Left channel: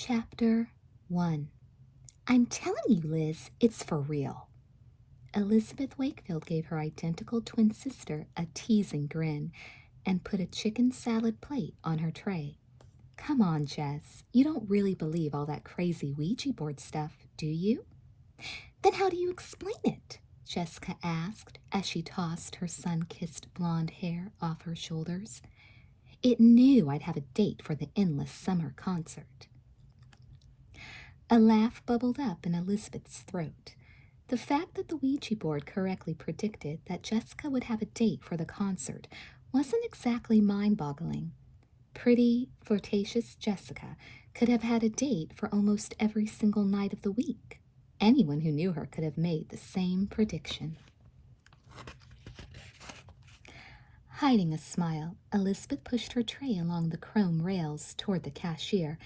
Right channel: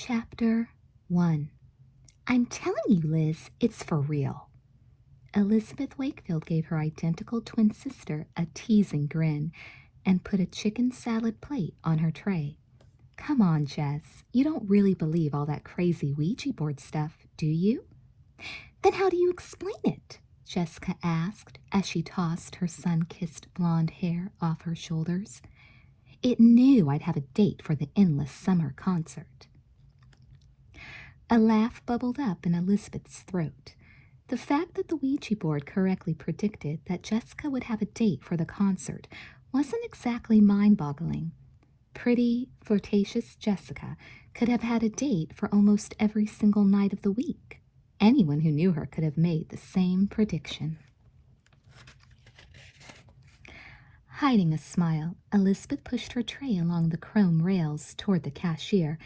Chapter 1. I'm telling you, Liz, it's for real. Elizabeth Wakefield gave her identical twin sister a teasing grin and put a chicken salad plate on her tray. Come on, Jess, you don't really believe all that crazy Ouija board stuff, do you? Then how do you explain it? Jessica asked as she tossed her sun-kissed blonde hair off her shoulders. It knew I'd have a date for the endless summer concert. A laugh bubbled up in Elizabeth's throat. The fact that the Ouija board correctly predicted that Jessica would have a date for the concert wasn't exactly mind-boggling. Pretty, flirtatious Jessica could have had a date for almost every single night of the week. Anyone who knew her could have made the same prediction. Hiding a smile, Elizabeth pushed her tray along the chrome rails toward the cashier,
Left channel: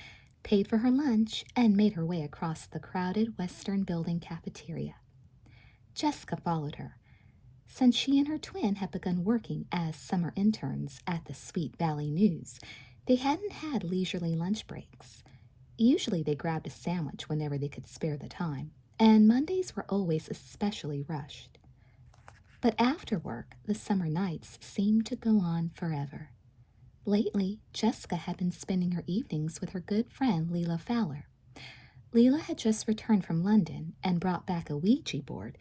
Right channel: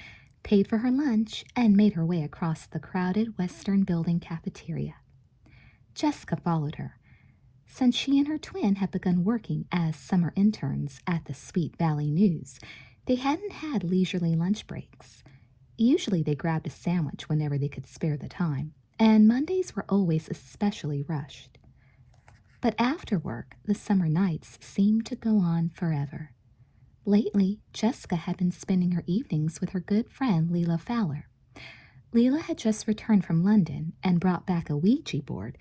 paid for her lunch, and made her way across the crowded Western Building cafeteria. Jessica followed her. Since she and her twin had begun working as summer interns at the Sweet Valley News, they hadn't had leisurely lunch breaks. Usually they grabbed a sandwich whenever they could spare the time, and Mondays were always especially rushed. But after work, the summer nights seemed to go on forever. Lately, Jessica had been spending her evenings with her good friend Leela Fowler. Leela had just returned from London and brought back a Ouija board,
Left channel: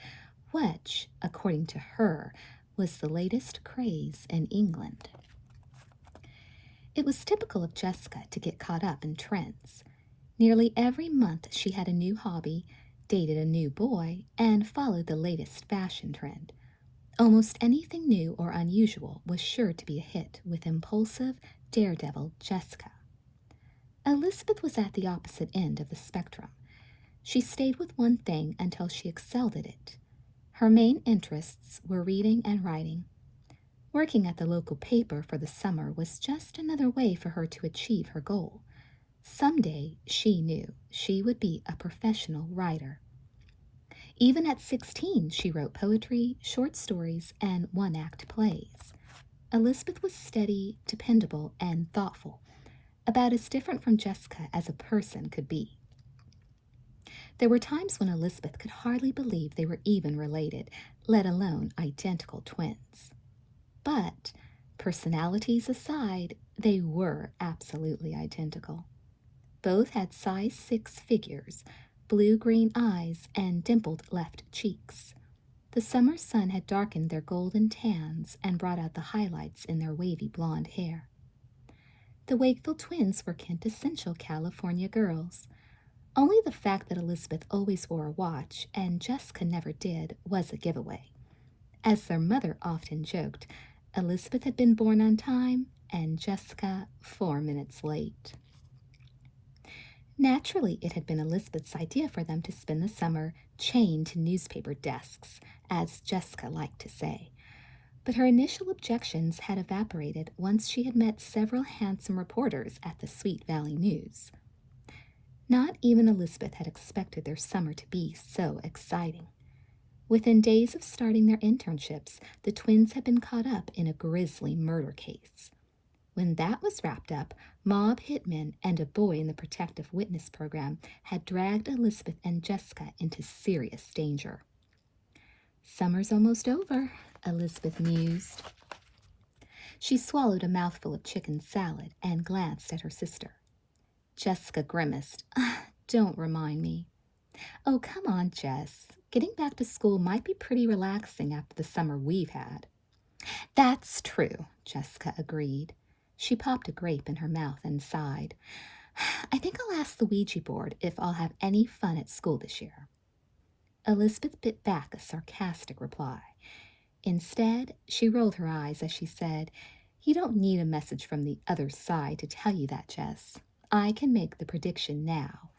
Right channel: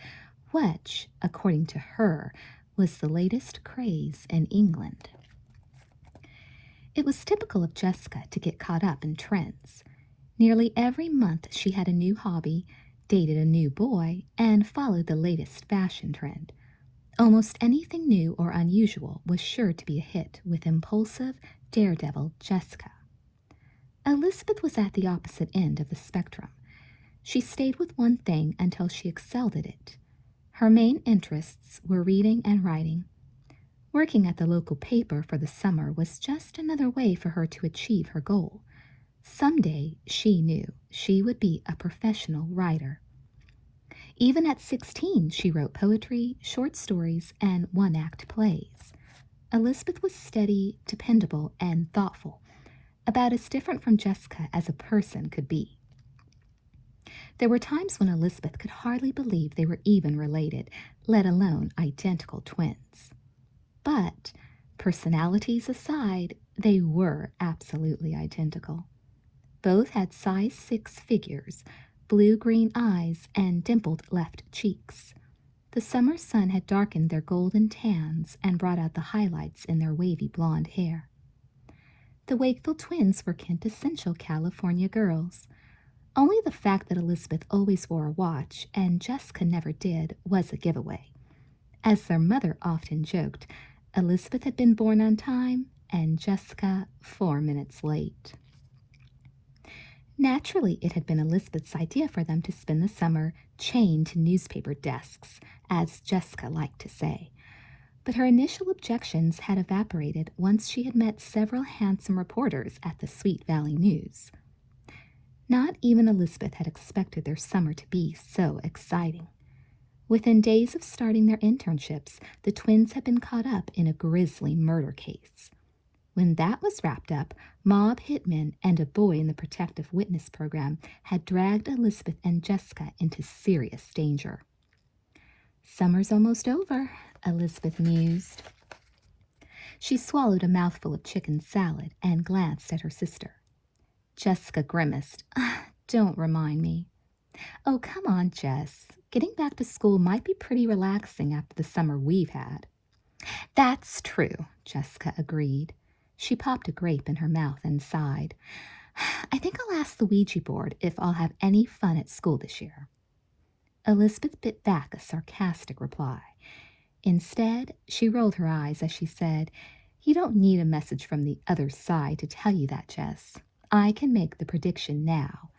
which, according to her, was the latest craze in England. It was typical of Jessica to get caught up in trends. Nearly every month she had a new hobby, dated a new boy, and followed the latest fashion trend. Almost anything new or unusual was sure to be a hit with impulsive, daredevil Jessica. Elizabeth was at the opposite end of the spectrum. She stayed with one thing until she excelled at it. Her main interests were reading and writing. Working at the local paper for the summer was just another way for her to achieve her goal. Someday, she knew, she would be a professional writer. Even at 16, she wrote poetry, short stories, and one-act plays. Elizabeth was steady, dependable, and thoughtful, about as different from Jessica as a person could be. There were times when Elizabeth could hardly believe they were even related, let alone identical twins. But, personalities aside, they were absolutely identical. Both had size 6 figures, blue-green eyes, and dimpled left cheeks. The summer sun had darkened their golden tans and brought out the highlights in their wavy blonde hair. The Wakefield twins were quintessential California girls. Only the fact that Elizabeth always wore a watch and Jessica never did was a giveaway. As their mother often joked, Elizabeth had been born on time and Jessica 4 minutes late. Naturally, it had been Elizabeth's idea for them to spend the summer chained to newspaper desks, as Jessica liked to say. But her initial objections had evaporated once she had met several handsome reporters at the Sweet Valley News. Not even Elizabeth had expected their summer to be so exciting. Within days of starting their internships, the twins had been caught up in a grisly murder case. When that was wrapped up, mob hitmen and a boy in the protective witness program had dragged Elizabeth and Jessica into serious danger. Summer's almost over, Elizabeth mused. She swallowed a mouthful of chicken salad and glanced at her sister. Jessica grimaced. Don't remind me. Oh, come on, Jess. Getting back to school might be pretty relaxing after the summer we've had. That's true, Jessica agreed. She popped a grape in her mouth and sighed. I think I'll ask the Ouija board if I'll have any fun at school this year. Elizabeth bit back a sarcastic reply. Instead, she rolled her eyes as she said, You don't need a message from the other side to tell you that, Jess. I can make the prediction now.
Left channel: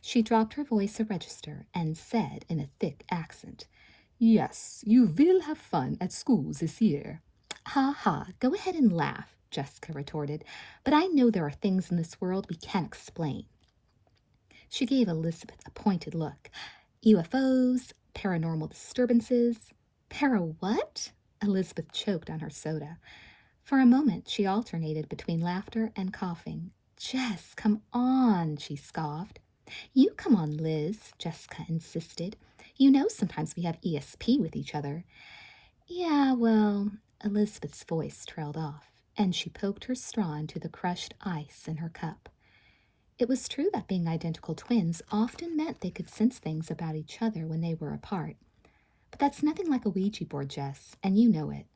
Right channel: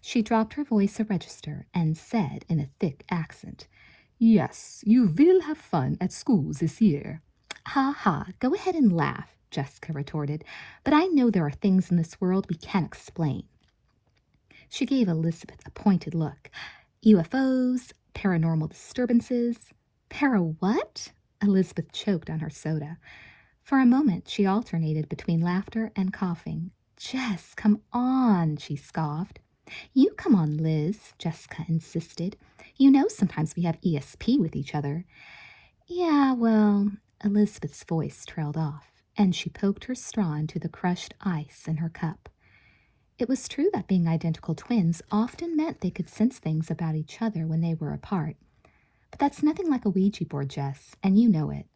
She dropped her voice a register and said in a thick accent, Yes, you will have fun at school this year. Ha ha, go ahead and laugh, Jessica retorted, but I know there are things in this world we can't explain. She gave Elizabeth a pointed look. UFOs, paranormal disturbances. Para what? Elizabeth choked on her soda. For a moment, she alternated between laughter and coughing. Jess, come on, she scoffed. You come on, Liz, Jessica insisted. You know sometimes we have ESP with each other. Yeah, well, Elizabeth's voice trailed off, and she poked her straw into the crushed ice in her cup. It was true that being identical twins often meant they could sense things about each other when they were apart. But that's nothing like a Ouija board, Jess, and you know it.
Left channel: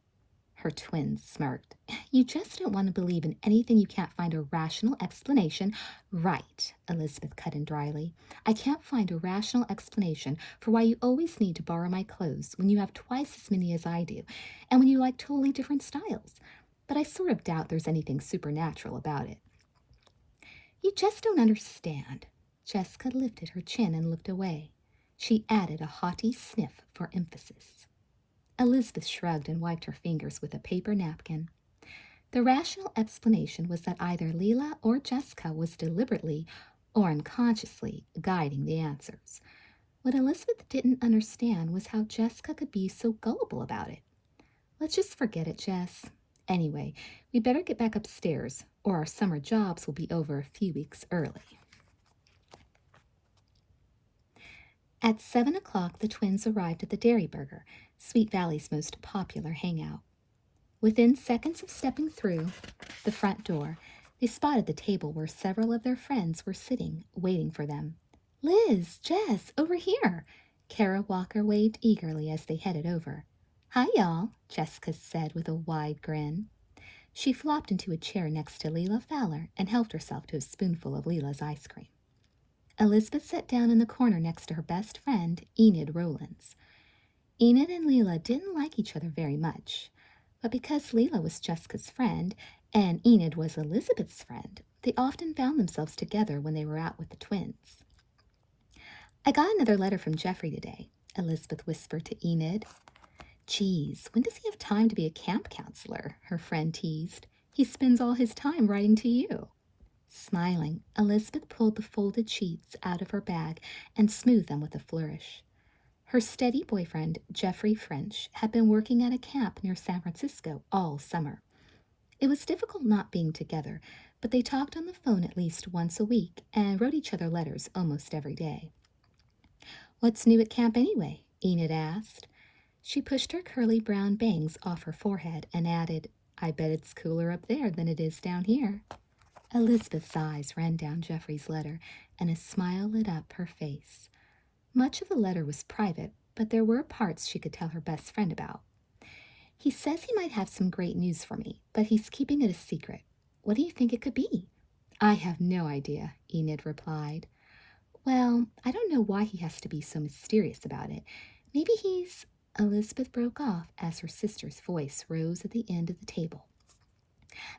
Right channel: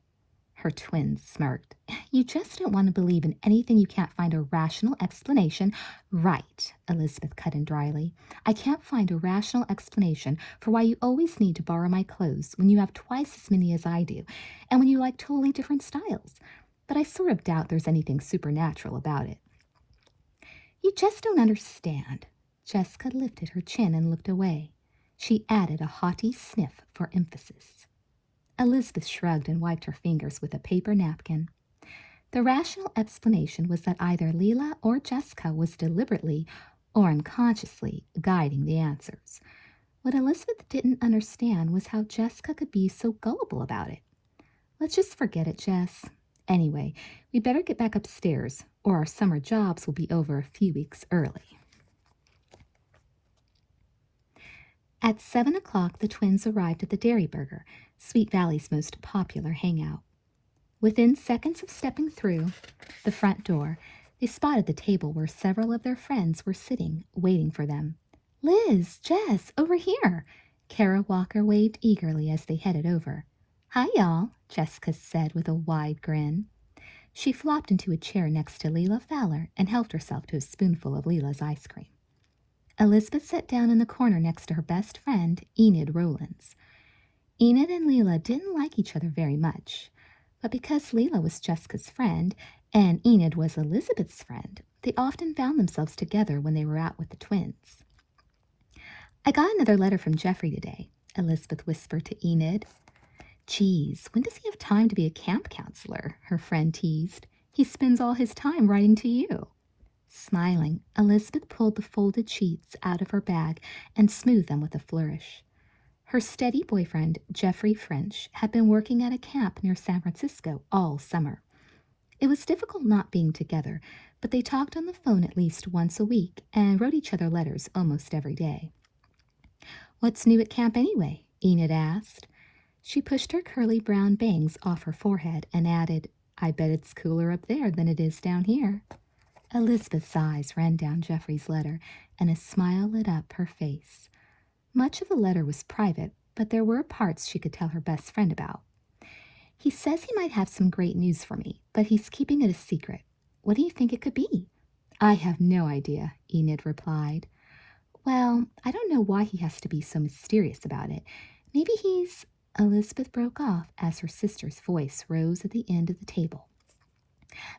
Her twin smirked. You just don't want to believe in anything you can't find a rational explanation. Right, Elizabeth cut in dryly. I can't find a rational explanation for why you always need to borrow my clothes when you have twice as many as I do, and when you like totally different styles. But I sort of doubt there's anything supernatural about it. You just don't understand. Jessica lifted her chin and looked away. She added a haughty sniff for emphasis. Elizabeth shrugged and wiped her fingers with a paper napkin. The rational explanation was that either Leela or Jessica was deliberately or unconsciously guiding the answers. What Elizabeth didn't understand was how Jessica could be so gullible about it. Let's just forget it, Jess. Anyway, we better get back upstairs, or our summer jobs will be over a few weeks early. At 7 o'clock, the twins arrived at the Dairy Burger, Sweet Valley's most popular hangout. Within seconds of stepping through the front door, they spotted the table where several of their friends were sitting, waiting for them. Liz, Jess, over here! Kara Walker waved eagerly as they headed over. Hi, y'all, Jessica said with a wide grin. She flopped into a chair next to Leela Fowler and helped herself to a spoonful of Leela's ice cream. Elizabeth sat down in the corner next to her best friend, Enid Rowlands. Enid and Leela didn't like each other very much, but because Leela was Jessica's friend and Enid was Elizabeth's friend, they often found themselves together when they were out with the twins. I got another letter from Jeffrey today, Elizabeth whispered to Enid. Geez, when does he have time to be a camp counselor? Her friend teased. He spends all his time writing to you. Smiling, Elizabeth pulled the folded sheets out of her bag and smoothed them with a flourish. Her steady boyfriend, Jeffrey French, had been working at a camp near San Francisco all summer. It was difficult not being together, but they talked on the phone at least once a week and wrote each other letters almost every day. What's new at camp anyway? Enid asked. She pushed her curly brown bangs off her forehead and added, I bet it's cooler up there than it is down here. Elizabeth's eyes ran down Jeffrey's letter, and a smile lit up her face. Much of the letter was private, but there were parts she could tell her best friend about. He says he might have some great news for me, but he's keeping it a secret. What do you think it could be? I have no idea, Enid replied. Well, I don't know why he has to be so mysterious about it. Maybe he's... Elizabeth broke off as her sister's voice rose at the end of the table.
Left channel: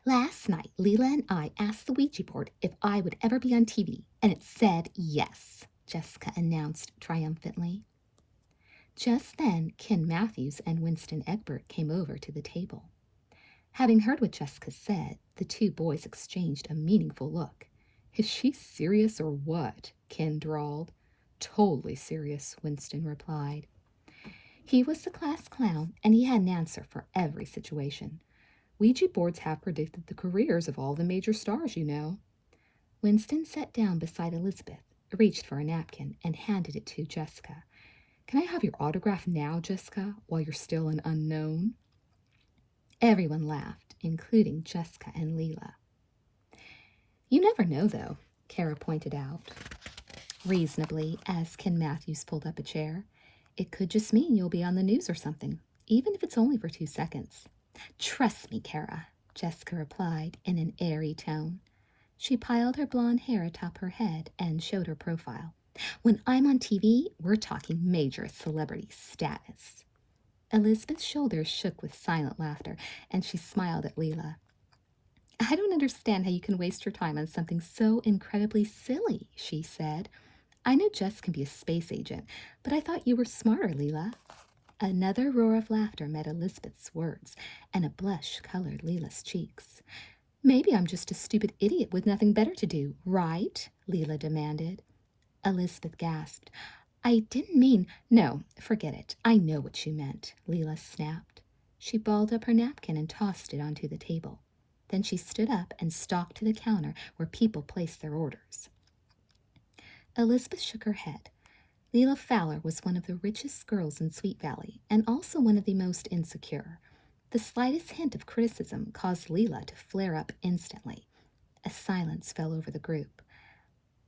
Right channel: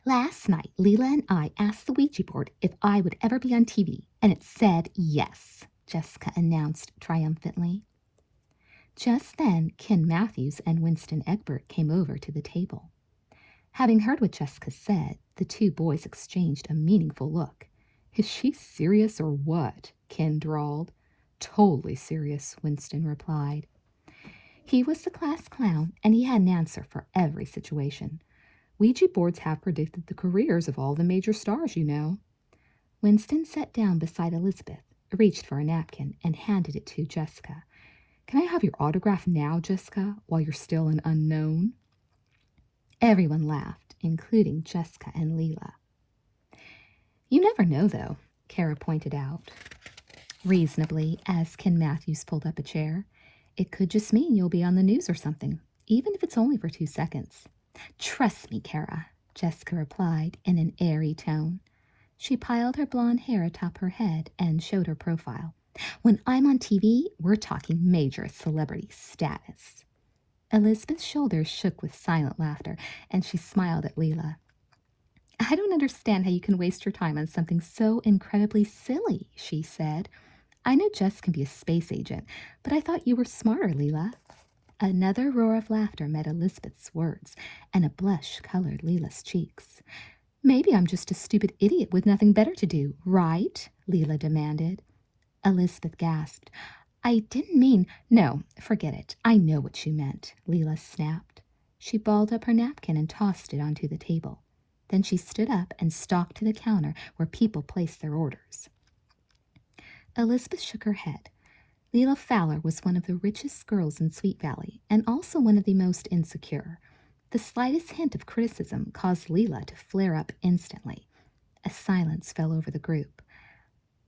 Last night, Leela and I asked the Ouija board if I would ever be on TV, and it said yes, Jessica announced triumphantly. Just then, Ken Matthews and Winston Egbert came over to the table. Having heard what Jessica said, the two boys exchanged a meaningful look. Is she serious or what? Ken drawled. Totally serious, Winston replied. He was the class clown, and he had an answer for every situation. Ouija boards have predicted the careers of all the major stars, you know. Winston sat down beside Elizabeth, reached for a napkin, and handed it to Jessica. Can I have your autograph now, Jessica, while you're still an unknown? Everyone laughed, including Jessica and Leela. You never know, though, Kara pointed out, reasonably, as Ken Matthews pulled up a chair. It could just mean you'll be on the news or something, even if it's only for 2 seconds. Trust me, Kara, Jessica replied in an airy tone. She piled her blonde hair atop her head and showed her profile. When I'm on TV, we're talking major celebrity status. Elizabeth's shoulders shook with silent laughter, and she smiled at Leela. I don't understand how you can waste your time on something so incredibly silly, she said. I know Jess can be a space agent, but I thought you were smarter, Leela. Another roar of laughter met Elizabeth's words, and a blush colored Leela's cheeks. Maybe I'm just a stupid idiot with nothing better to do, right? Leela demanded. Elizabeth gasped. I didn't mean... No, forget it. I know what you meant, Leela snapped. She balled up her napkin and tossed it onto the table. Then she stood up and stalked to the counter where people placed their orders. Elizabeth shook her head. Leela Fowler was one of the richest girls in Sweet Valley, and also one of the most insecure. The slightest hint of criticism caused Leela to flare up instantly. A silence fell over the group.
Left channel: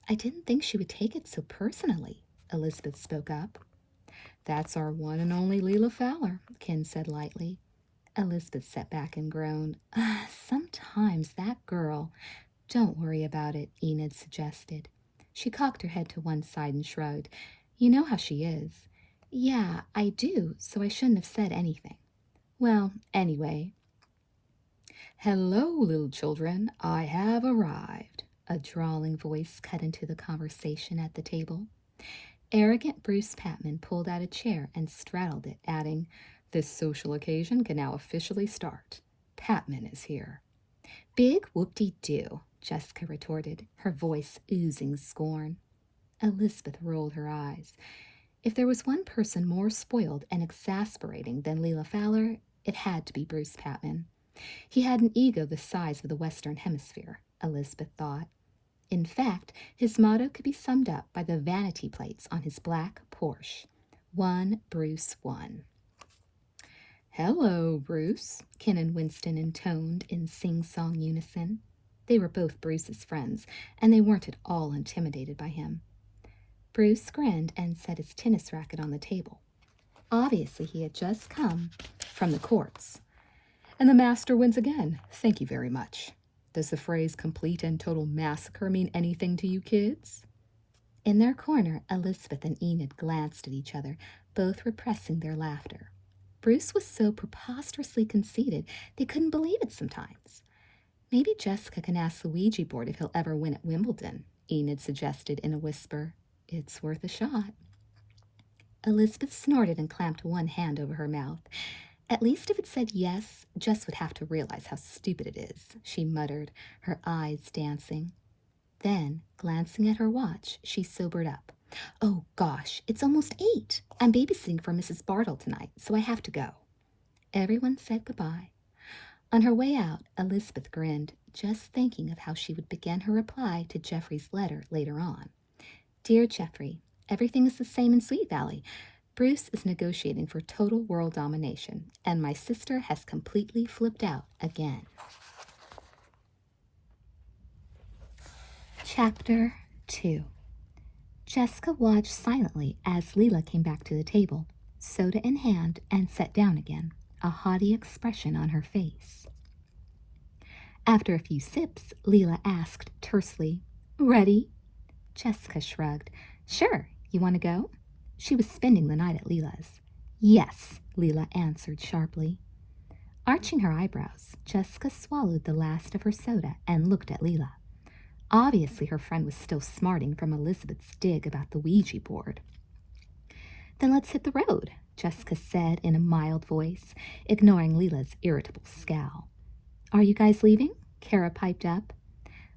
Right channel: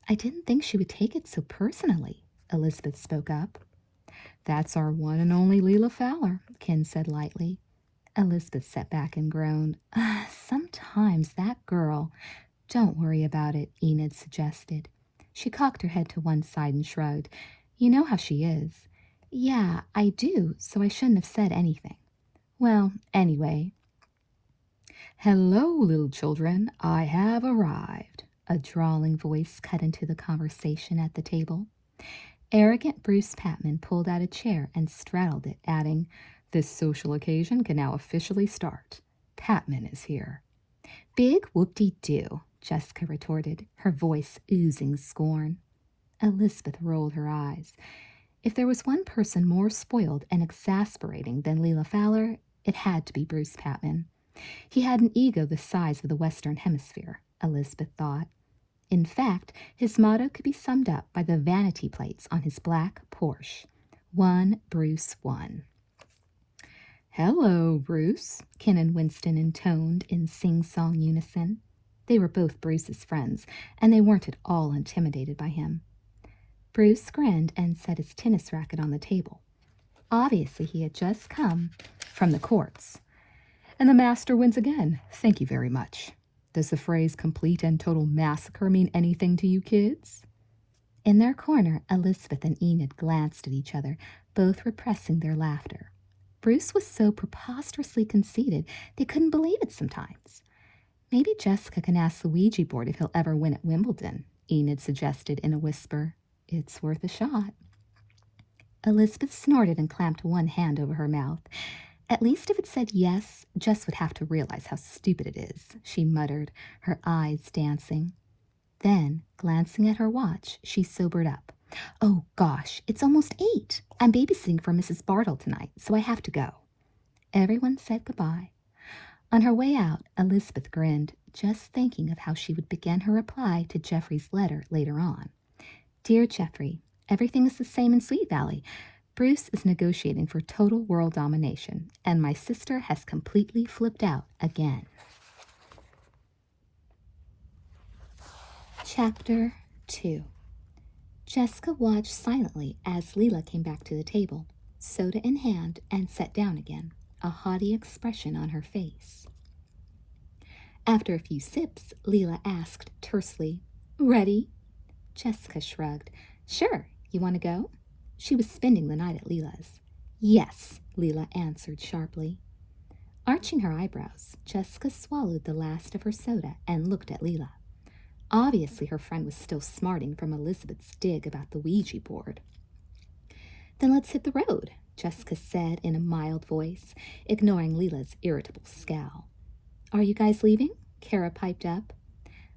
"I didn't think she would take it so personally," Elizabeth spoke up. "That's our one and only Leela Fowler," Ken said lightly. Elizabeth sat back and groaned. Sometimes that girl—" "Don't worry about it," Enid suggested. She cocked her head to one side and shrugged. "You know how she is." "Yeah, I do, so I shouldn't have said anything." "Well, anyway." "Hello, little children, I have arrived," a drawling voice cut into the conversation at the table. Arrogant Bruce Patman pulled out a chair and straddled it, adding, "This social occasion can now officially start. Patman is here." "Big whoop-de-doo," Jessica retorted, her voice oozing scorn. Elizabeth rolled her eyes. If there was one person more spoiled and exasperating than Leela Fowler, it had to be Bruce Patman. He had an ego the size of the Western Hemisphere, Elizabeth thought. In fact, his motto could be summed up by the vanity plates on his black Porsche. "One Bruce, one." "Hello, Bruce," Ken and Winston intoned in sing-song unison. They were both Bruce's friends, and they weren't at all intimidated by him. Bruce grinned and set his tennis racket on the table. Obviously, he had just come from the courts. "And the master wins again. Thank you very much. Does the phrase complete and total massacre mean anything to you kids?" In their corner, Elizabeth and Enid glanced at each other, both repressing their laughter. Bruce was so preposterously conceited they couldn't believe it sometimes. "Maybe Jessica can ask the Ouija board if he'll ever win at Wimbledon," Enid suggested in a whisper. "It's worth a shot." Elizabeth snorted and clamped one hand over her mouth. "At least if it said yes, Jess would have to realize how stupid it is," she muttered, her eyes dancing. Then, glancing at her watch, she sobered up. "Oh, gosh, it's almost 8. I'm babysitting for Mrs. Bartle tonight, so I have to go." Everyone said goodbye. On her way out, Elizabeth grinned, just thinking of how she would begin her reply to Jeffrey's letter later on. "Dear Jeffrey, everything is the same in Sweet Valley. Bruce is negotiating for total world domination, and my sister has completely flipped out again." Chapter 2. Jessica watched silently as Leela came back to the table, soda in hand, and sat down again, a haughty expression on her face. After a few sips, Leela asked tersely, "Ready?" Jessica shrugged. "Sure, you want to go?" She was spending the night at Leela's. "Yes," Leela answered sharply. Arching her eyebrows, Jessica swallowed the last of her soda and looked at Leela. Obviously, her friend was still smarting from Elizabeth's dig about the Ouija board. "Then let's hit the road," Jessica said in a mild voice, ignoring Leela's irritable scowl. "Are you guys leaving?" Kara piped up.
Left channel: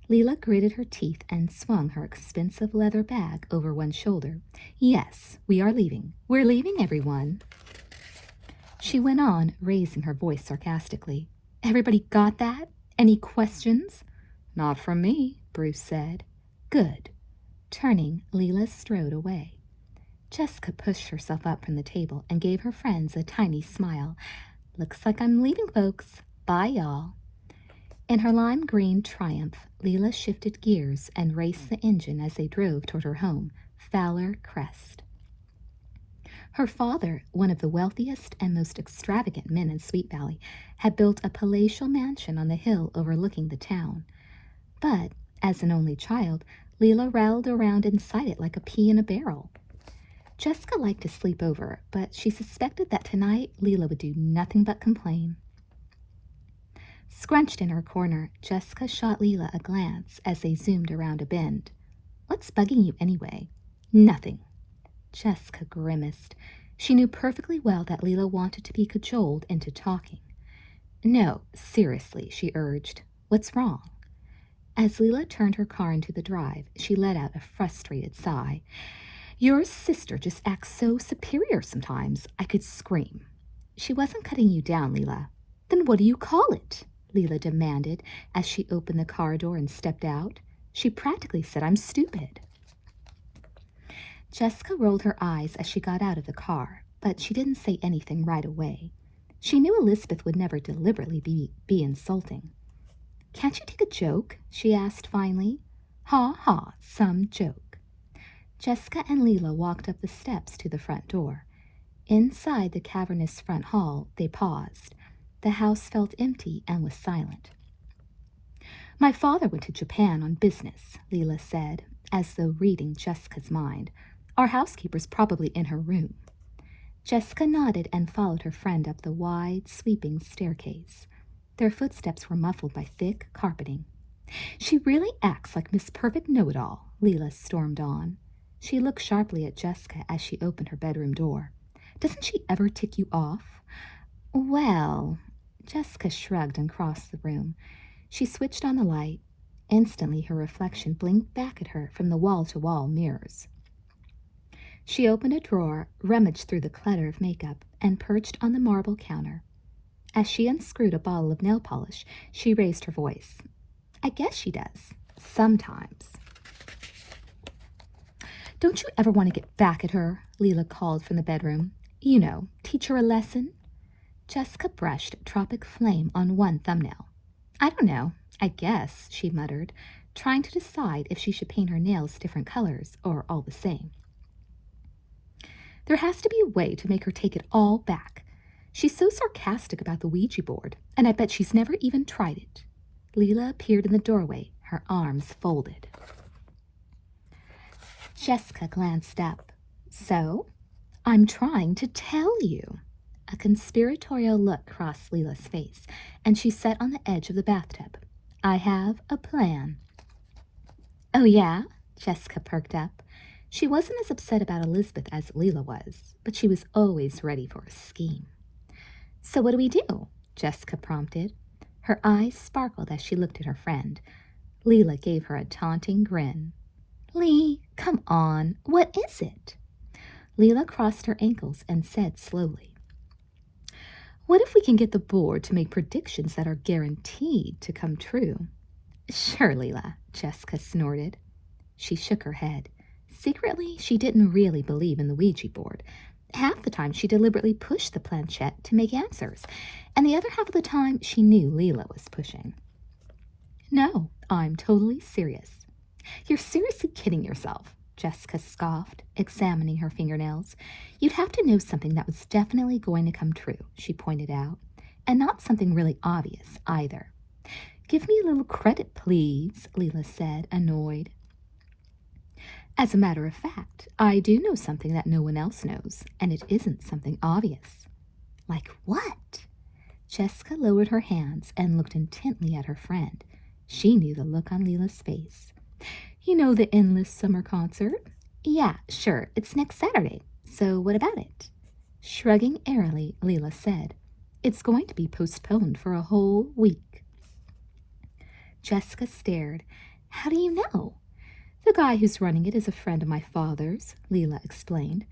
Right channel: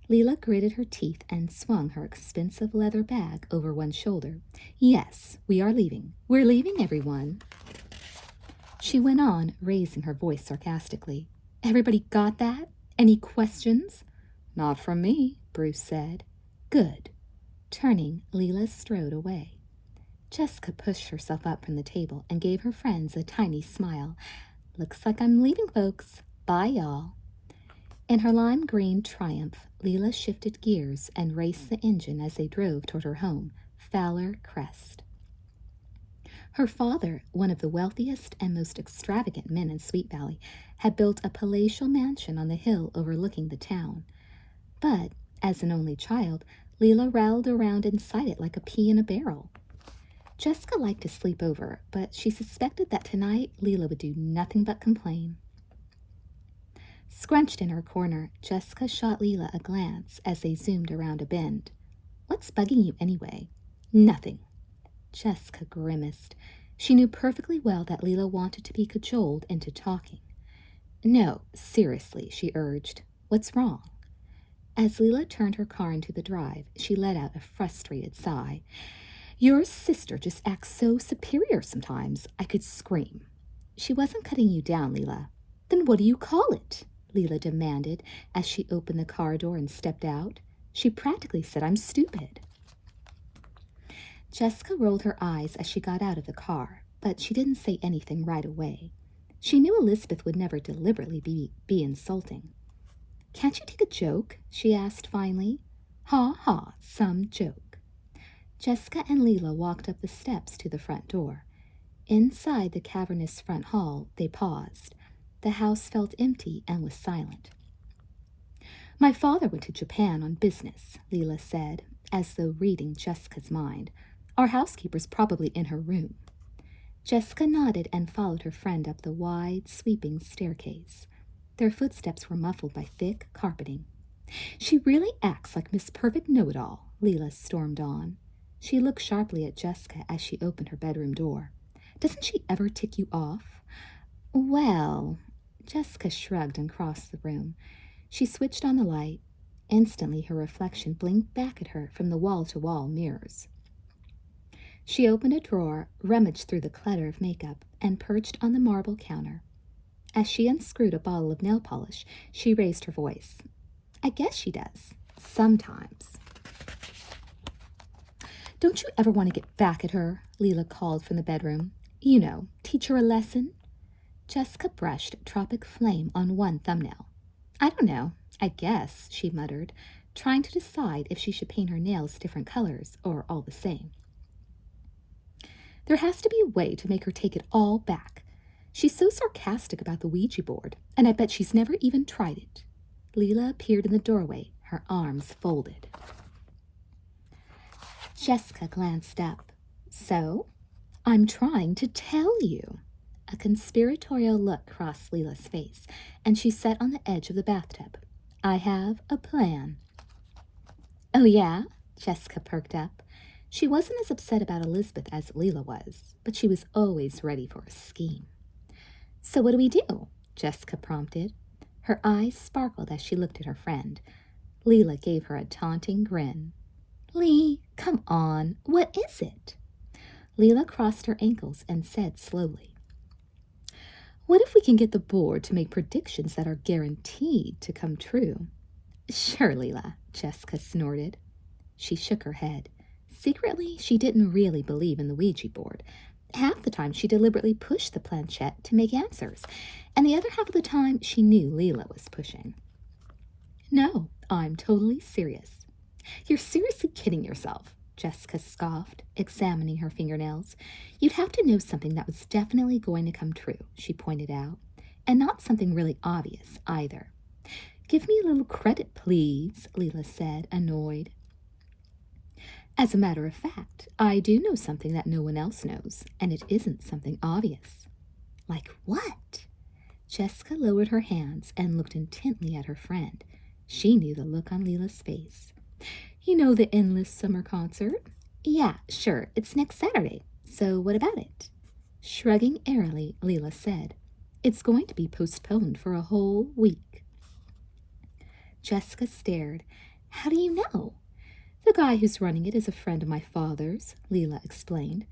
Leela gritted her teeth and swung her expensive leather bag over one shoulder. "Yes, we are leaving. We're leaving, everyone." She went on, raising her voice sarcastically. "Everybody got that? Any questions?" "Not from me," Bruce said. "Good." Turning, Leela strode away. Jessica pushed herself up from the table and gave her friends a tiny smile. "Looks like I'm leaving, folks. Bye, y'all." In her lime green Triumph, Leela shifted gears and raced the engine as they drove toward her home, Fowler Crest. Her father, one of the wealthiest and most extravagant men in Sweet Valley, had built a palatial mansion on the hill overlooking the town. But, as an only child, Leela rattled around inside it like a pea in a barrel. Jessica liked to sleep over, but she suspected that tonight Leela would do nothing but complain. Scrunched in her corner, Jessica shot Leela a glance as they zoomed around a bend. "What's bugging you anyway?" "Nothing." Jessica grimaced. She knew perfectly well that Leela wanted to be cajoled into talking. "No, seriously," she urged. "What's wrong?" As Leela turned her car into the drive, she let out a frustrated sigh. "Your sister just acts so superior sometimes, I could scream." "She wasn't cutting you down, Leela." "Then what do you call it?" Leela demanded as she opened the car door and stepped out. She practically said, "I'm stupid." Jessica rolled her eyes as she got out of the car, but she didn't say anything right away. She knew Elizabeth would never deliberately be insulting. "Can't you take a joke?" she asked finally. "Ha ha, some joke." Jessica and Leela walked up the steps to the front door. Inside the cavernous front hall, they paused. The house felt empty and was silent. "My father went to Japan on business," Leela said, as though reading Jessica's mind. "Our housekeeper's probably in her room." Jessica nodded and followed her friend up the wide, sweeping staircase. Their footsteps were muffled by thick carpeting. "She really acts like Miss Perfect Know-It-All," Leela stormed on. She looked sharply at Jessica as she opened her bedroom door. "Doesn't she ever tick you off?" "Well," Jessica shrugged and crossed the room. She switched on the light. Instantly, her reflection blinked back at her from the wall-to-wall mirrors. She opened a drawer, rummaged through the clutter of makeup, and perched on the marble counter. As she unscrewed a bottle of nail polish, she raised her voice. "I guess she does. Sometimes." "Don't you ever want to get back at her?" Leela called from the bedroom. "You know, teach her a lesson?" Jessica brushed Tropic Flame on one thumbnail. "I don't know. I guess," she muttered, trying to decide if she should paint her nails different colors or all the same. "There has to be a way to make her take it all back. She's so sarcastic about the Ouija board, and I bet she's never even tried it." Leela appeared in the doorway, her arms folded. Jessica glanced up. "So, I'm trying to tell you." A conspiratorial look crossed Leela's face, and she sat on the edge of the bathtub. "I have a plan." "Oh, yeah?" Jessica perked up. She wasn't as upset about Elizabeth as Leela was, but she was always ready for a scheme. "So what do we do?" Jessica prompted. Her eyes sparkled as she looked at her friend. Leela gave her a taunting grin. "Lee, come on, what is it?" Leela crossed her ankles and said slowly, "What if we can get the board to make predictions that are guaranteed to come true?" "Sure, Leela," Jessica snorted. She shook her head. Secretly, she didn't really believe in the Ouija board. Half the time, she deliberately pushed the planchette to make answers, and the other half of the time, she knew Leela was pushing. "No, I'm totally serious." "You're seriously kidding yourself," Jessica scoffed, examining her fingernails. "You'd have to know something that was definitely going to come true," she pointed out, "and not something really obvious either." "Give me a little credit, please," Leela said, annoyed. "As a matter of fact, I do know something that no one else knows, and it isn't something obvious." "Like what?" Jessica lowered her hands and looked intently at her friend. She knew the look on Leela's face. "You know the Endless Summer Concert?" "Yeah, sure, it's next Saturday. So what about it?" Shrugging airily, Leela said, "It's going to be postponed for a whole week." Jessica stared. "How do you know?" "The guy who's running it is a friend of my father's," Leela explained.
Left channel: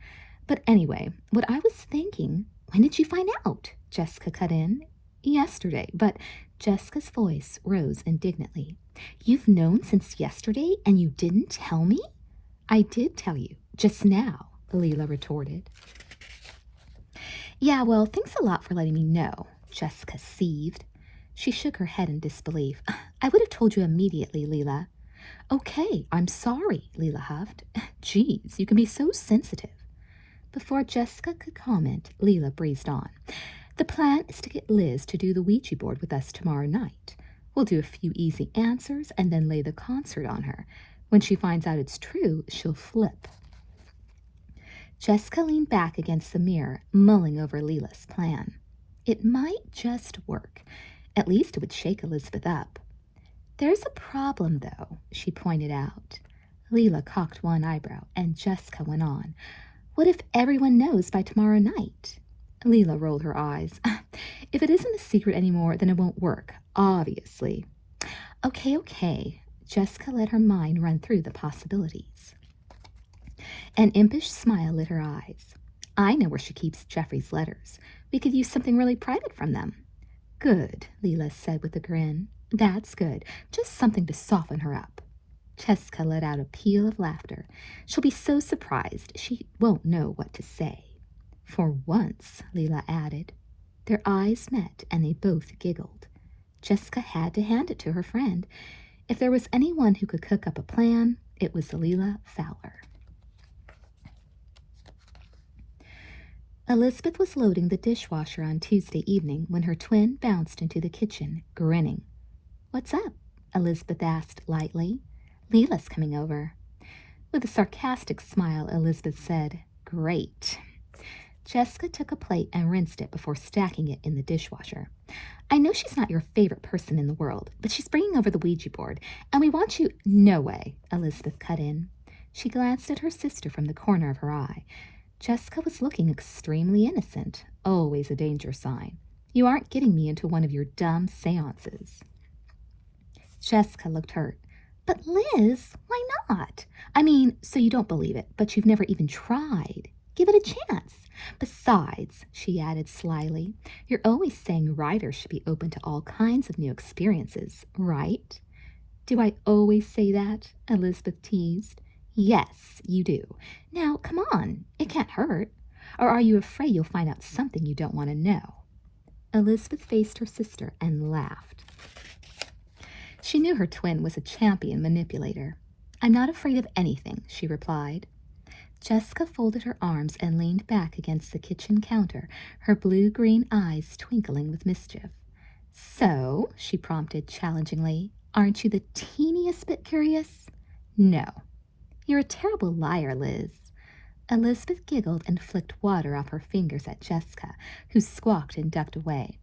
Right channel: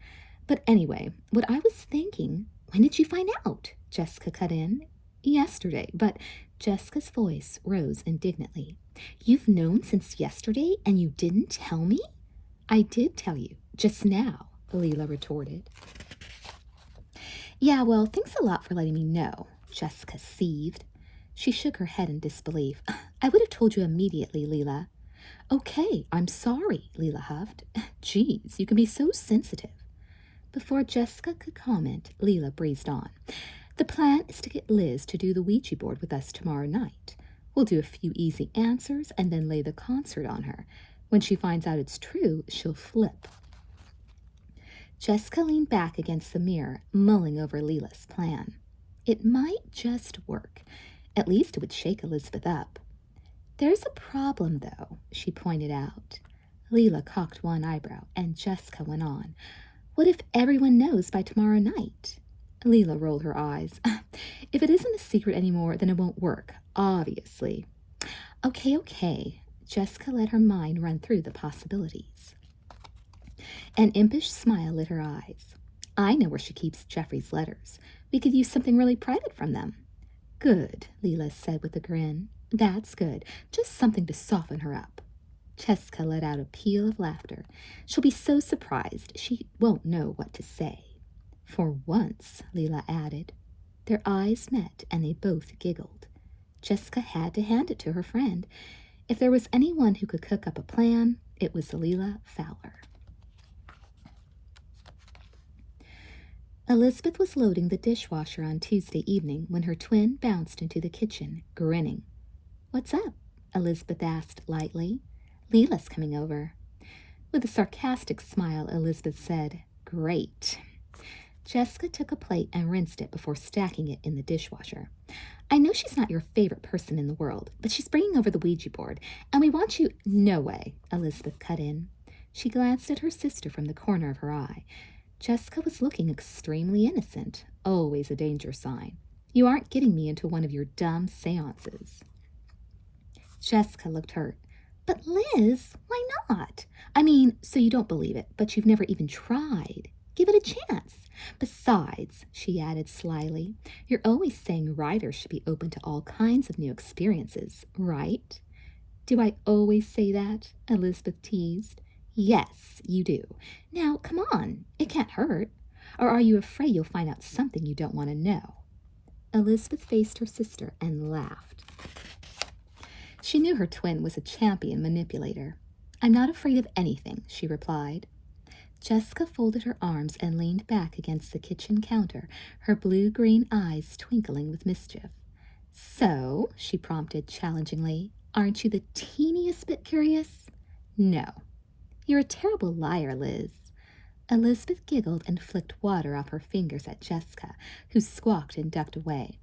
"But anyway, what I was thinking—" "When did you find out?" Jessica cut in. "Yesterday, but—" Jessica's voice rose indignantly. "You've known since yesterday and you didn't tell me?" "I did tell you, just now," Leela retorted. "Yeah, well, thanks a lot for letting me know," Jessica seethed. She shook her head in disbelief. "I would have told you immediately, Leela." "Okay, I'm sorry," Leela huffed. "Geez, you can be so sensitive." Before Jessica could comment, Leela breezed on. "The plan is to get Liz to do the Ouija board with us tomorrow night. We'll do a few easy answers and then lay the concert on her. When she finds out it's true, she'll flip." Jessica leaned back against the mirror, mulling over Leela's plan. It might just work. At least it would shake Elizabeth up. "There's a problem, though," she pointed out. Leela cocked one eyebrow, and Jessica went on. "What if everyone knows by tomorrow night?" Leela rolled her eyes. "If it isn't a secret anymore, then it won't work, obviously." Okay. Jessica let her mind run through the possibilities. An impish smile lit her eyes. "I know where she keeps Jeffrey's letters. We could use something really private from them." Good, Leela said with a grin. That's good. Just something to soften her up. Jessica let out a peal of laughter. She'll be so surprised she won't know what to say. For once, Leela added. Their eyes met and they both giggled. Jessica had to hand it to her friend. If there was anyone who could cook up a plan, it was Leela Fowler. Elizabeth was loading the dishwasher on Tuesday evening when her twin bounced into the kitchen, grinning. What's up? Elizabeth asked lightly. Leela's coming over. With a sarcastic smile, Elizabeth said, Great. Jessica took a plate and rinsed it before stacking it in the dishwasher. I know she's not your favorite person in the world, but she's bringing over the Ouija board, and we want you— No way, Elizabeth cut in. She glanced at her sister from the corner of her eye. Jessica was looking extremely innocent, always a danger sign. You aren't getting me into one of your dumb seances. Jessica looked hurt. But Liz, why not? I mean, so you don't believe it, but you've never even tried. Give it a chance. Besides, she added slyly, you're always saying writers should be open to all kinds of new experiences, right? Do I always say that? Elizabeth teased. Yes, you do. Now, come on, it can't hurt. Or are you afraid you'll find out something you don't want to know? Elizabeth faced her sister and laughed. She knew her twin was a champion manipulator. I'm not afraid of anything, she replied. Jessica folded her arms and leaned back against the kitchen counter, her blue-green eyes twinkling with mischief. So, she prompted challengingly, aren't you the teeniest bit curious? No. You're a terrible liar, Liz. Elizabeth giggled and flicked water off her fingers at Jessica, who squawked and ducked away.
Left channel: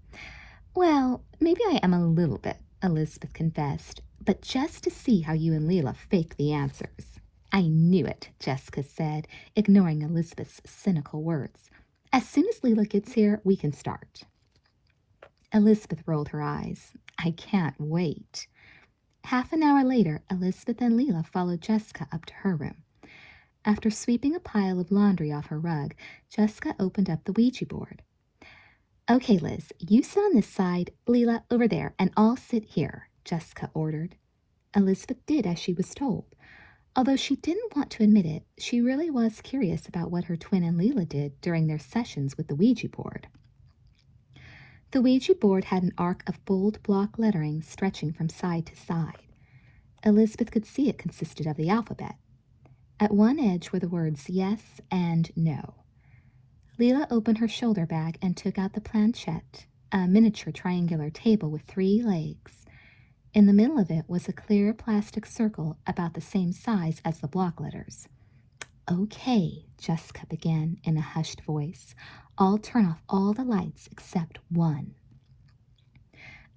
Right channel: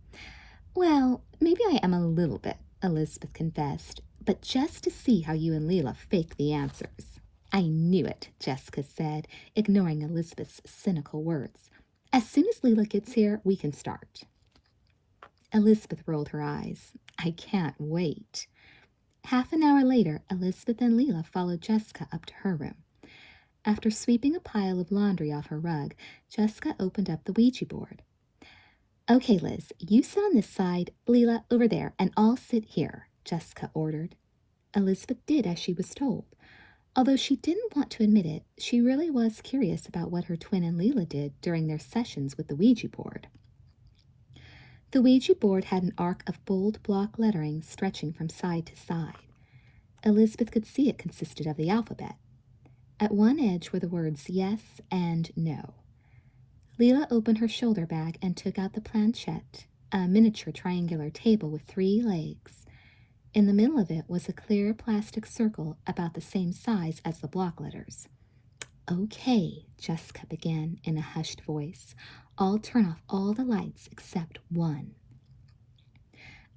Well, maybe I am a little bit, Elizabeth confessed, but just to see how you and Leela fake the answers. I knew it, Jessica said, ignoring Elizabeth's cynical words. As soon as Leela gets here, we can start. Elizabeth rolled her eyes. I can't wait. Half an hour later, Elizabeth and Leela followed Jessica up to her room. After sweeping a pile of laundry off her rug, Jessica opened up the Ouija board. Okay, Liz, you sit on this side, Leela over there, and I'll sit here, Jessica ordered. Elizabeth did as she was told. Although she didn't want to admit it, she really was curious about what her twin and Leela did during their sessions with the Ouija board. The Ouija board had an arc of bold block lettering stretching from side to side. Elizabeth could see it consisted of the alphabet. At one edge were the words yes and no. Leela opened her shoulder bag and took out the planchette, a miniature triangular table with 3 legs. In the middle of it was a clear plastic circle about the same size as the block letters. Okay, Jessica began in a hushed voice. I'll turn off all the lights except one.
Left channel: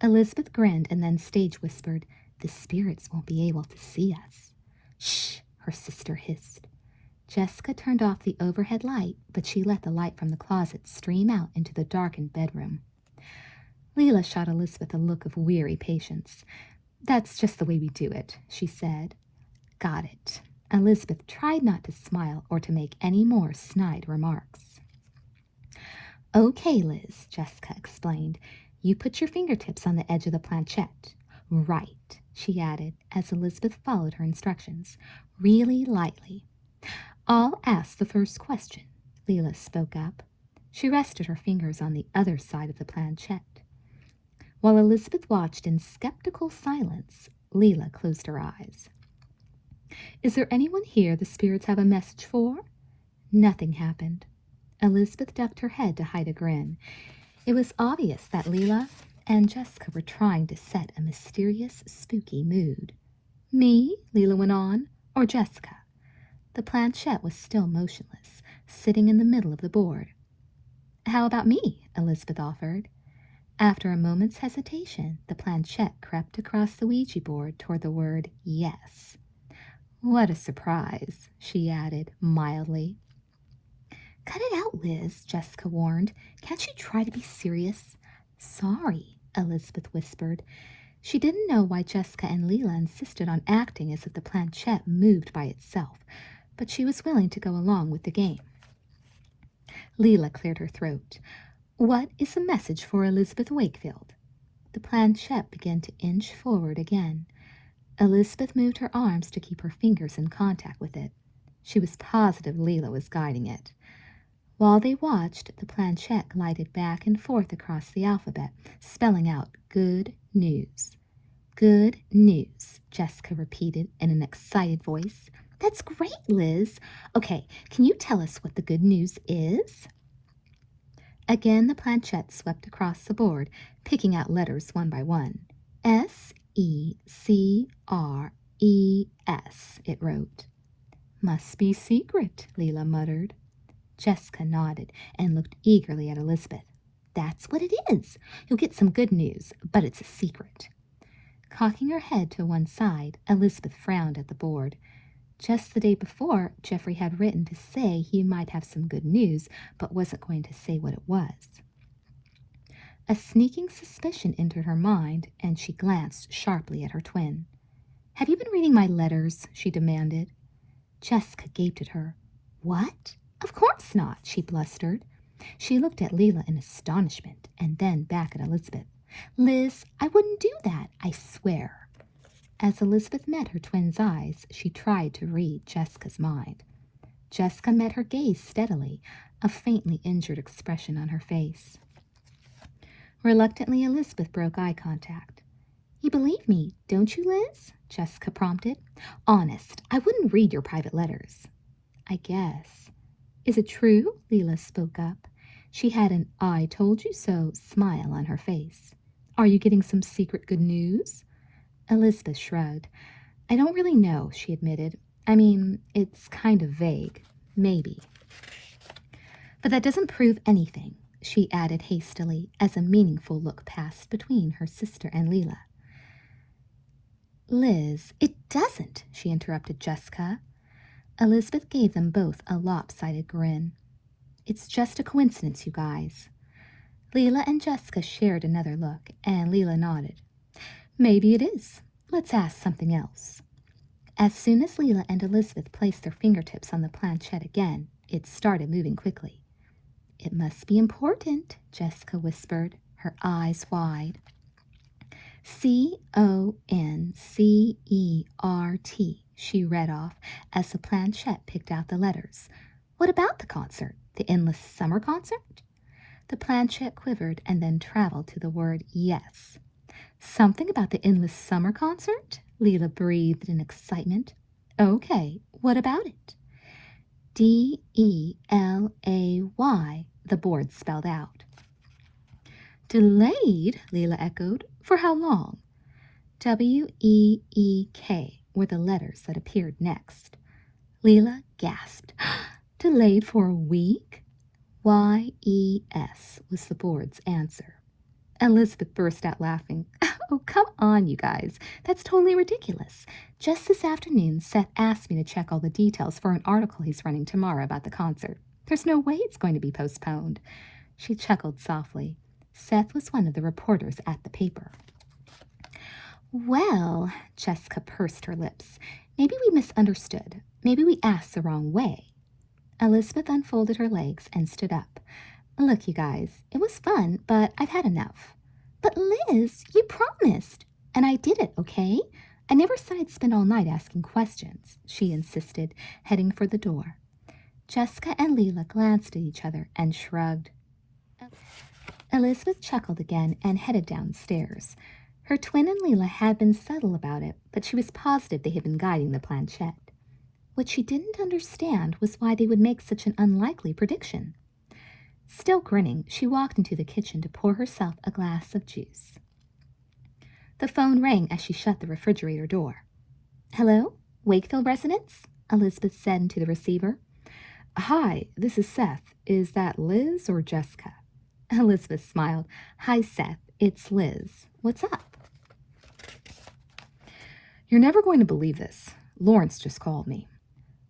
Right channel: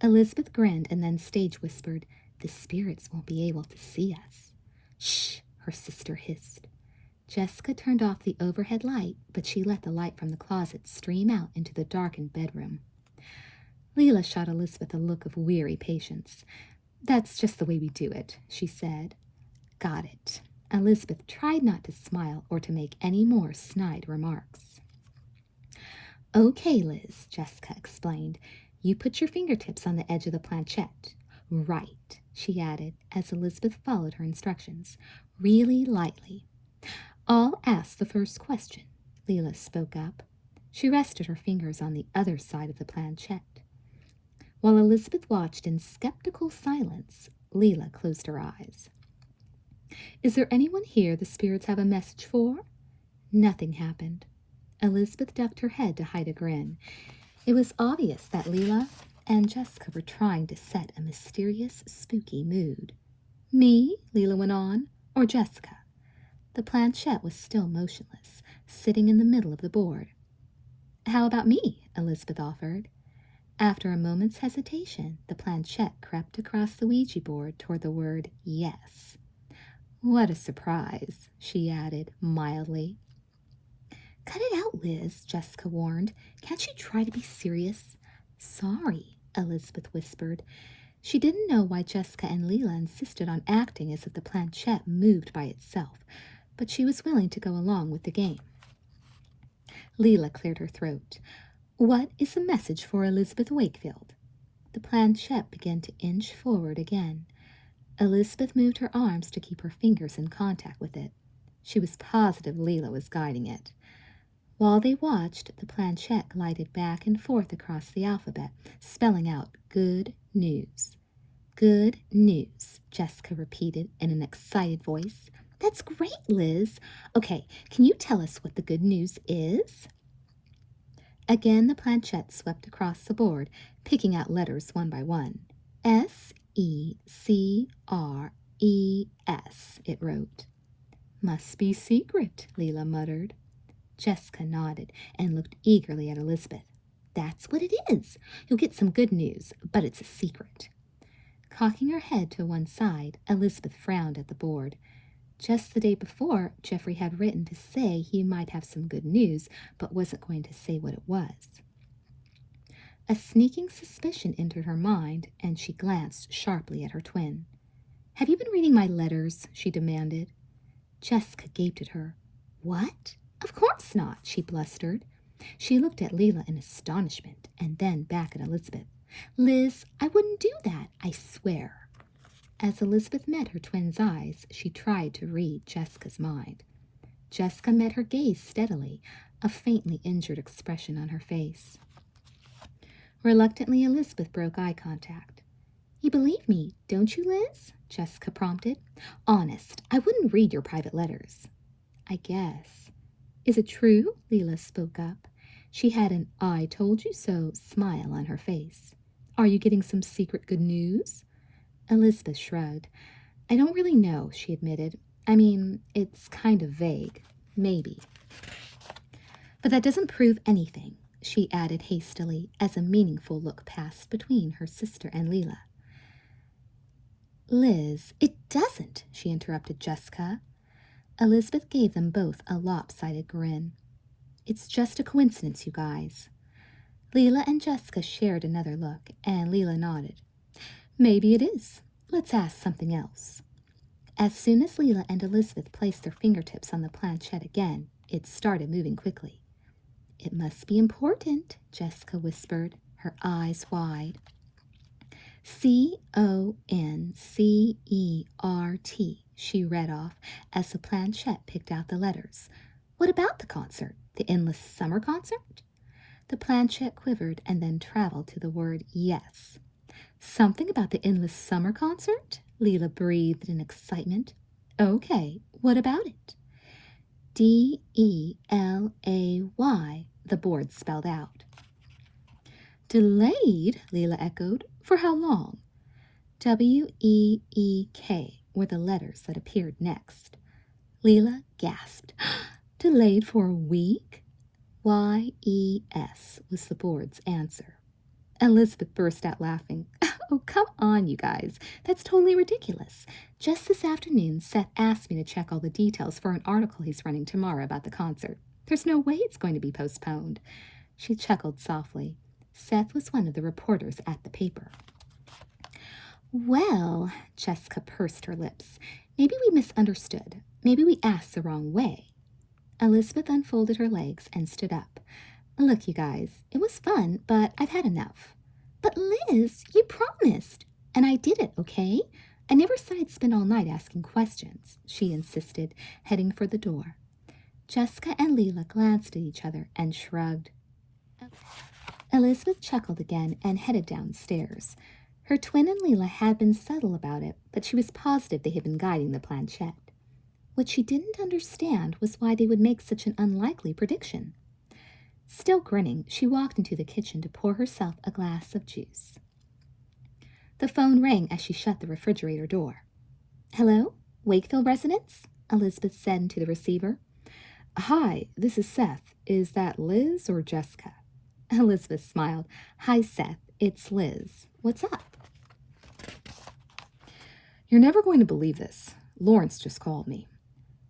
Elizabeth grinned and then stage whispered, The spirits won't be able to see us. Shh, her sister hissed. Jessica turned off the overhead light, but she let the light from the closet stream out into the darkened bedroom. Leela shot Elizabeth a look of weary patience. That's just the way we do it, she said. Got it. Elizabeth tried not to smile or to make any more snide remarks. Okay, Liz, Jessica explained. You put your fingertips on the edge of the planchette. Right, she added, as Elizabeth followed her instructions. Really lightly. I'll ask the first question, Leela spoke up. She rested her fingers on the other side of the planchette. While Elizabeth watched in skeptical silence, Leela closed her eyes. Is there anyone here the spirits have a message for? Nothing happened. Elizabeth ducked her head to hide a grin. It was obvious that Leela and Jessica were trying to set a mysterious, spooky mood. Me? Leela went on. Or Jessica? The planchette was still motionless, sitting in the middle of the board. How about me? Elizabeth offered. After a moment's hesitation, the planchette crept across the Ouija board toward the word yes. What a surprise, she added mildly. Cut it out, Liz, Jessica warned. Can't you try to be serious? Sorry, Elizabeth whispered. She didn't know why Jessica and Leela insisted on acting as if the planchette moved by itself, but she was willing to go along with the game. Leela cleared her throat. What is the message for Elizabeth Wakefield? The planchette began to inch forward again. Elizabeth moved her arms to keep her fingers in contact with it. She was positive Leela was guiding it. While they watched, the planchette glided back and forth across the alphabet, spelling out good news. Good news, Jessica repeated in an excited voice. That's great, Liz. Okay, can you tell us what the good news is? Again, the planchette swept across the board, picking out letters one by one. S-E-C-R-E-S, it wrote. Must be secret, Leela muttered. Jessica nodded and looked eagerly at Elizabeth. That's what it is. You'll get some good news, but it's a secret. Cocking her head to one side, Elizabeth frowned at the board. Just the day before, Geoffrey had written to say he might have some good news, but wasn't going to say what it was. A sneaking suspicion entered her mind, and she glanced sharply at her twin. Have you been reading my letters? She demanded. Jessica gaped at her. What? Of course not, she blustered. She looked at Leela in astonishment, and then back at Elizabeth. Liz, I wouldn't do that, I swear. As Elizabeth met her twin's eyes, she tried to read Jessica's mind. Jessica met her gaze steadily, a faintly injured expression on her face. Reluctantly, Elizabeth broke eye contact. You believe me, don't you, Liz? Jessica prompted. Honest, I wouldn't read your private letters. I guess. Is it true? Leela spoke up. She had an I told you so smile on her face. Are you getting some secret good news? Elizabeth shrugged. I don't really know, she admitted. I mean, it's kind of vague. Maybe. But that doesn't prove anything, she added hastily as a meaningful look passed between her sister and Leela. Liz, it doesn't, she interrupted Jessica. Elizabeth gave them both a lopsided grin. It's just a coincidence, you guys. Leela and Jessica shared another look, and Leela nodded. Maybe it is. Let's ask something else. As soon as Leela and Elizabeth placed their fingertips on the planchette again, it started moving quickly. It must be important, Jessica whispered, her eyes wide. C-O-N-C-E-R-T, she read off as the planchette picked out the letters. What about the concert? The endless summer concert? The planchette quivered and then traveled to the word yes. Something about the endless summer concert? Leela breathed in excitement. Okay, what about it? D-E-L-A-Y, the board spelled out. Delayed, Leela echoed. For how long? W-E-E-K were the letters that appeared next. Leela gasped. Delayed for a week? Y-E-S was the board's answer. Elizabeth burst out laughing. Oh, come on, you guys. That's totally ridiculous. Just this afternoon, Seth asked me to check all the details for an article he's running tomorrow about the concert. There's no way it's going to be postponed. She chuckled softly. Seth was one of the reporters at the paper. Well, Jessica pursed her lips. Maybe we misunderstood. Maybe we asked the wrong way. Elizabeth unfolded her legs and stood up. Look, you guys, it was fun, but I've had enough. But Liz, you promised. And I did it, okay? I never said I'd spend all night asking questions, she insisted, heading for the door. Jessica and Leela glanced at each other and shrugged. Elizabeth chuckled again and headed downstairs. Her twin and Leela had been subtle about it, but she was positive they had been guiding the planchette. What she didn't understand was why they would make such an unlikely prediction. Still grinning, she walked into the kitchen to pour herself a glass of juice. The phone rang as she shut the refrigerator door. Hello? Wakefield residence? Elizabeth said into the receiver. Hi, this is Seth. Is that Liz or Jessica? Elizabeth smiled. Hi, Seth. It's Liz. What's up? You're never going to believe this. Lawrence just called me.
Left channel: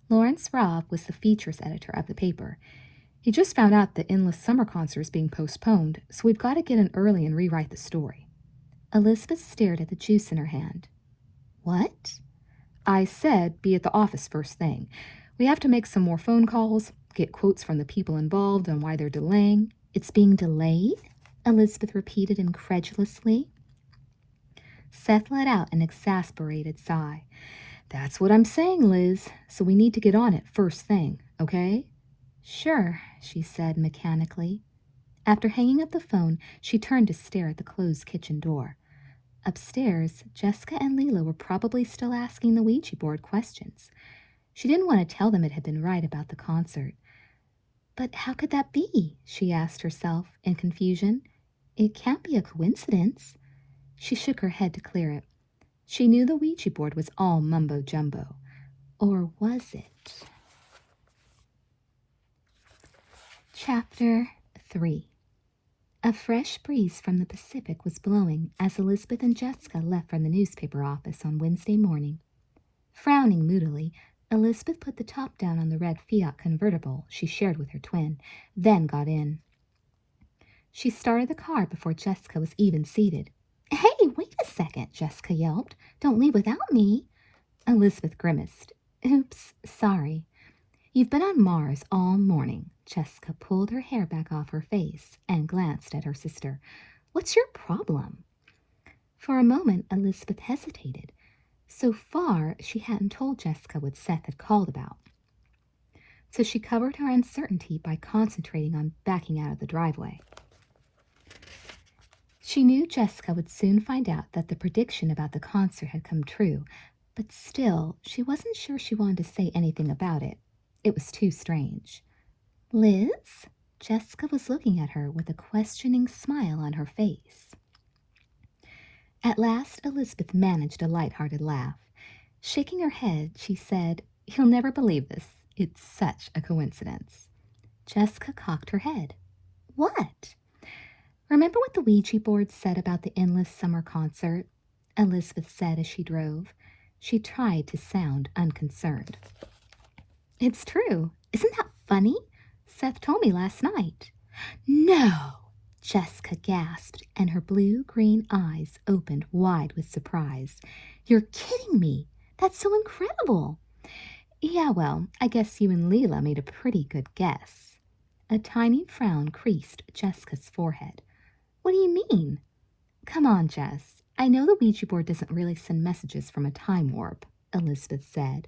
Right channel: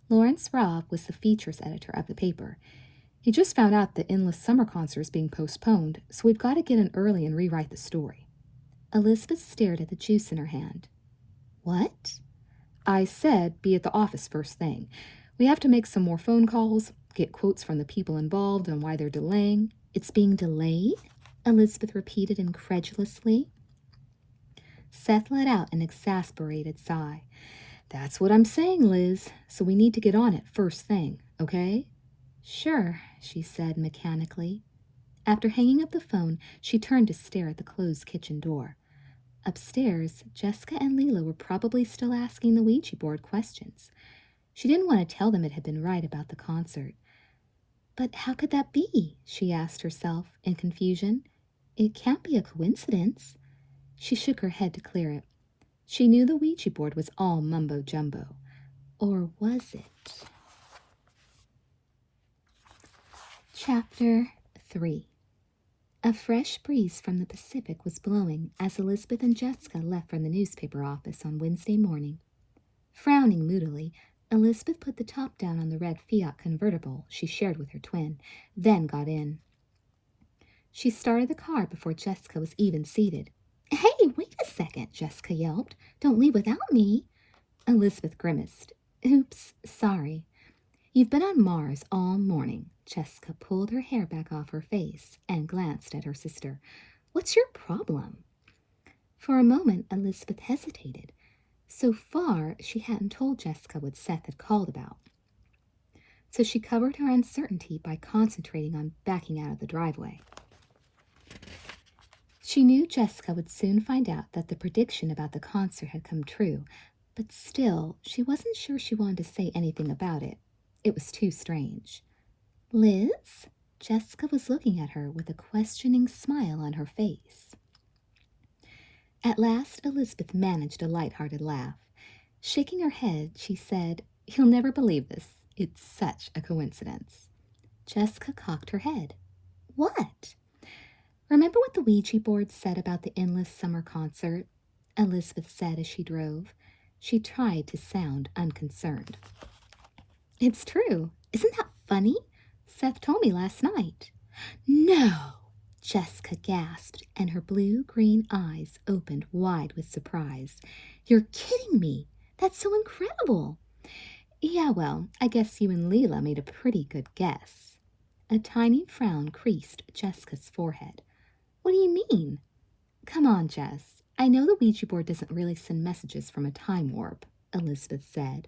Lawrence Robb was the features editor of the paper. He just found out the endless summer concert is being postponed, so we've got to get in early and rewrite the story. Elizabeth stared at the juice in her hand. What? I said be at the office first thing. We have to make some more phone calls, get quotes from the people involved on why they're delaying. It's being delayed? Elizabeth repeated incredulously. Seth let out an exasperated sigh. That's what I'm saying, Liz, so we need to get on it first thing, okay? Sure, she said mechanically. After hanging up the phone, she turned to stare at the closed kitchen door. Upstairs, Jessica and Leela were probably still asking the Ouija board questions. She didn't want to tell them it had been right about the concert. But how could that be? She asked herself in confusion. It can't be a coincidence. She shook her head to clear it. She knew the Ouija board was all mumbo-jumbo. Or was it? Chapter 3. A fresh breeze from the Pacific was blowing as Elizabeth and Jessica left from the newspaper office on Wednesday morning. Frowning moodily, Elizabeth put the top down on the red Fiat convertible she shared with her twin, then got in. She started the car before Jessica was even seated. "Hey, wait a second," Jessica yelped. "Don't leave without me." Elizabeth grimaced. "Oops, sorry." "You've been on Mars all morning." Jessica pulled her hair back off her face and glanced at her sister. "What's your problem?" For a moment, Elizabeth hesitated. So far, she hadn't told Jessica what Seth had called about. So she covered her uncertainty by concentrating on backing out of the driveway. She knew Jessica would soon find out that the prediction about the concert had come true, but still, she wasn't sure she wanted to say anything about it. It was too strange. "Liz?" Jessica was looking at her with a questioning smile on her face. At last, Elizabeth managed a light-hearted laugh. Shaking her head, she said, "You'll never believe this. It's such a coincidence." Jessica cocked her head. "What?" "Remember what the Ouija board said about the endless summer concert?" Elizabeth said as she drove. She tried to sound unconcerned. "It's true. Isn't that funny? Seth told me last night." "No!" Jessica gasped, and her blue-green eyes opened wide with surprise. "You're kidding me! That's so incredible!" "Yeah, well, I guess you and Leela made a pretty good guess." A tiny frown creased Jessica's forehead. "What do you mean?" "Come on, Jess. I know the Ouija board doesn't really send messages from a time warp," Elizabeth said.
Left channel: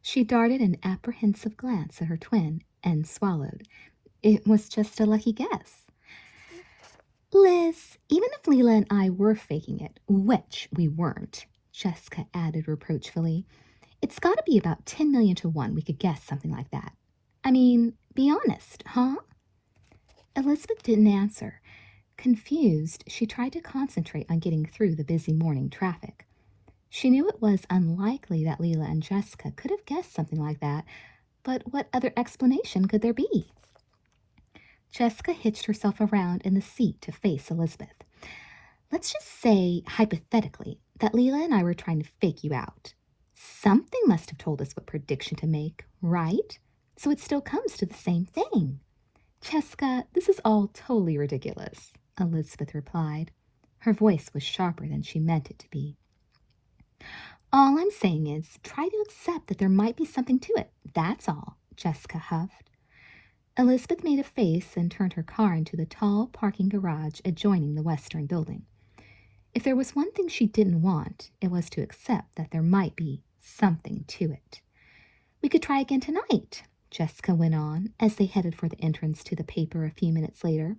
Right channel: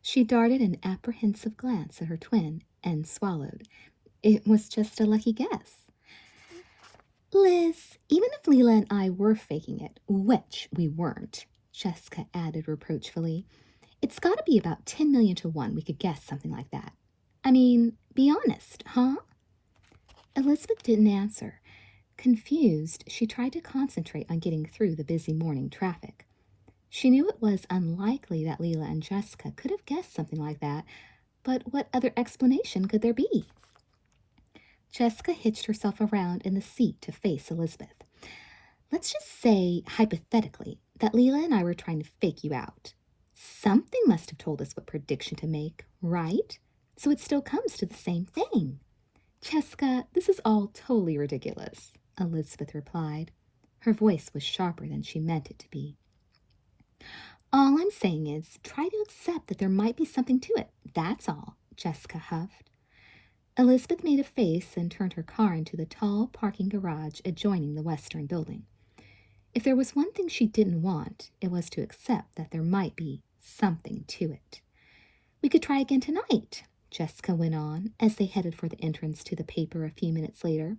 She darted an apprehensive glance at her twin and swallowed. It was just a lucky guess. "Liz, even if Leela and I were faking it, which we weren't," Jessica added reproachfully, "it's got to be about 10 million to 1 we could guess something like that. I mean, be honest, huh?" Elizabeth didn't answer. Confused, she tried to concentrate on getting through the busy morning traffic. She knew it was unlikely that Leela and Jessica could have guessed something like that, but what other explanation could there be? Jessica hitched herself around in the seat to face Elizabeth. "Let's just say, hypothetically, that Leela and I were trying to fake you out. Something must have told us what prediction to make, right? So it still comes to the same thing." "Jessica, this is all totally ridiculous," Elizabeth replied. Her voice was sharper than she meant it to be. "All I'm saying is, try to accept that there might be something to it. That's all," Jessica huffed. Elizabeth made a face and turned her car into the tall parking garage adjoining the western building. If there was one thing she didn't want, it was to accept that there might be something to it. "We could try again tonight," Jessica went on as they headed for the entrance to the paper a few minutes later.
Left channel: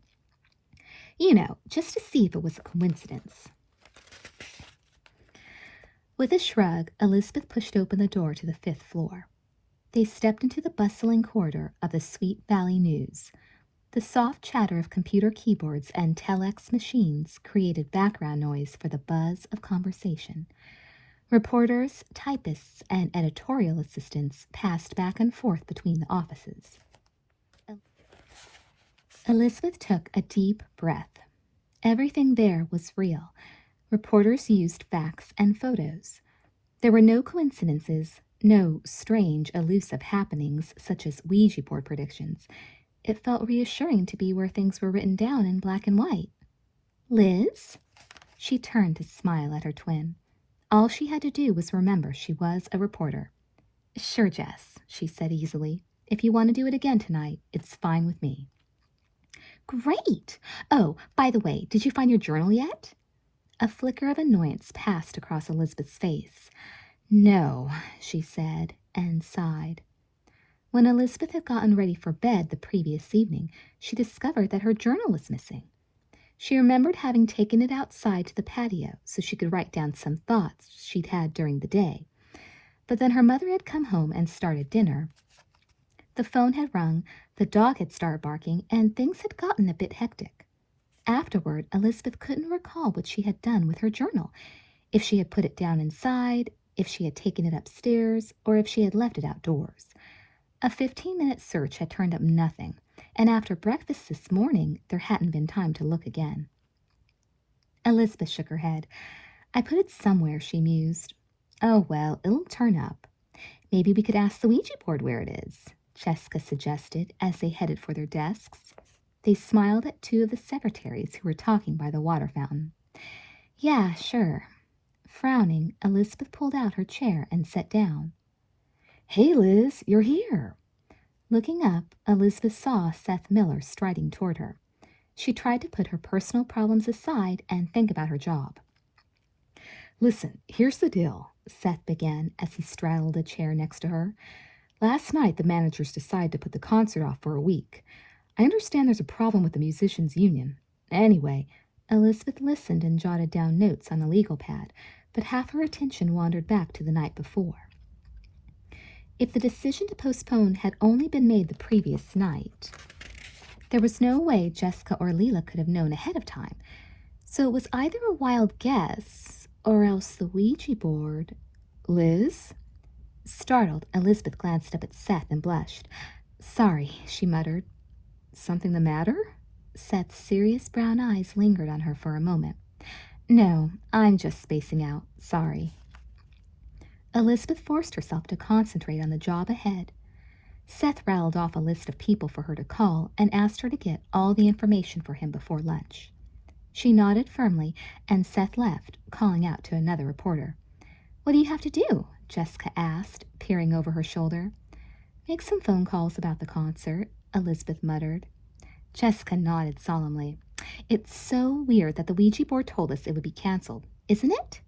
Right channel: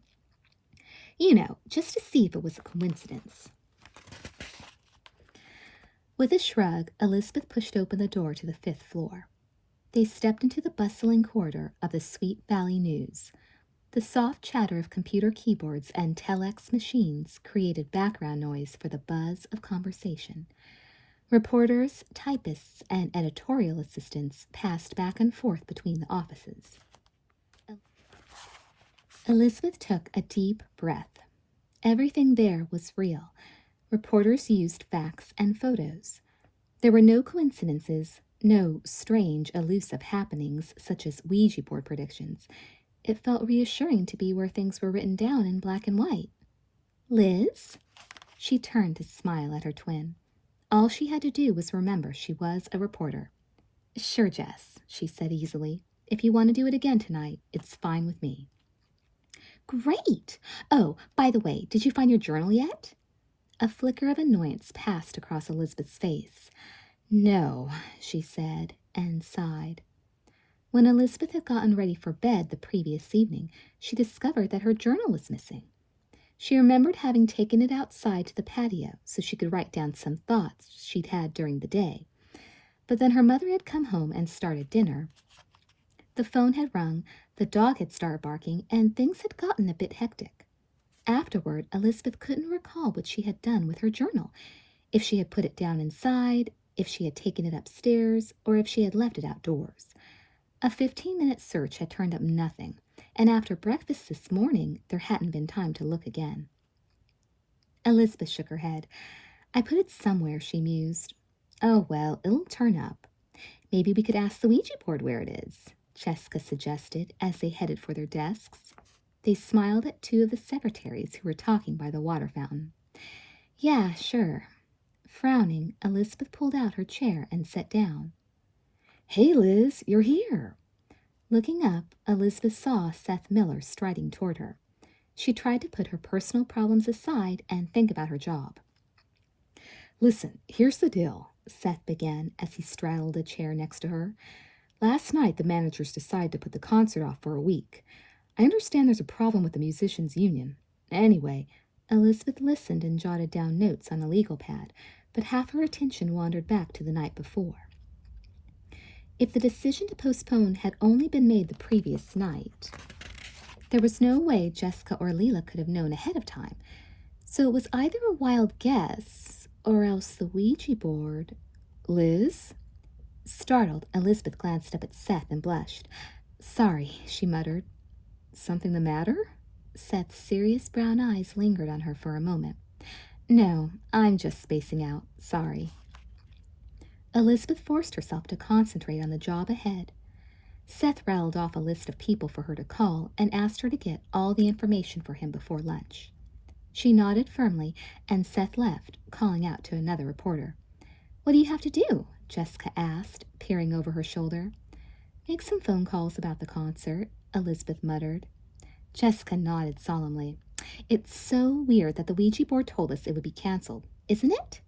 "You know, just to see if it was a coincidence." With a shrug, Elizabeth pushed open the door to the 5th floor. They stepped into the bustling corridor of the Sweet Valley News. The soft chatter of computer keyboards and telex machines created background noise for the buzz of conversation. Reporters, typists, and editorial assistants passed back and forth between the offices. Elizabeth took a deep breath. Everything there was real. Reporters used facts and photos. There were no coincidences, no strange, elusive happenings such as Ouija board predictions. It felt reassuring to be where things were written down in black and white. "Liz?" She turned to smile at her twin. All she had to do was remember she was a reporter. "Sure, Jess," she said easily. "If you want to do it again tonight, it's fine with me." "Great! Oh, by the way, did you find your journal yet?" A flicker of annoyance passed across Elizabeth's face. No, she said, and sighed. When Elizabeth had gotten ready for bed the previous evening, she discovered that her journal was missing. She remembered having taken it outside to the patio so she could write down some thoughts she'd had during the day. But then her mother had come home and started dinner. The phone had rung, the dog had started barking, and things had gotten a bit hectic. Afterward, Elizabeth couldn't recall what she had done with her journal, if she had put it down inside, if she had taken it upstairs, or if she had left it outdoors. A 15-minute search had turned up nothing, and after breakfast this morning, there hadn't been time to look again. Elizabeth shook her head. I put it somewhere, she mused. Oh, well, it'll turn up. Maybe we could ask the Ouija board where it is, Jessica suggested as they headed for their desks. They smiled at two of the secretaries who were talking by the water fountain. Yeah, sure. Frowning, Elizabeth pulled out her chair and sat down. Hey, Liz, you're here. Looking up, Elizabeth saw Seth Miller striding toward her. She tried to put her personal problems aside and think about her job. Listen, here's the deal, Seth began as he straddled a chair next to her. Last night, the managers decided to put the concert off for a week. I understand there's a problem with the musicians' union. Anyway, Elizabeth listened and jotted down notes on a legal pad, but half her attention wandered back to the night before. If the decision to postpone had only been made the previous night, there was no way Jessica or Leela could have known ahead of time. So it was either a wild guess or else the Ouija board. Liz? Startled, Elizabeth glanced up at Seth and blushed. Sorry, she muttered. Something the matter? Seth's serious brown eyes lingered on her for a moment. No, I'm just spacing out. Sorry. Elizabeth forced herself to concentrate on the job ahead. Seth rattled off a list of people for her to call and asked her to get all the information for him before lunch. She nodded firmly, and Seth left, calling out to another reporter. What do you have to do? Jessica asked, peering over her shoulder. Make some phone calls about the concert, Elizabeth muttered. Jessica nodded solemnly. It's so weird that the Ouija board told us it would be canceled, isn't it?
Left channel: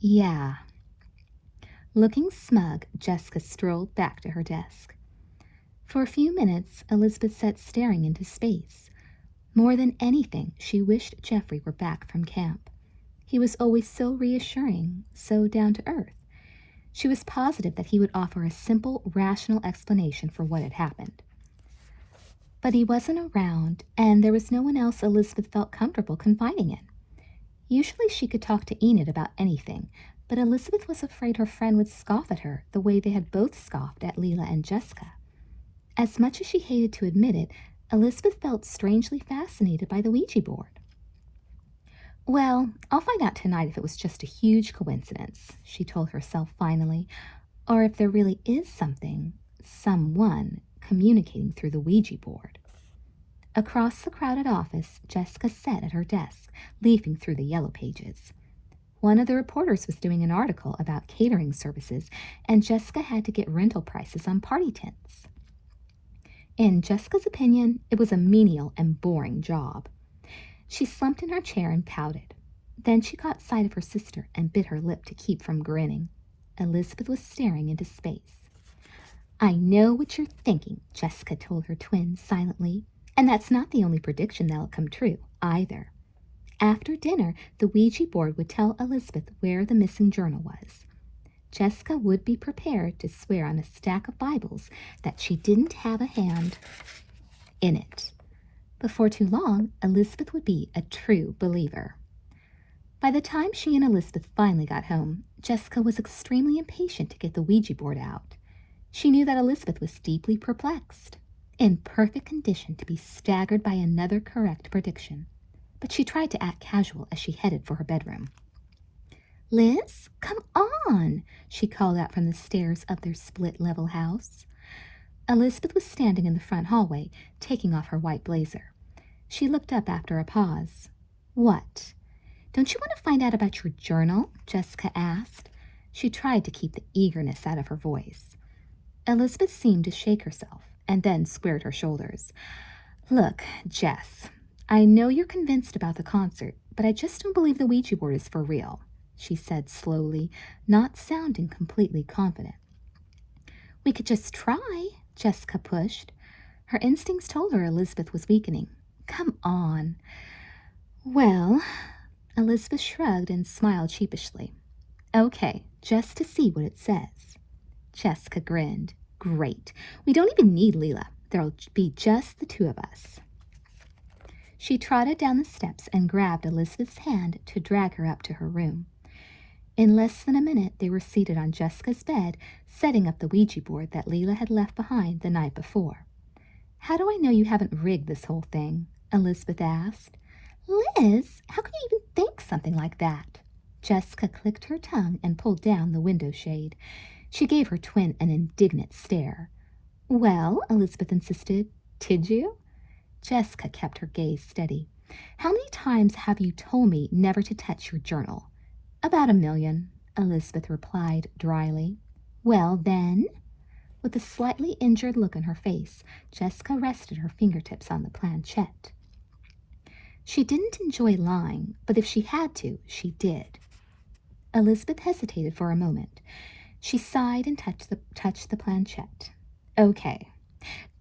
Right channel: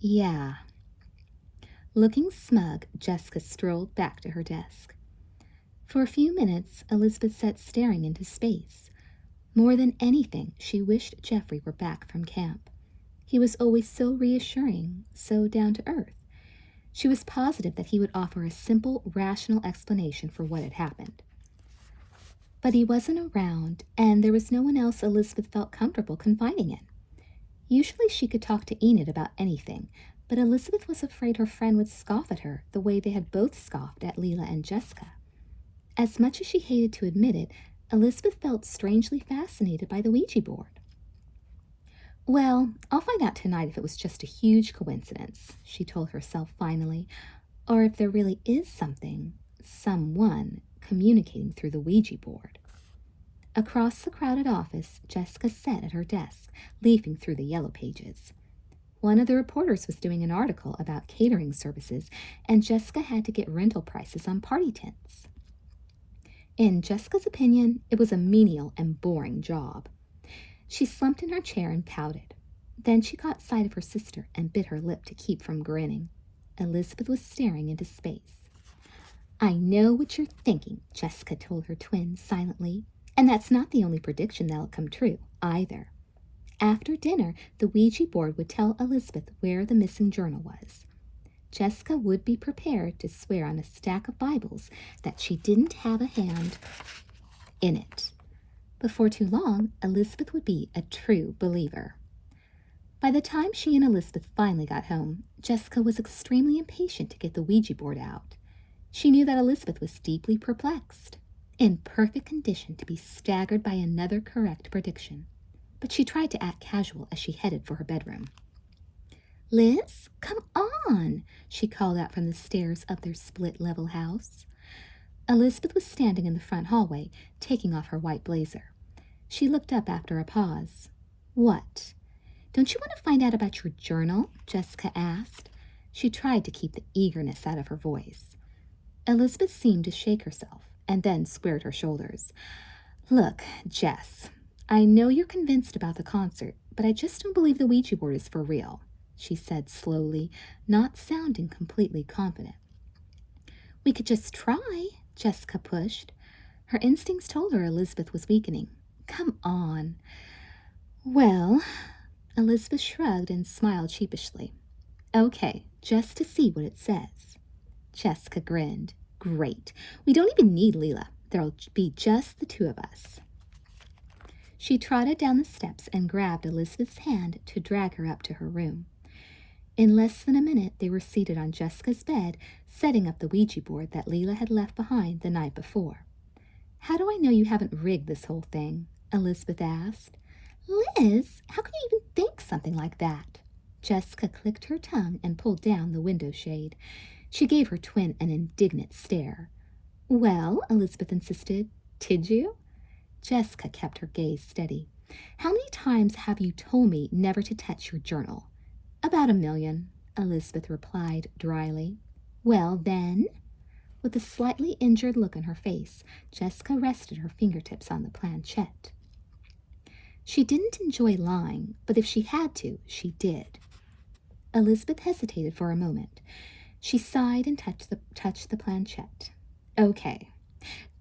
Yeah. Looking smug, Jessica strolled back to her desk. For a few minutes, Elizabeth sat staring into space. More than anything, she wished Jeffrey were back from camp. He was always so reassuring, so down to earth. She was positive that he would offer a simple, rational explanation for what had happened. But he wasn't around, and there was no one else Elizabeth felt comfortable confiding in. Usually she could talk to Enid about anything, but Elizabeth was afraid her friend would scoff at her the way they had both scoffed at Leela and Jessica. As much as she hated to admit it, Elizabeth felt strangely fascinated by the Ouija board. Well, I'll find out tonight if it was just a huge coincidence, she told herself finally, or if there really is someone, communicating through the Ouija board. Across the crowded office, Jessica sat at her desk, leafing through the yellow pages. One of the reporters was doing an article about catering services, and Jessica had to get rental prices on party tents. In Jessica's opinion, it was a menial and boring job. She slumped in her chair and pouted. Then she caught sight of her sister and bit her lip to keep from grinning. Elizabeth was staring into space. I know what you're thinking, Jessica told her twin silently, and that's not the only prediction that'll come true, either. After dinner, the Ouija board would tell Elizabeth where the missing journal was. Jessica would be prepared to swear on a stack of Bibles that she didn't have a hand in it. Before too long, Elizabeth would be a true believer. By the time she and Elizabeth finally got home, Jessica was extremely impatient to get the Ouija board out. She knew that Elizabeth was deeply perplexed, in perfect condition to be staggered by another correct prediction. But she tried to act casual as she headed for her bedroom. Liz, come on, she called out from the stairs of their split-level house. Elizabeth was standing in the front hallway, taking off her white blazer. She looked up after a pause. What? Don't you want to find out about your journal? Jessica asked. She tried to keep the eagerness out of her voice. Elizabeth seemed to shake herself, and then squared her shoulders. Look, Jess, I know you're convinced about the concert, but I just don't believe the Ouija board is for real, she said slowly, not sounding completely confident. We could just try, Jessica pushed. Her instincts told her Elizabeth was weakening. Come on. Well, Elizabeth shrugged and smiled sheepishly. Okay, just to see what it says. Jessica grinned. Great. We don't even need Leela. There'll be just the two of us. She trotted down the steps and grabbed Elizabeth's hand to drag her up to her room. In less than a minute, they were seated on Jessica's bed, setting up the Ouija board that Leela had left behind the night before. How do I know you haven't rigged this whole thing? Elizabeth asked. Liz, how could you even think something like that? Jessica clicked her tongue and pulled down the window shade. She gave her twin an indignant stare. Well, Elizabeth insisted, did you? Jessica kept her gaze steady. How many times have you told me never to touch your journal? About 1,000,000, Elizabeth replied dryly. Well, then? With a slightly injured look on her face, Jessica rested her fingertips on the planchette. She didn't enjoy lying, but if she had to, she did. Elizabeth hesitated for a moment. She sighed and touched the planchette. Okay.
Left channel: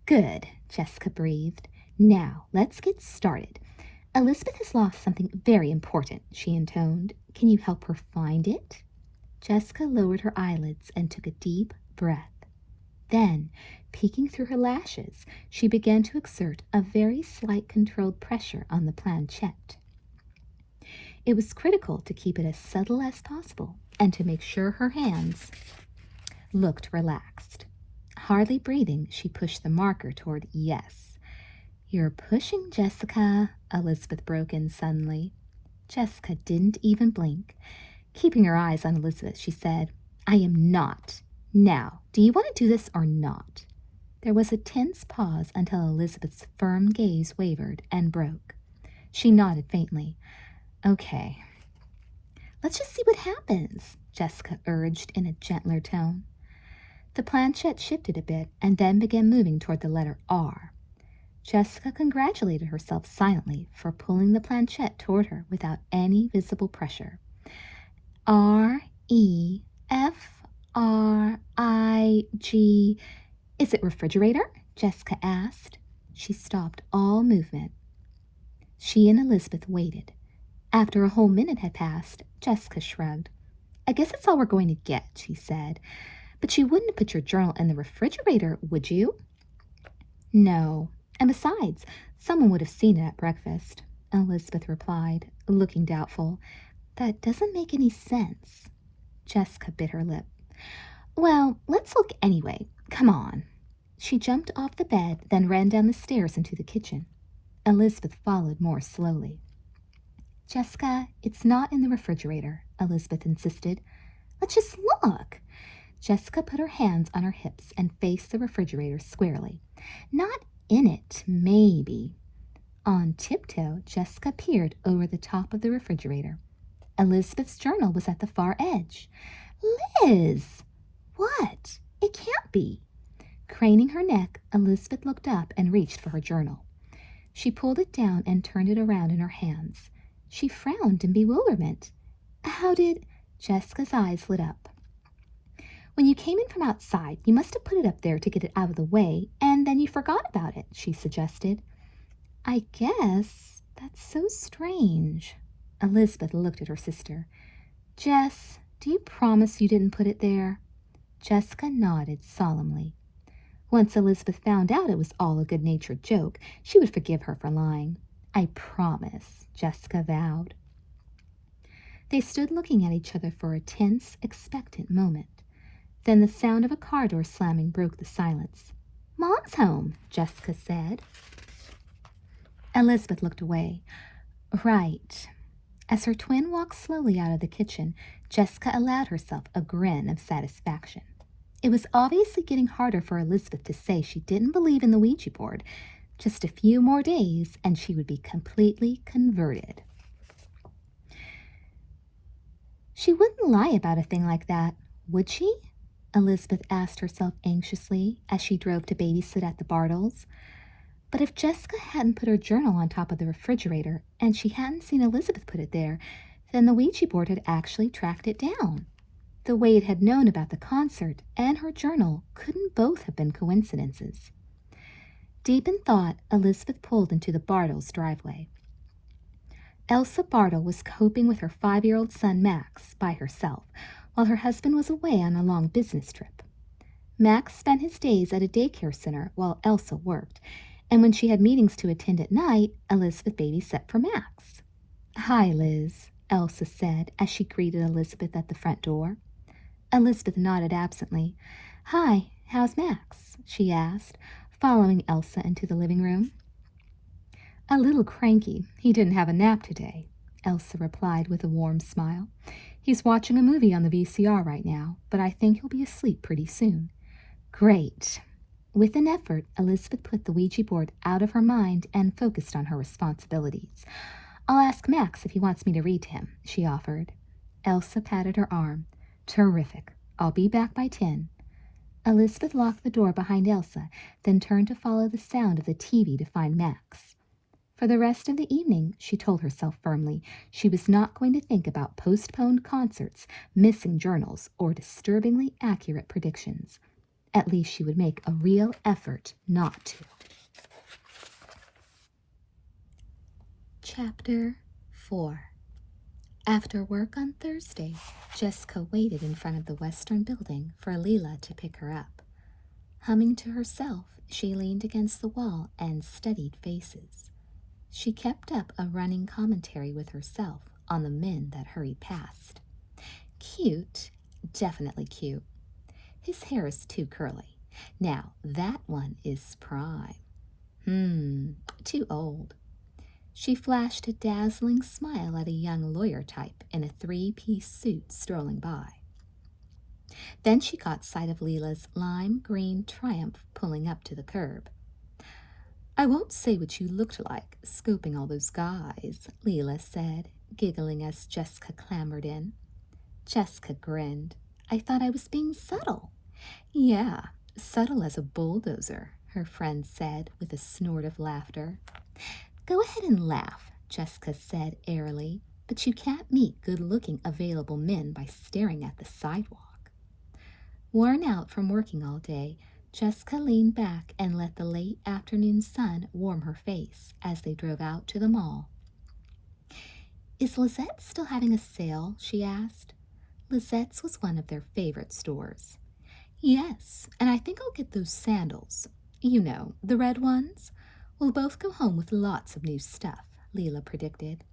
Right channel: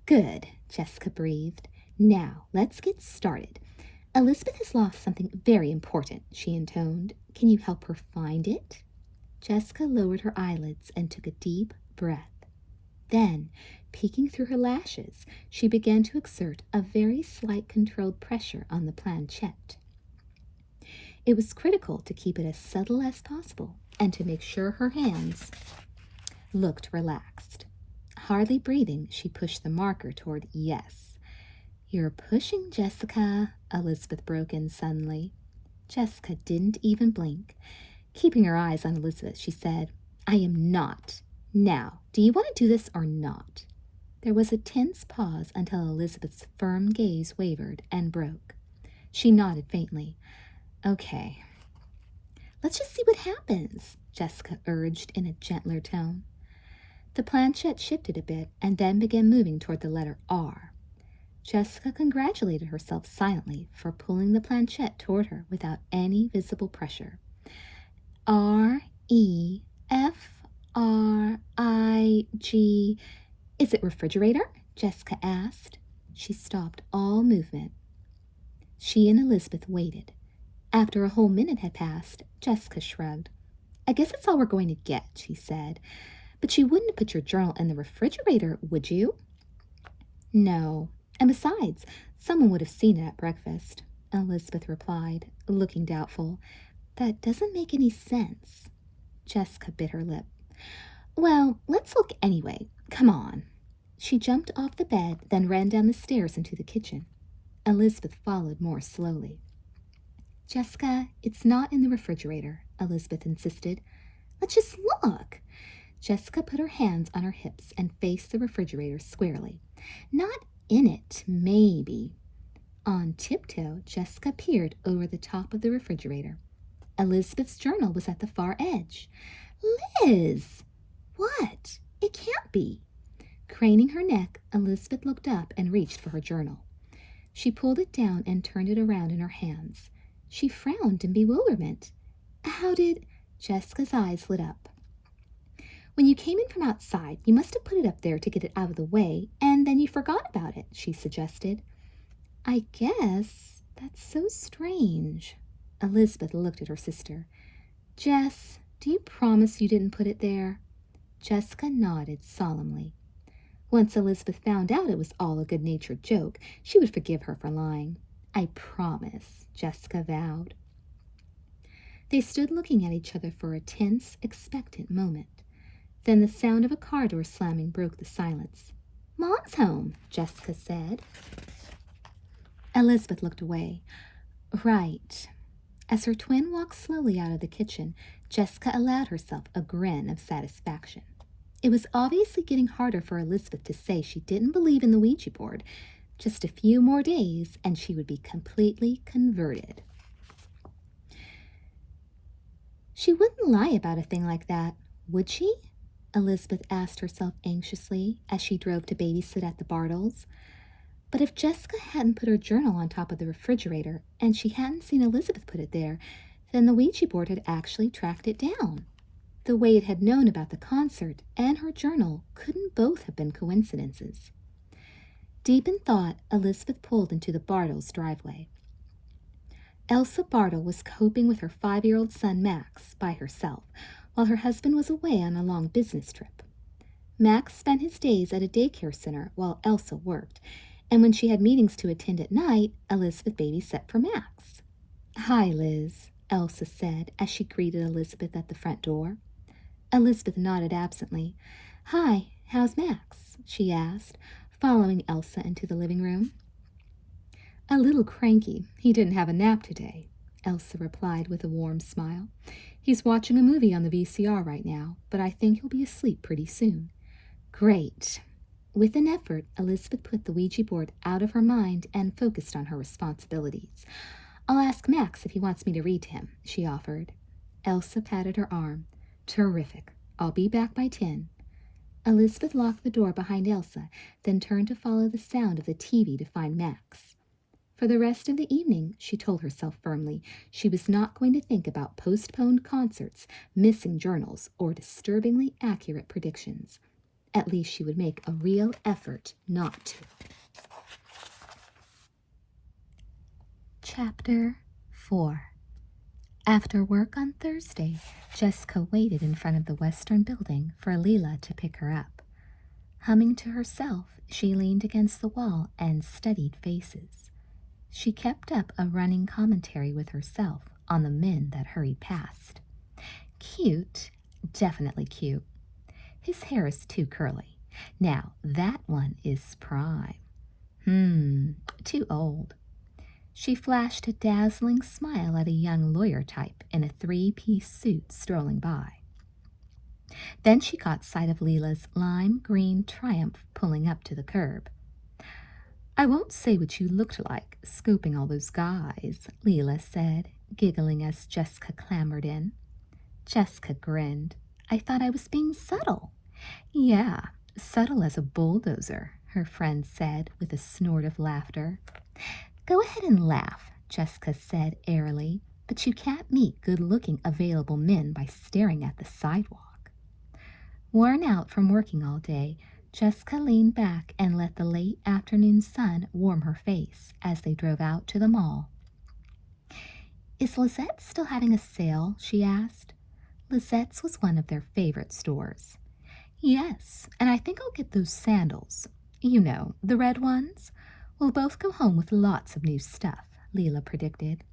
Good, Jessica breathed. Now, let's get started. Elizabeth has lost something very important, she intoned. Can you help her find it? Jessica lowered her eyelids and took a deep breath. Then, peeking through her lashes, she began to exert a very slight controlled pressure on the planchette. It was critical to keep it as subtle as possible and to make sure her hands looked relaxed. Hardly breathing, she pushed the marker toward yes. You're pushing, Jessica, Elizabeth broke in suddenly. Jessica didn't even blink. Keeping her eyes on Elizabeth, she said, I am not. Now, do you want to do this or not? There was a tense pause until Elizabeth's firm gaze wavered and broke. She nodded faintly. Okay. Let's just see what happens, Jessica urged in a gentler tone. The planchette shifted a bit and then began moving toward the letter R. Jessica congratulated herself silently for pulling the planchette toward her without any visible pressure. R-E-F-R-I-G. Is it refrigerator? Jessica asked. She stopped all movement. She and Elizabeth waited. After a whole minute had passed, Jessica shrugged. I guess that's all we're going to get, she said. But you wouldn't put your journal in the refrigerator, would you? No. And besides, someone would have seen it at breakfast, Elizabeth replied, looking doubtful. That doesn't make any sense. Jessica bit her lip. Well, let's look anyway. Come on. She jumped off the bed, then ran down the stairs into the kitchen. Elizabeth followed more slowly. Jessica, it's not in the refrigerator, Elizabeth insisted. Let's just look. Jessica put her hands on her hips and faced the refrigerator squarely. Not in it, maybe. On tiptoe, Jessica peered over the top of the refrigerator. Elizabeth's journal was at the far edge. Liz! What? It can't be. Craning her neck, Elizabeth looked up and reached for her journal. She pulled it down and turned it around in her hands. She frowned in bewilderment. How did... Jessica's eyes lit up. When you came in from outside, you must have put it up there to get it out of the way, and then you forgot about it, she suggested. I guess that's so strange. Elizabeth looked at her sister. Jess, do you promise you didn't put it there? Jessica nodded solemnly. Once Elizabeth found out it was all a good-natured joke, she would forgive her for lying. I promise, Jessica vowed. They stood looking at each other for a tense, expectant moment. Then the sound of a car door slamming broke the silence. Mom's home, Jessica said. Elizabeth looked away. Right. As her twin walked slowly out of the kitchen, Jessica allowed herself a grin of satisfaction. It was obviously getting harder for Elizabeth to say she didn't believe in the Ouija board. Just a few more days, and she would be completely converted. She wouldn't lie about a thing like that, would she? Elizabeth asked herself anxiously as she drove to babysit at the Bartles. But if Jessica hadn't put her journal on top of the refrigerator and she hadn't seen Elizabeth put it there, then the Ouija board had actually tracked it down. The way it had known about the concert and her journal couldn't both have been coincidences. Deep in thought, Elizabeth pulled into the Bartles' driveway. Elsa Bartle was coping with her 5-year-old son Max by herself, while her husband was away on a long business trip. Max spent his days at a daycare center while Elsa worked, and when she had meetings to attend at night, Elizabeth babysat for Max. "Hi, Liz," Elsa said as she greeted Elizabeth at the front door. Elizabeth nodded absently. "Hi, how's Max?" she asked, following Elsa into the living room. "A little cranky. He didn't have a nap today," Elsa replied with a warm smile. "He's watching a movie on the VCR right now, but I think he'll be asleep pretty soon." "Great." With an effort, Elizabeth put the Ouija board out of her mind and focused on her responsibilities. "I'll ask Max if he wants me to read to him," she offered. Elsa patted her arm. "Terrific. I'll be back by 10. Elizabeth locked the door behind Elsa, then turned to follow the sound of the TV to find Max. For the rest of the evening, she told herself firmly, she was not going to think about postponed concerts, missing journals, or disturbingly accurate predictions. At least she would make a real effort not to. Chapter 4. After work on Thursday, Jessica waited in front of the Western Building for Leela to pick her up. Humming to herself, she leaned against the wall and studied faces. She kept up a running commentary with herself on the men that hurried past. Cute, definitely cute. His hair is too curly. Now, that one is prime. Too old. She flashed a dazzling smile at a young lawyer type in a 3-piece suit strolling by. Then she caught sight of Leela's lime green Triumph pulling up to the curb. "I won't say what you looked like, scoping all those guys," Leela said, giggling as Jessica clambered in. Jessica grinned. "I thought I was being subtle." "Yeah, subtle as a bulldozer," her friend said with a snort of laughter. "Go ahead and laugh," Jessica said airily, "but you can't meet good-looking available men by staring at the sidewalk." Worn out from working all day, Jessica leaned back and let the late afternoon sun warm her face as they drove out to the mall. "Is Lizette's still having a sale?" she asked. Lizette's was one of their favorite stores. "Yes, and I think I'll get those sandals. You know, the red ones. We'll both go home with lots of new stuff," Leela predicted.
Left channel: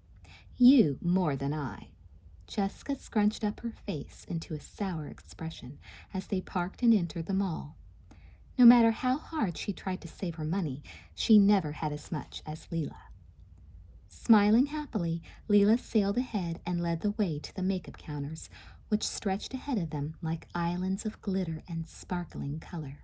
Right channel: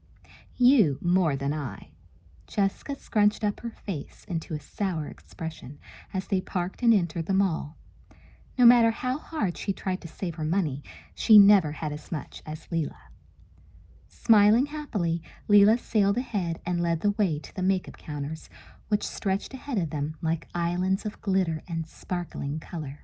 "You more than I." Jessica scrunched up her face into a sour expression as they parked and entered the mall. No matter how hard she tried to save her money, she never had as much as Leela. Smiling happily, Leela sailed ahead and led the way to the makeup counters, which stretched ahead of them like islands of glitter and sparkling color.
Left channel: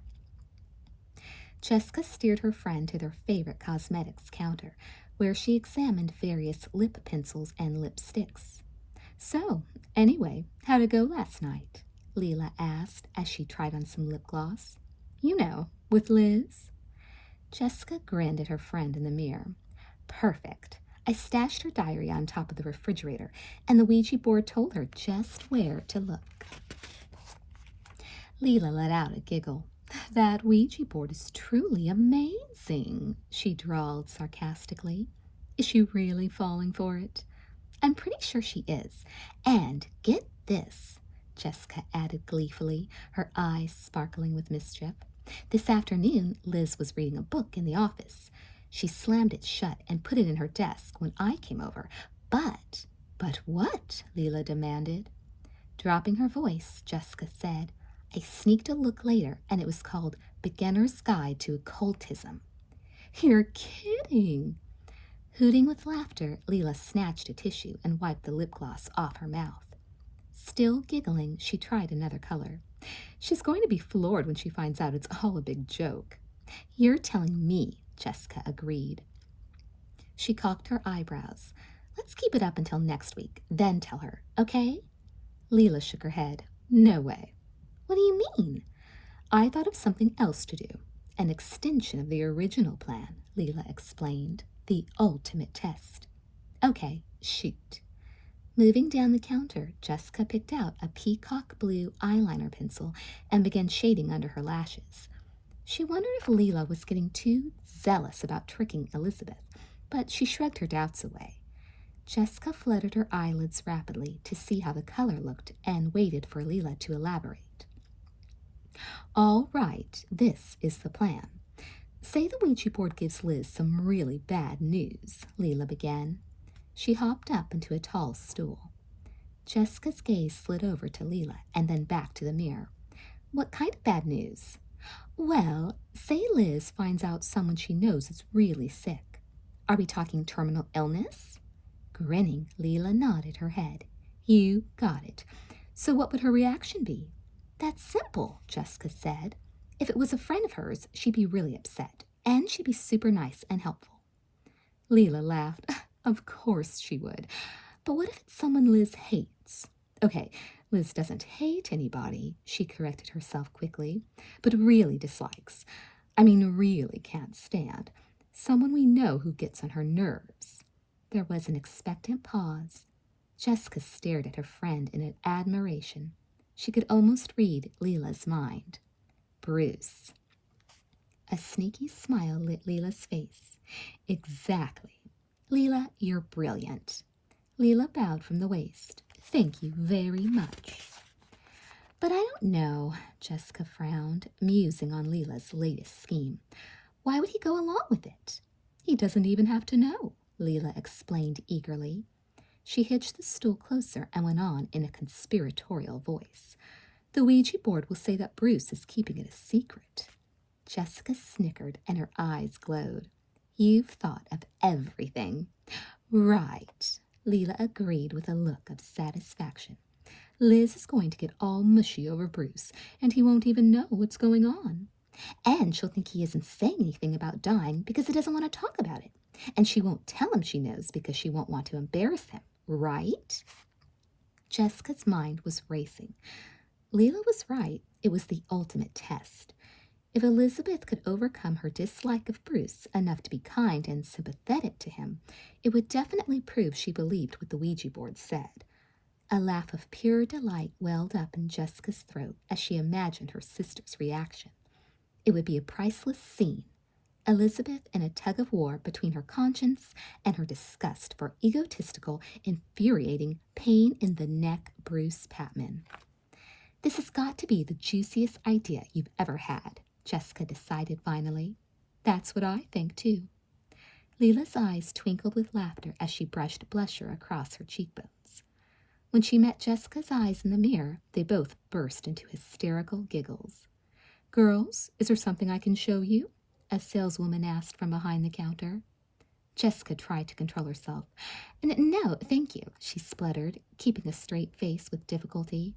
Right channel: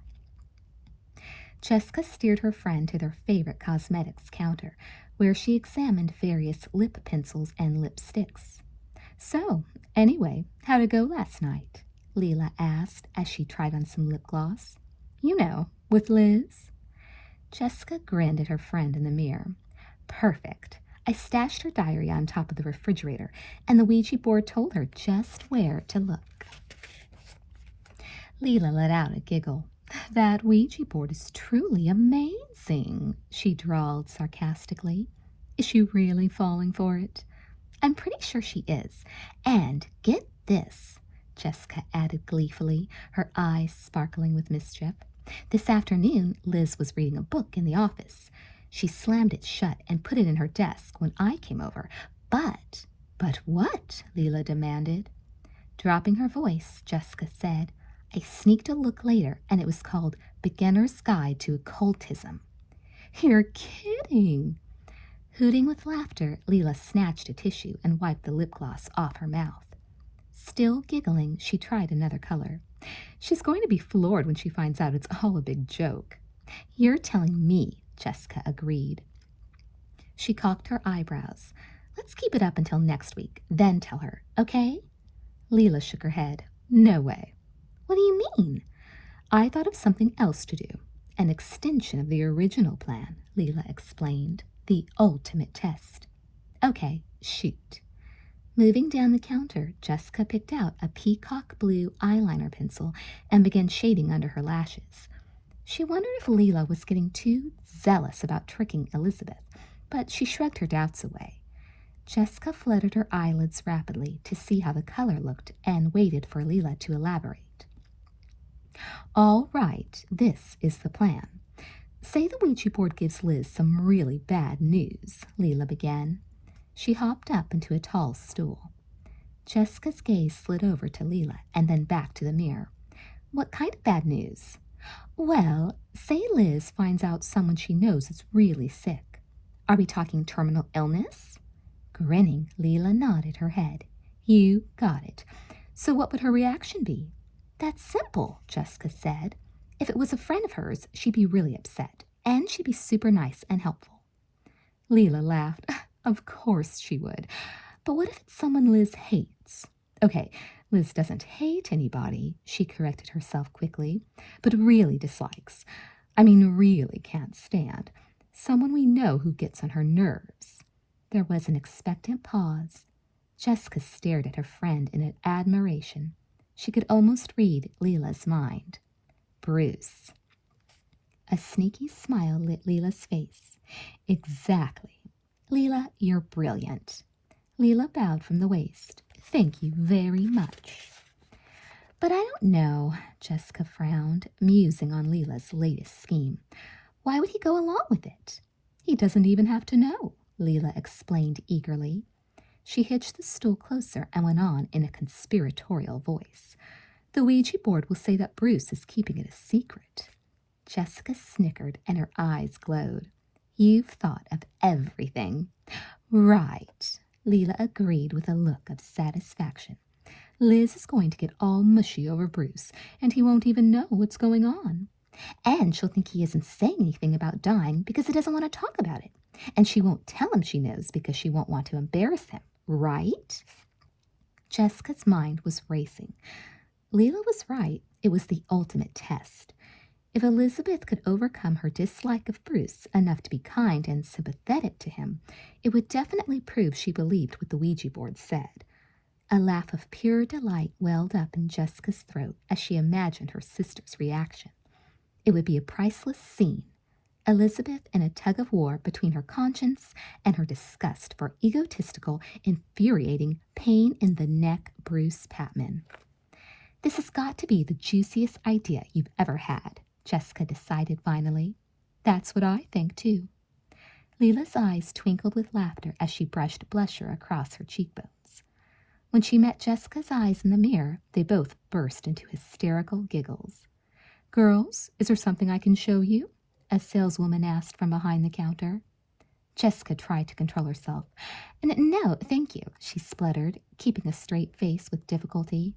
Jessica steered her friend to their favorite cosmetics counter, where she examined various lip pencils and lipsticks. "So, anyway, how'd it go last night?" Leela asked as she tried on some lip gloss. "You know, with Liz." Jessica grinned at her friend in the mirror. "Perfect. I stashed her diary on top of the refrigerator, and the Ouija board told her just where to look." Leela let out a giggle. "That Ouija board is truly amazing," she drawled sarcastically. "Is she really falling for it?" "I'm pretty sure she is. And get this," Jessica added gleefully, her eyes sparkling with mischief. "This afternoon, Liz was reading a book in the office. She slammed it shut and put it in her desk when I came over. But what?" Leela demanded. Dropping her voice, Jessica said, "I sneaked a look later, and it was called Beginner's Guide to Occultism." "You're kidding!" Hooting with laughter, Leela snatched a tissue and wiped the lip gloss off her mouth. Still giggling, she tried another color. "She's going to be floored when she finds out it's all a big joke." "You're telling me," Jessica agreed. She cocked her eyebrows. "Let's keep it up until next week, then tell her, okay?" Leela shook her head. "No way." "What do you mean?" "I thought of something else to do. An extension of the original plan," Leela explained. The ultimate test. Okay, shoot. Moving down the counter, Jessica picked out a peacock blue eyeliner pencil and began shading under her lashes. She wondered if Leela was getting too zealous about tricking Elizabeth, but she shrugged her doubts away. Jessica fluttered her eyelids rapidly to see how the color looked and waited for Leela to elaborate. All right, this is the plan. Say the Ouija board gives Liz some really bad news, Leela began. She hopped up into a tall stool. Jessica's gaze slid over to Leela and then back to the mirror. What kind of bad news? Well, say Liz finds out someone she knows is really sick. Are we talking terminal illness? Grinning, Leela nodded her head. You got it. So what would her reaction be? That's simple, Jessica said. If it was a friend of hers, she'd be really upset, and she'd be super nice and helpful. Leela laughed. Of course she would. But what if it's someone Liz hates? Okay, Liz doesn't hate anybody, she corrected herself quickly, but really dislikes. Really can't stand. Someone we know who gets on her nerves. There was an expectant pause. Jessica stared at her friend in admiration. She could almost read Leela's mind. Bruce. A sneaky smile lit Leela's face. Exactly. Leela, you're brilliant. Leela bowed from the waist. Thank you very much. But I don't know, Jessica frowned, musing on Leela's latest scheme. Why would he go along with it? He doesn't even have to know, Leela explained eagerly. She hitched the stool closer and went on in a conspiratorial voice. The Ouija board will say that Bruce is keeping it a secret. Jessica snickered and her eyes glowed. You've thought of everything. Right, Leela agreed with a look of satisfaction. Liz is going to get all mushy over Bruce, and he won't even know what's going on. And she'll think he isn't saying anything about dying because he doesn't want to talk about it. And she won't tell him she knows because she won't want to embarrass him, right? Jessica's mind was racing. Leela was right. It was the ultimate test. If Elizabeth could overcome her dislike of Bruce enough to be kind and sympathetic to him, it would definitely prove she believed what the Ouija board said. A laugh of pure delight welled up in Jessica's throat as she imagined her sister's reaction. It would be a priceless scene. Elizabeth in a tug-of-war between her conscience and her disgust for egotistical, infuriating, pain-in-the-neck Bruce Patman. This has got to be the juiciest idea you've ever had, Jessica decided finally. That's what I think, too. Leela's eyes twinkled with laughter as she brushed blusher across her cheekbones. When she met Jessica's eyes in the mirror, they both burst into hysterical giggles. Girls, is there something I can show you? A saleswoman asked from behind the counter. Jessica tried to control herself. No, thank you, she spluttered, keeping a straight face with difficulty.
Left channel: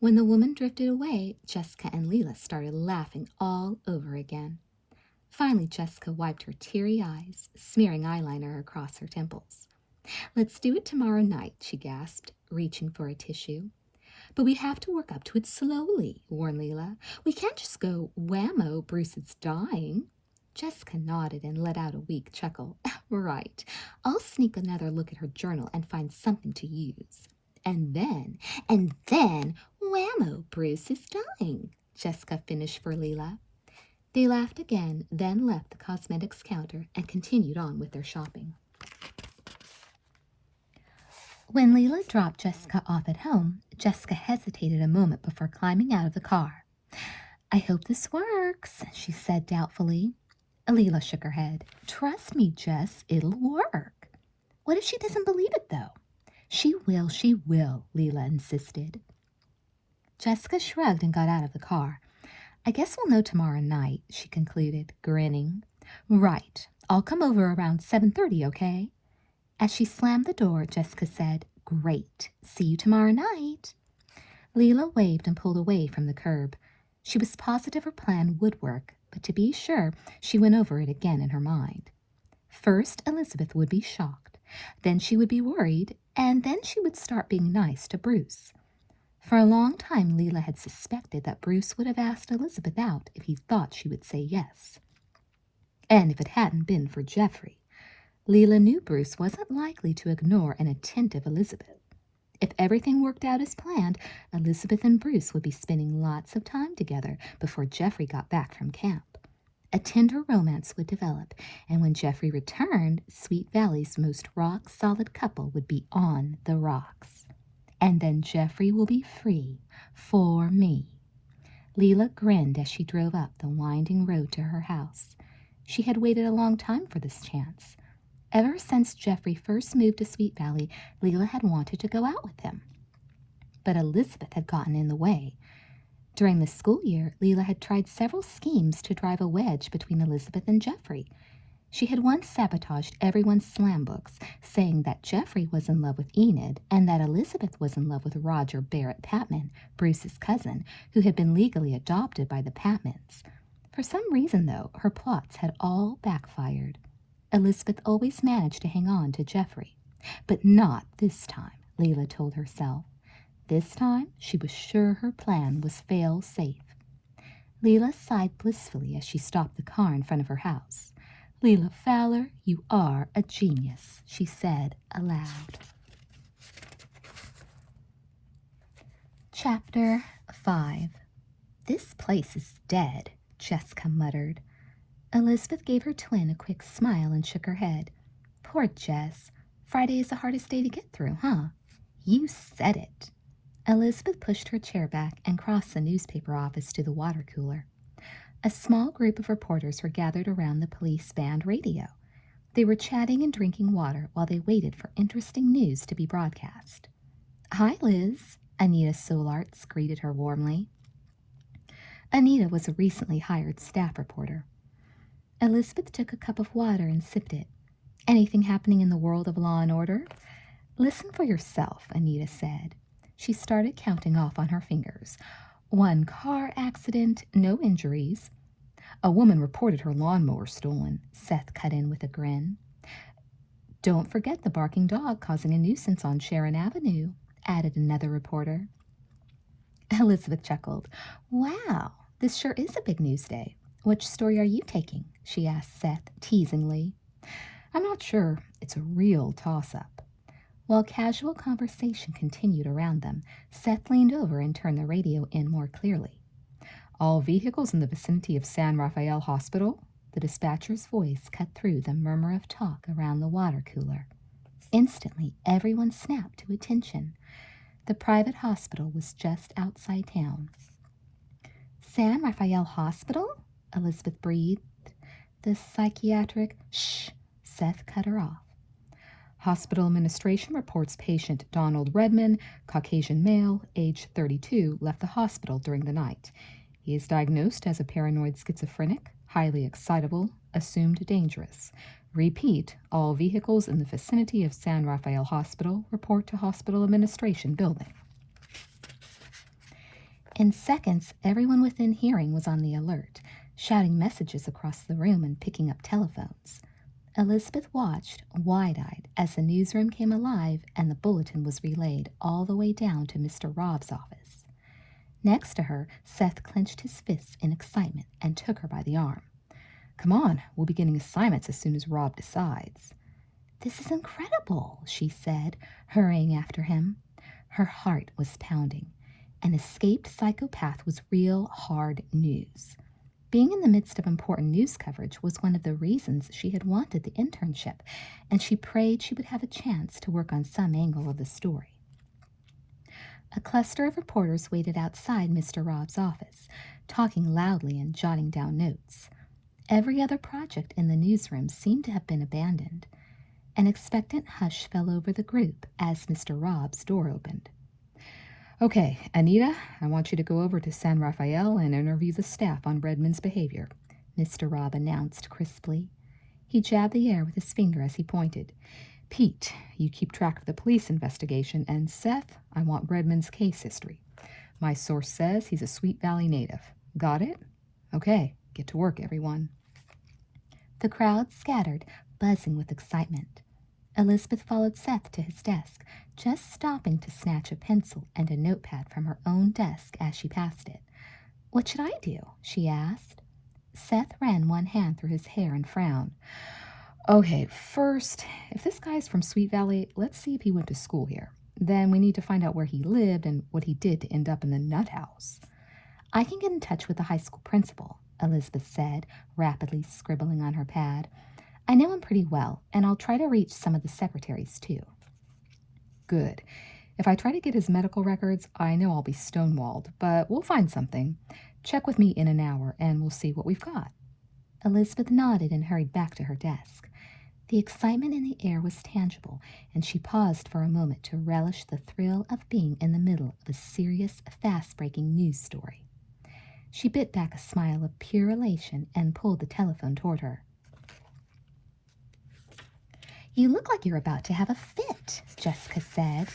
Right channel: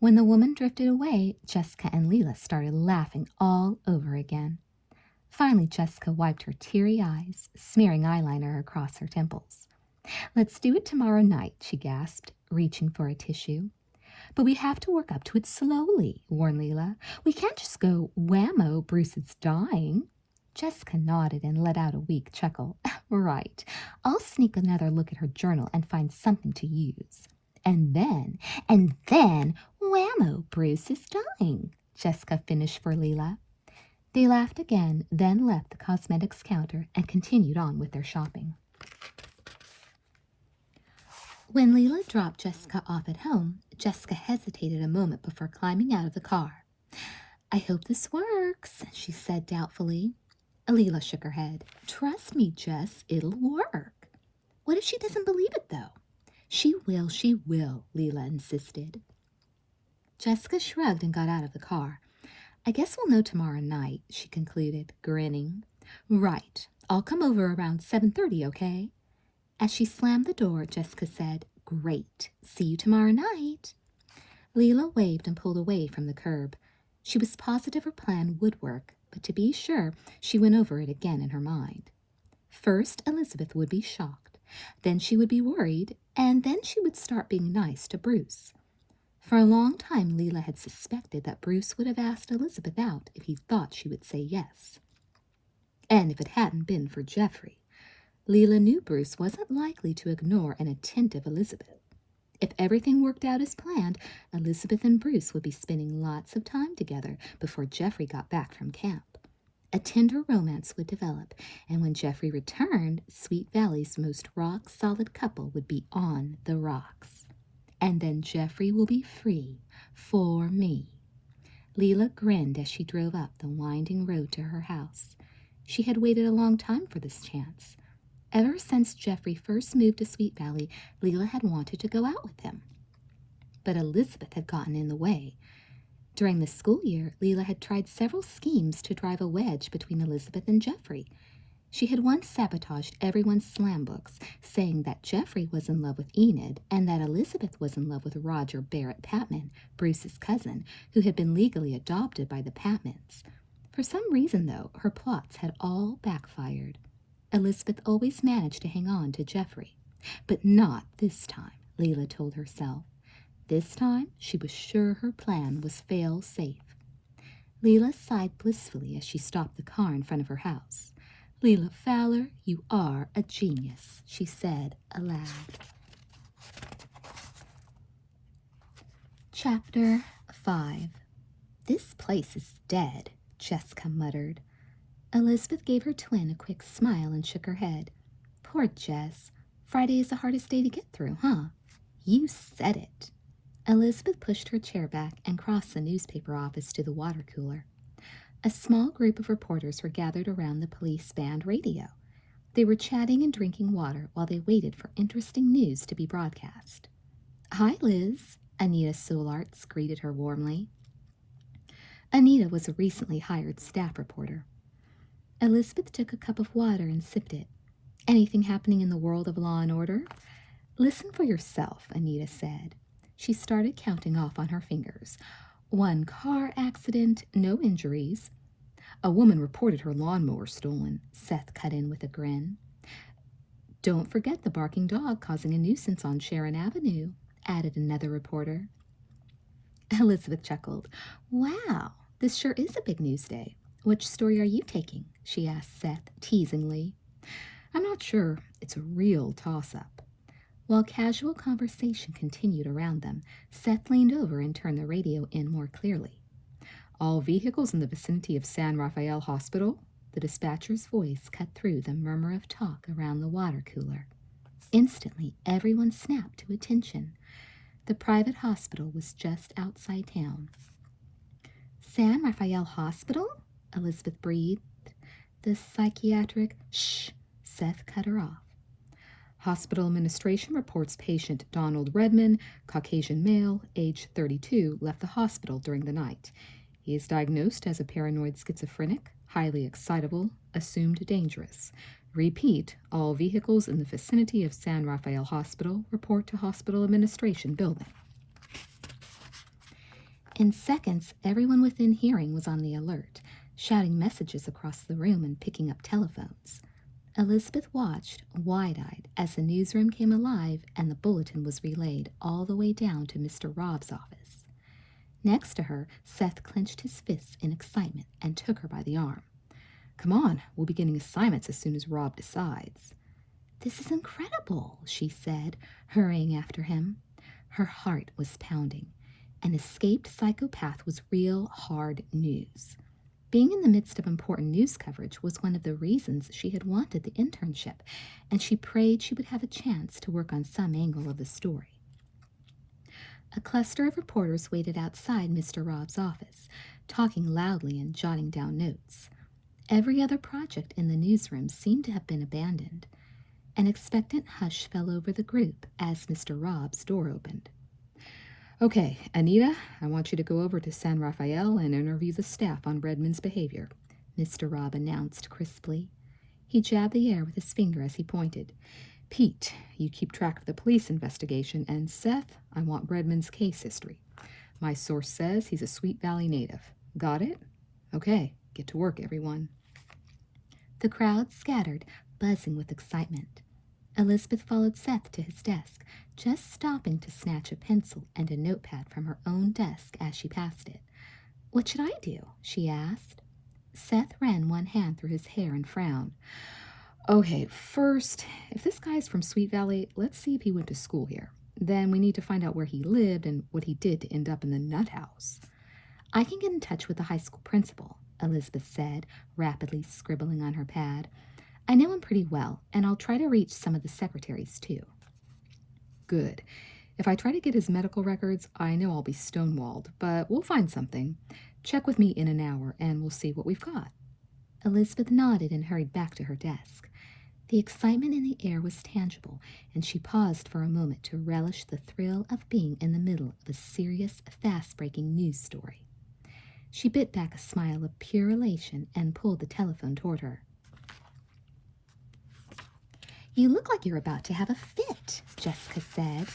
When the woman drifted away, Jessica and Leela started laughing all over again. Finally, Jessica wiped her teary eyes, smearing eyeliner across her temples. Let's do it tomorrow night, she gasped, reaching for a tissue. But we have to work up to it slowly, warned Leela. We can't just go, whammo, Bruce is dying. Jessica nodded and let out a weak chuckle. Right. I'll sneak another look at her journal and find something to use. And then, whammo, Bruce is dying, Jessica finished for Leela. They laughed again, then left the cosmetics counter and continued on with their shopping. When Leela dropped Jessica off at home, Jessica hesitated a moment before climbing out of the car. I hope this works, she said doubtfully. Leela shook her head. Trust me, Jess, it'll work. What if she doesn't believe it, though? She will, Leela insisted. Jessica shrugged and got out of the car. I guess we'll know tomorrow night, she concluded, grinning. Right. I'll come over around 7:30, okay? As she slammed the door, Jessica said, Great. See you tomorrow night. Leela waved and pulled away from the curb. She was positive her plan would work, but to be sure, she went over it again in her mind. First, Elizabeth would be shocked. Then she would be worried, and then she would start being nice to Bruce. For a long time, Leela had suspected that Bruce would have asked Elizabeth out if he thought she would say yes. And if it hadn't been for Geoffrey, Leela knew Bruce wasn't likely to ignore an attentive Elizabeth. If everything worked out as planned, Elizabeth and Bruce would be spending lots of time together before Geoffrey got back from camp. A tender romance would develop, and when Geoffrey returned, Sweet Valley's most rock-solid couple would be on the rocks. And then Geoffrey will be free for me. Leela grinned as she drove up the winding road to her house. She had waited a long time for this chance. Ever since Geoffrey first moved to Sweet Valley, Leela had wanted to go out with him. But Elizabeth had gotten in the way. During the school year, Leela had tried several schemes to drive a wedge between Elizabeth and Geoffrey. She had once sabotaged everyone's slam books, saying that Geoffrey was in love with Enid and that Elizabeth was in love with Roger Barrett Patman, Bruce's cousin, who had been legally adopted by the Patmans. For some reason, though, her plots had all backfired. Elizabeth always managed to hang on to Geoffrey. But not this time, Leela told herself. This time, she was sure her plan was fail-safe. Leela sighed blissfully as she stopped the car in front of her house. "Leela Fowler, you are a genius," she said aloud. Chapter 5. "This place is dead," Jessica muttered. Elizabeth gave her twin a quick smile and shook her head. "Poor Jess. Friday is the hardest day to get through, huh?" "You said it." Elizabeth pushed her chair back and crossed the newspaper office to the water cooler. A small group of reporters were gathered around the police band radio. They were chatting and drinking water while they waited for interesting news to be broadcast. "Hi, Liz," Anita Solartz greeted her warmly. Anita was a recently hired staff reporter. Elizabeth took a cup of water and sipped it. "Anything happening in the world of law and order?" "Listen for yourself," Anita said. She started counting off on her fingers. 1 car accident, no injuries. "A woman reported her lawnmower stolen," Seth cut in with a grin. "Don't forget the barking dog causing a nuisance on Sharon Avenue," added another reporter. Elizabeth chuckled. "Wow, this sure is a big news day. Which story are you taking?" she asked Seth teasingly. "I'm not sure. It's a real toss-up." While casual conversation continued around them, Seth leaned over and turned the radio in more clearly. "All vehicles in the vicinity of San Rafael Hospital?" The dispatcher's voice cut through the murmur of talk around the water cooler. Instantly, everyone snapped to attention. The private hospital was just outside town. "San Rafael Hospital?" Elizabeth breathed. "The psychiatric—" "Shh!" Seth cut her off. "Hospital administration reports patient Donald Redman, Caucasian male, age 32, left the hospital during the night. He is diagnosed as a paranoid schizophrenic, highly excitable, assumed dangerous. Repeat, all vehicles in the vicinity of San Rafael Hospital report to hospital administration building." In seconds, everyone within hearing was on the alert, shouting messages across the room and picking up telephones. Elizabeth watched, wide-eyed, as the newsroom came alive and the bulletin was relayed all the way down to Mr. Robb's office. Next to her, Seth clenched his fists in excitement and took her by the arm. "Come on, we'll be getting assignments as soon as Robb decides." "This is incredible," she said, hurrying after him. Her heart was pounding. An escaped psychopath was real hard news. Being in the midst of important news coverage was one of the reasons she had wanted the internship, and she prayed she would have a chance to work on some angle of the story. A cluster of reporters waited outside Mr. Robb's office, talking loudly and jotting down notes. Every other project in the newsroom seemed to have been abandoned. An expectant hush fell over the group as Mr. Robb's door opened. "Okay, Anita, I want you to go over to San Rafael and interview the staff on Redmond's behavior," Mr. Robb announced crisply. He jabbed the air with his finger as he pointed. "Pete, you keep track of the police investigation, and Seth, I want Redmond's case history. My source says he's a Sweet Valley native. Got it? Okay, get to work, everyone." The crowd scattered, buzzing with excitement. Elizabeth followed Seth to his desk, just stopping to snatch a pencil and a notepad from her own desk as she passed it. "What should I do?" she asked. Seth ran one hand through his hair and frowned. Okay, first, if this guy's from Sweet Valley, let's see if he went to school here. Then we need to find out where he lived and what he did to end up in the nut house. I can get in touch with the high school principal, Elizabeth said, rapidly scribbling on her pad. I know him pretty well, and I'll try to reach some of the secretaries, too. Good. If I try to get his medical records, I know I'll be stonewalled, but we'll find something. Check with me in an hour, and we'll see what we've got. Elizabeth nodded and hurried back to her desk. The excitement in the air was tangible, and she paused for a moment to relish the thrill of being in the middle of a serious, fast-breaking news story. She bit back a smile of pure elation and pulled the telephone toward her. You look like you're about to have a fit, Jessica said.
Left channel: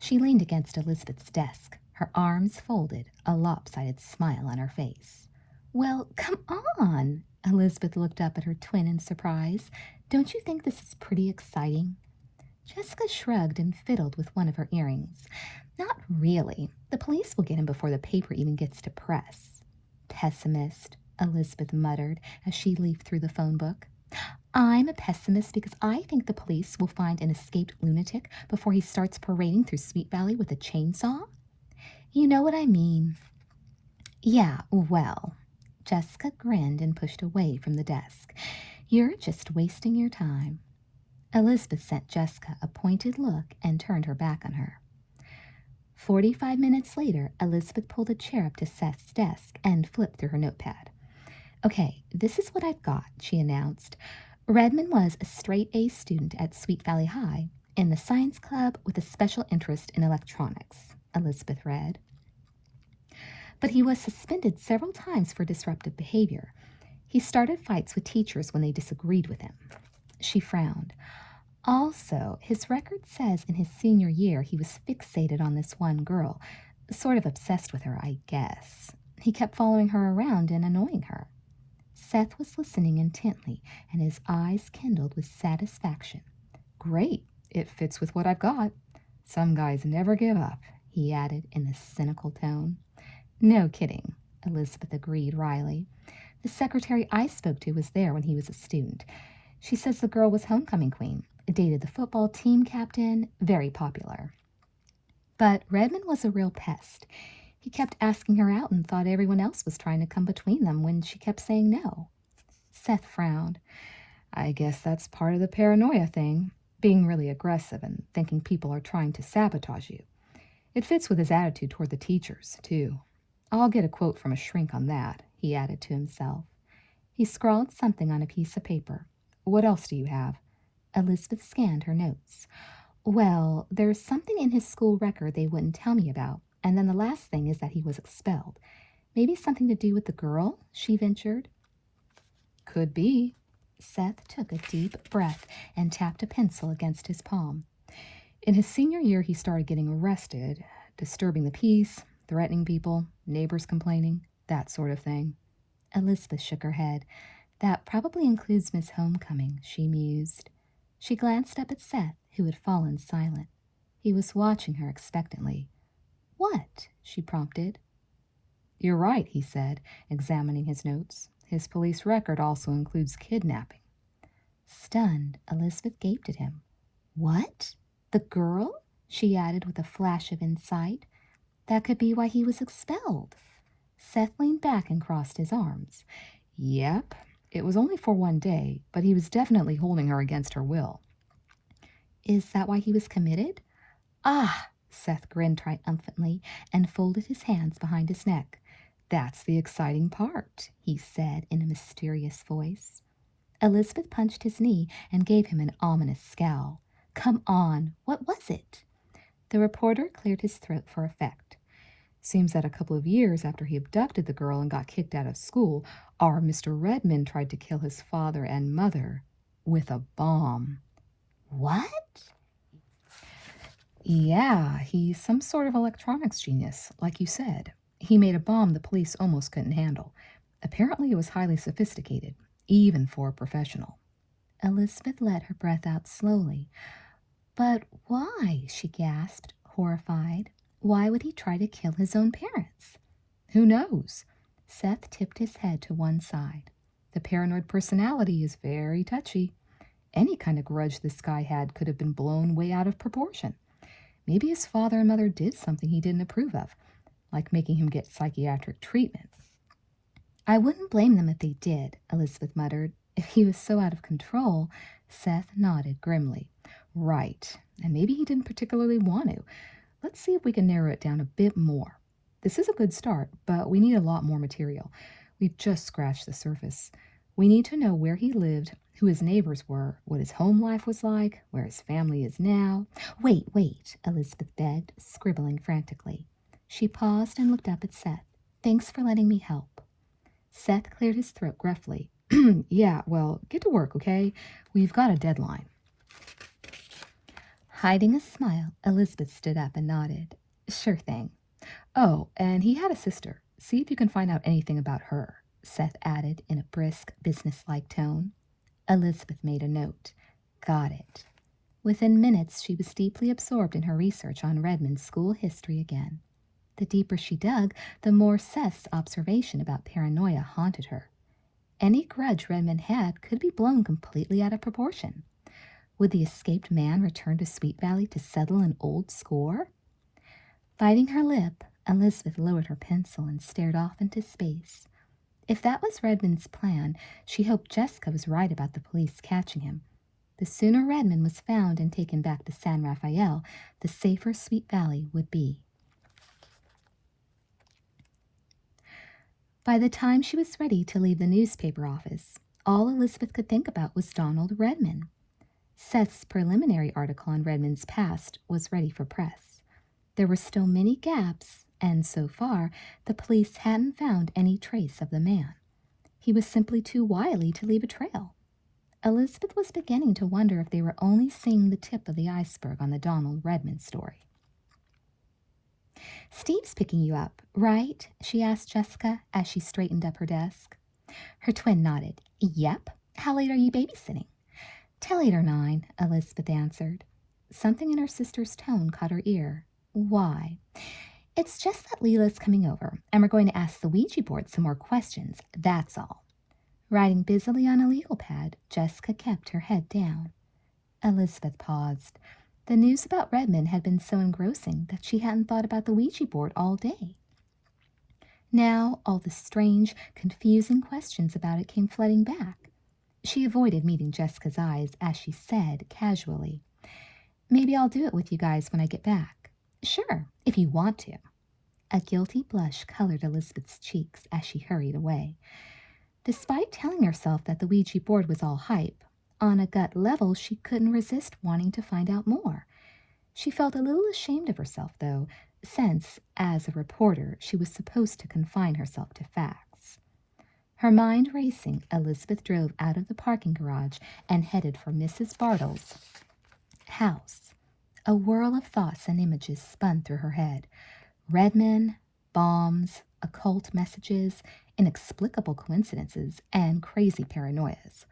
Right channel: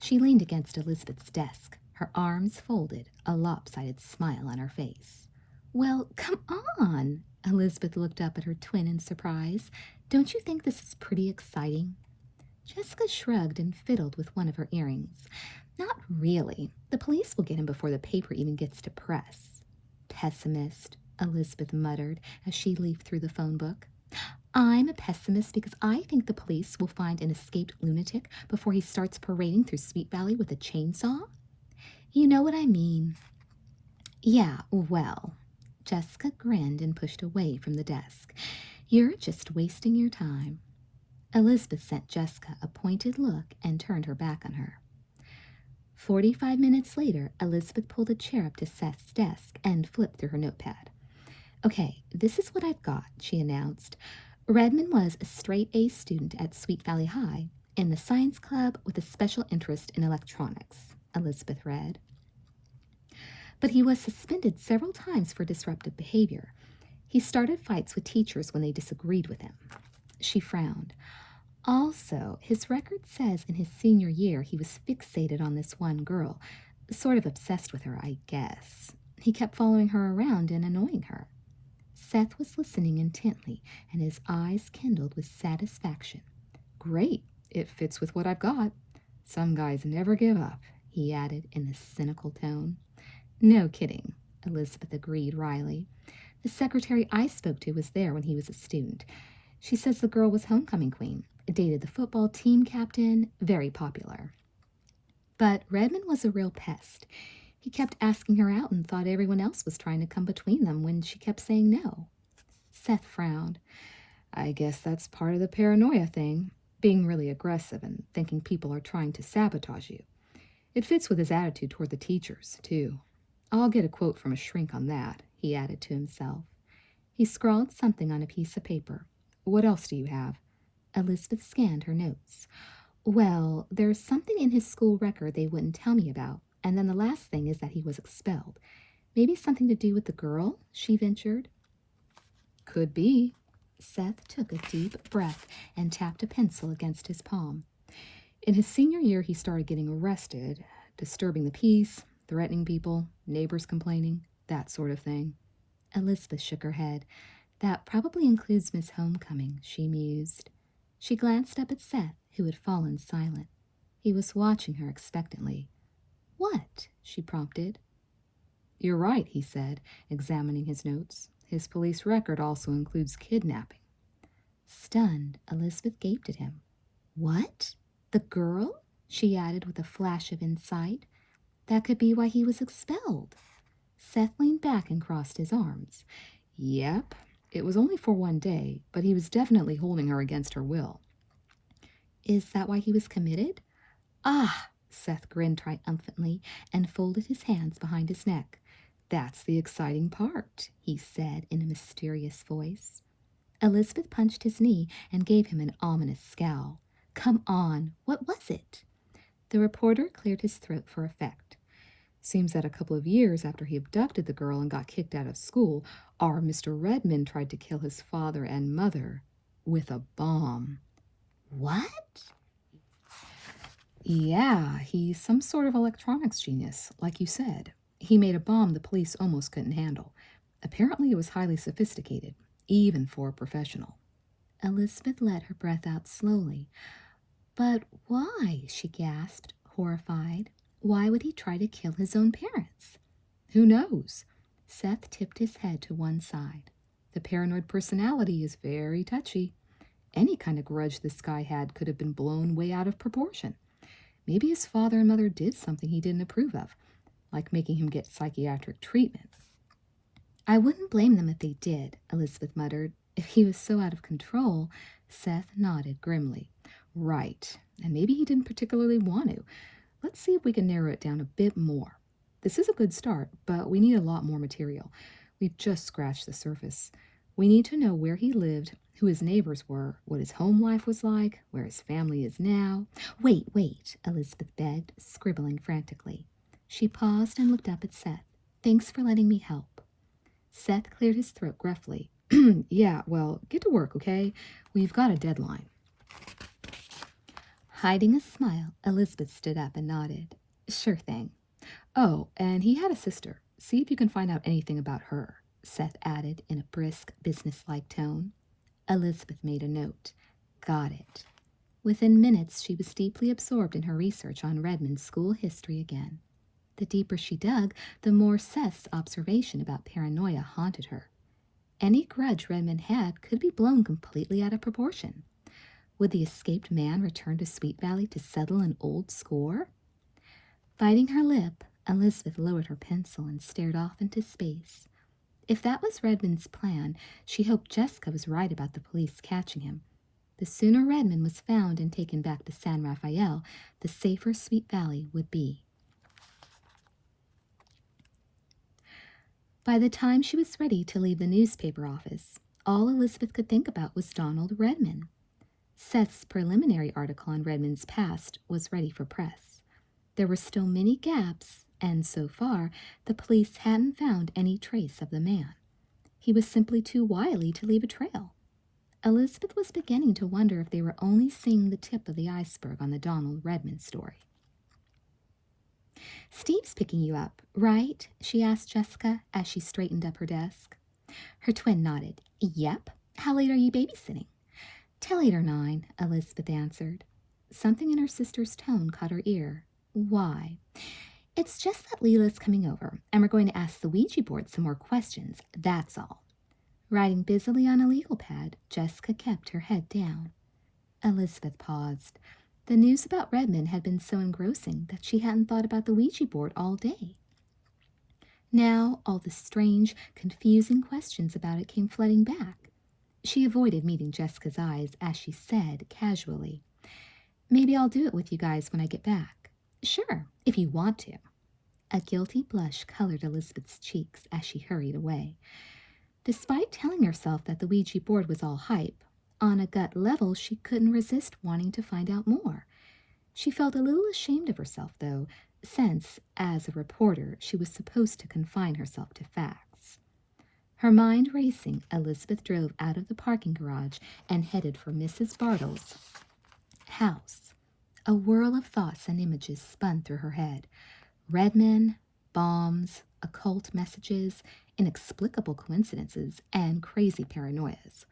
She leaned against Elizabeth's desk, her arms folded, a lopsided smile on her face. Well, come on! Elizabeth looked up at her twin in surprise. Don't you think this is pretty exciting? Jessica shrugged and fiddled with one of her earrings. Not really. The police will get him before the paper even gets to press. Pessimist, Elizabeth muttered as she leafed through the phone book. I'm a pessimist because I think the police will find an escaped lunatic before he starts parading through Sweet Valley with a chainsaw. You know what I mean. Yeah, well. Jessica grinned and pushed away from the desk. You're just wasting your time. Elizabeth sent Jessica a pointed look and turned her back on her. 45 minutes later, Elizabeth pulled a chair up to Seth's desk and flipped through her notepad. Okay, this is what I've got, she announced. Redmond was a straight-A student at Sweet Valley High in the science club with a special interest in electronics, Elizabeth read. But he was suspended several times for disruptive behavior. He started fights with teachers when they disagreed with him. She frowned. Also, his record says in his senior year he was fixated on this one girl, sort of obsessed with her, I guess. He kept following her around and annoying her. Seth was listening intently, and his eyes kindled with satisfaction. Great, it fits with what I've got. Some guys never give up, he added in a cynical tone. No kidding, Elizabeth agreed wryly. The secretary I spoke to was there when he was a student. She says the girl was homecoming queen, dated the football team captain, very popular. But Redmond was a real pest. He kept asking her out and thought everyone else was trying to come between them when she kept saying no. Seth frowned. I guess that's part of the paranoia thing, being really aggressive and thinking people are trying to sabotage you. It fits with his attitude toward the teachers, too. I'll get a quote from a shrink on that, he added to himself. He scrawled something on a piece of paper. What else do you have? Elizabeth scanned her notes. Well, there's something in his school record they wouldn't tell me about, and then the last thing is that he was expelled. Maybe something to do with the girl, she ventured. Could be. Seth took a deep breath and tapped a pencil against his palm. In his senior year, he started getting arrested, disturbing the peace, threatening people, neighbors complaining, that sort of thing. Elizabeth shook her head. That probably includes Miss Homecoming, she mused. She glanced up at Seth, who had fallen silent. He was watching her expectantly. What? She prompted. You're right, he said, examining his notes. His police record also includes kidnapping. Stunned, Elizabeth gaped at him. What? The girl? She added with a flash of insight. That could be why he was expelled. Seth leaned back and crossed his arms. Yep, it was only for one day, but he was definitely holding her against her will. Is that why he was committed? Ah, Seth grinned triumphantly and folded his hands behind his neck. That's the exciting part, he said in a mysterious voice. Elizabeth punched his knee and gave him an ominous scowl. Come on, what was it? The reporter cleared his throat for effect. Seems that a couple of years after he abducted the girl and got kicked out of school, our Mr. Redmond tried to kill his father and mother with a bomb. What? Yeah, he's some sort of electronics genius, like you said. He made a bomb the police almost couldn't handle. Apparently it was highly sophisticated, even for a professional. Elizabeth let her breath out slowly. But why? She gasped, horrified. Why would he try to kill his own parents? Who knows? Seth tipped his head to one side. The paranoid personality is very touchy. Any kind of grudge this guy had could have been blown way out of proportion. Maybe his father and mother did something he didn't approve of, like making him get psychiatric treatment. I wouldn't blame them if they did, Elizabeth muttered. If he was so out of control, Seth nodded grimly. Right, and maybe he didn't particularly want to. Let's see if we can narrow it down a bit more. This is a good start, but we need a lot more material. We've just scratched the surface. We need to know where he lived, who his neighbors were, what his home life was like, where his family is now. Wait, Elizabeth begged, scribbling frantically. She paused and looked up at Seth. Thanks for letting me help. Seth cleared his throat gruffly. Yeah, well, get to work, okay? We've got a deadline. Hiding a smile, Elizabeth stood up and nodded. Sure thing. Oh, and he had a sister. See if you can find out anything about her, Seth added in a brisk, businesslike tone. Elizabeth made a note. Got it. Within minutes, she was deeply absorbed in her research on Redmond's school history again. The deeper she dug, the more Seth's observation about paranoia haunted her. Any grudge Redmond had could be blown completely out of proportion. Would the escaped man return to Sweet Valley to settle an old score? Biting her lip, Elizabeth lowered her pencil and stared off into space. If that was Redmond's plan, she hoped Jessica was right about the police catching him. The sooner Redmond was found and taken back to San Rafael, the safer Sweet Valley would be. By the time she was ready to leave the newspaper office, all Elizabeth could think about was Donald Redmond. Seth's preliminary article on Redmond's past was ready for press. There were still many gaps, and so far, the police hadn't found any trace of the man. He was simply too wily to leave a trail. Elizabeth was beginning to wonder if they were only seeing the tip of the iceberg on the Donald Redmond story. Steve's picking you up, right? She asked Jessica as she straightened up her desk. Her twin nodded. Yep. How late are you babysitting? Till 8 or 9, Elizabeth answered. Something in her sister's tone caught her ear. Why? It's just that Leela's coming over, and we're going to ask the Ouija board some more questions, that's all. Writing busily on a legal pad, Jessica kept her head down. Elizabeth paused. The news about Redmond had been so engrossing that she hadn't thought about the Ouija board all day. Now all the strange, confusing questions about it came flooding back. She avoided meeting Jessica's eyes as she said casually, Maybe I'll do it with you guys when I get back. Sure, if you want to. A guilty blush colored Elizabeth's cheeks as she hurried away. Despite telling herself that the Ouija board was all hype, on a gut level she couldn't resist wanting to find out more. She felt a little ashamed of herself, though, since, as a reporter, she was supposed to confine herself to facts. Her mind racing, Elizabeth drove out of the parking garage and headed for Mrs. Bartle's house. A whirl of thoughts and images spun through her head. Redmond, bombs, occult messages, inexplicable coincidences, and crazy paranoias.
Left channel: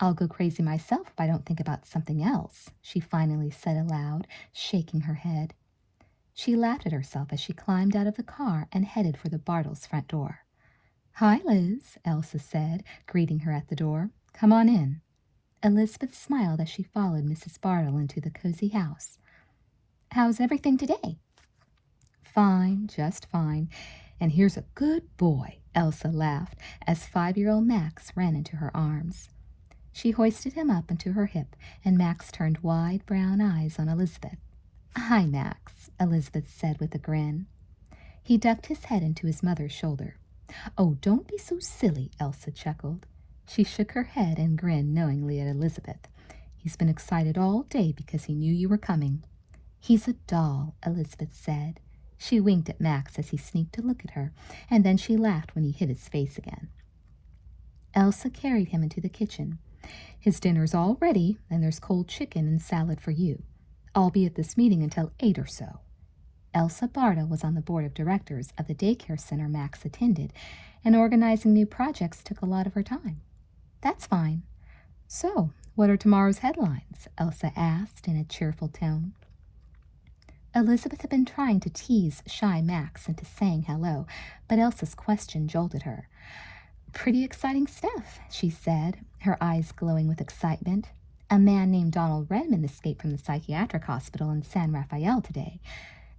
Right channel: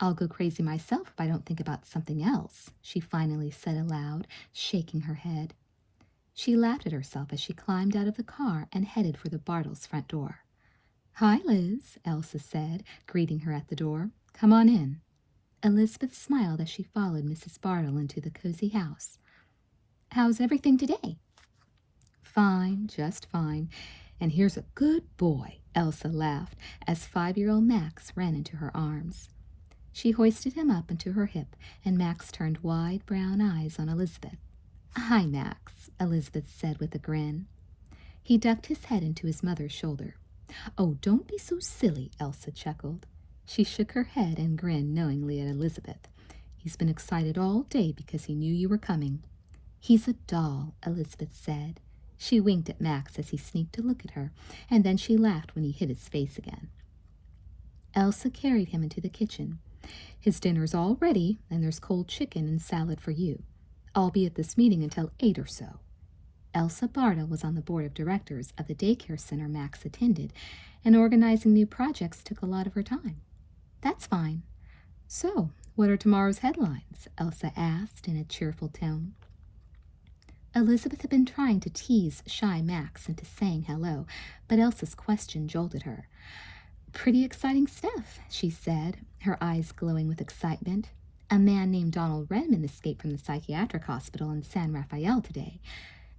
I'll go crazy myself if I don't think about something else, she finally said aloud, shaking her head. She laughed at herself as she climbed out of the car and headed for the Bartles' front door. Hi, Liz, Elsa said, greeting her at the door. Come on in. Elizabeth smiled as she followed Mrs. Bartle into the cozy house. How's everything today? Fine, just fine. And here's a good boy, Elsa laughed as 5-year-old Max ran into her arms. She hoisted him up into her hip, and Max turned wide brown eyes on Elizabeth. Hi, Max, Elizabeth said with a grin. He ducked his head into his mother's shoulder. Oh, don't be so silly, Elsa chuckled. She shook her head and grinned knowingly at Elizabeth. He's been excited all day because he knew you were coming. He's a doll, Elizabeth said. She winked at Max as he sneaked to look at her, and then she laughed when he hid his face again. Elsa carried him into the kitchen. His dinner's all ready, and there's cold chicken and salad for you. I'll be at this meeting until 8 or so. Elsa Bartle was on the board of directors of the daycare center Max attended, and organizing new projects took a lot of her time. That's fine. So, what are tomorrow's headlines? Elsa asked in a cheerful tone. Elizabeth had been trying to tease shy Max into saying hello, but Elsa's question jolted her. "Pretty exciting stuff," she said, her eyes glowing with excitement. "A man named Donald Redmond escaped from the psychiatric hospital in San Rafael today.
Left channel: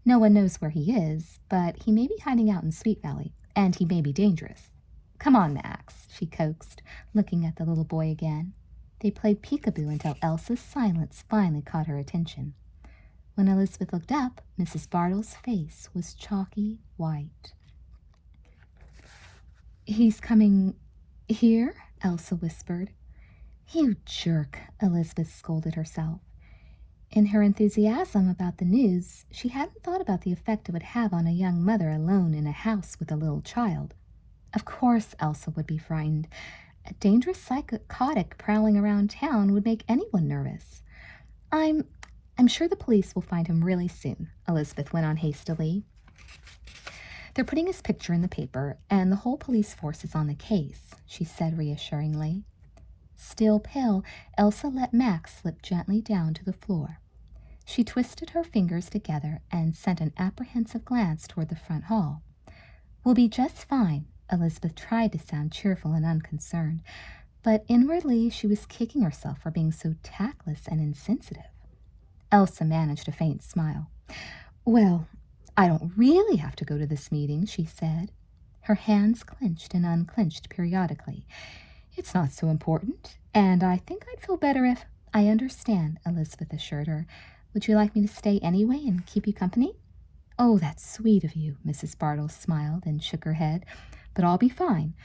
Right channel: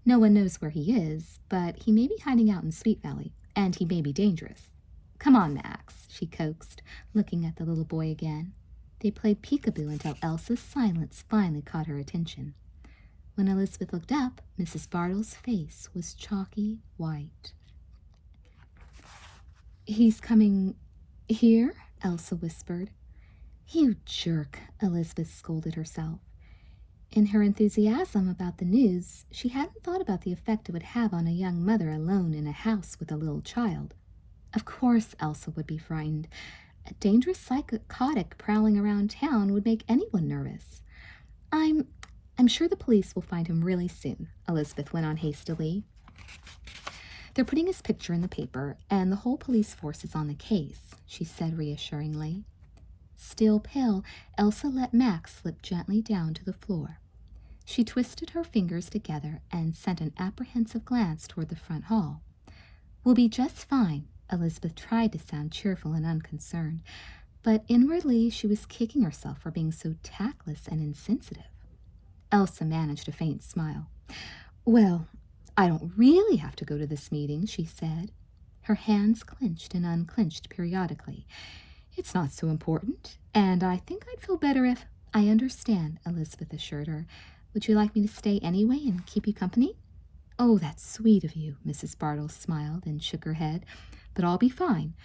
No one knows where he is, but he may be hiding out in Sweet Valley, and he may be dangerous. Come on, Max," she coaxed, looking at the little boy again. They played peekaboo until Elsa's silence finally caught her attention. When Elizabeth looked up, Mrs. Bartle's face was chalky white. "He's coming here?" Elsa whispered. "You jerk," Elizabeth scolded herself. In her enthusiasm about the news, she hadn't thought about the effect it would have on a young mother alone in a house with a little child. Of course Elsa would be frightened. A dangerous psychotic prowling around town would make anyone nervous. I'm sure the police will find him really soon," Elizabeth went on hastily. "They're putting his picture in the paper, and the whole police force is on the case," she said reassuringly. Still pale, Elsa let Max slip gently down to the floor. She twisted her fingers together and sent an apprehensive glance toward the front hall. "We'll be just fine." Elizabeth tried to sound cheerful and unconcerned, but inwardly she was kicking herself for being so tactless and insensitive. Elsa managed a faint smile. "Well, I don't really have to go to this meeting," she said. Her hands clenched and unclenched periodically. "It's not so important, and I think I'd feel better if—" "I understand," Elizabeth assured her. "Would you like me to stay anyway and keep you company?" "Oh, that's sweet of you," Mrs. Bartle smiled and shook her head. "But I'll be fine.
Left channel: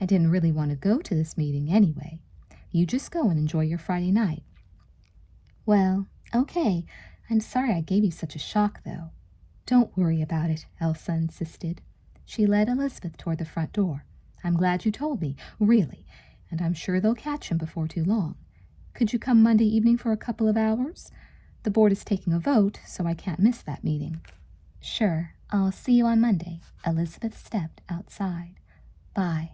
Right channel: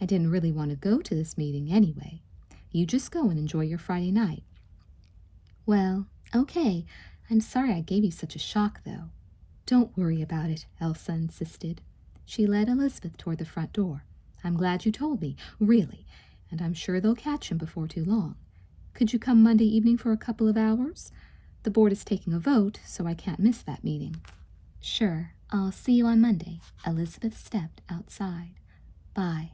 I didn't really want to go to this meeting anyway. You just go and enjoy your Friday night." "Well, okay. I'm sorry I gave you such a shock, though." "Don't worry about it," Elsa insisted. She led Elizabeth toward the front door. "I'm glad you told me, really, and I'm sure they'll catch him before too long. Could you come Monday evening for a couple of hours? The board is taking a vote, so I can't miss that meeting." "Sure. I'll see you on Monday." Elizabeth stepped outside. "Bye."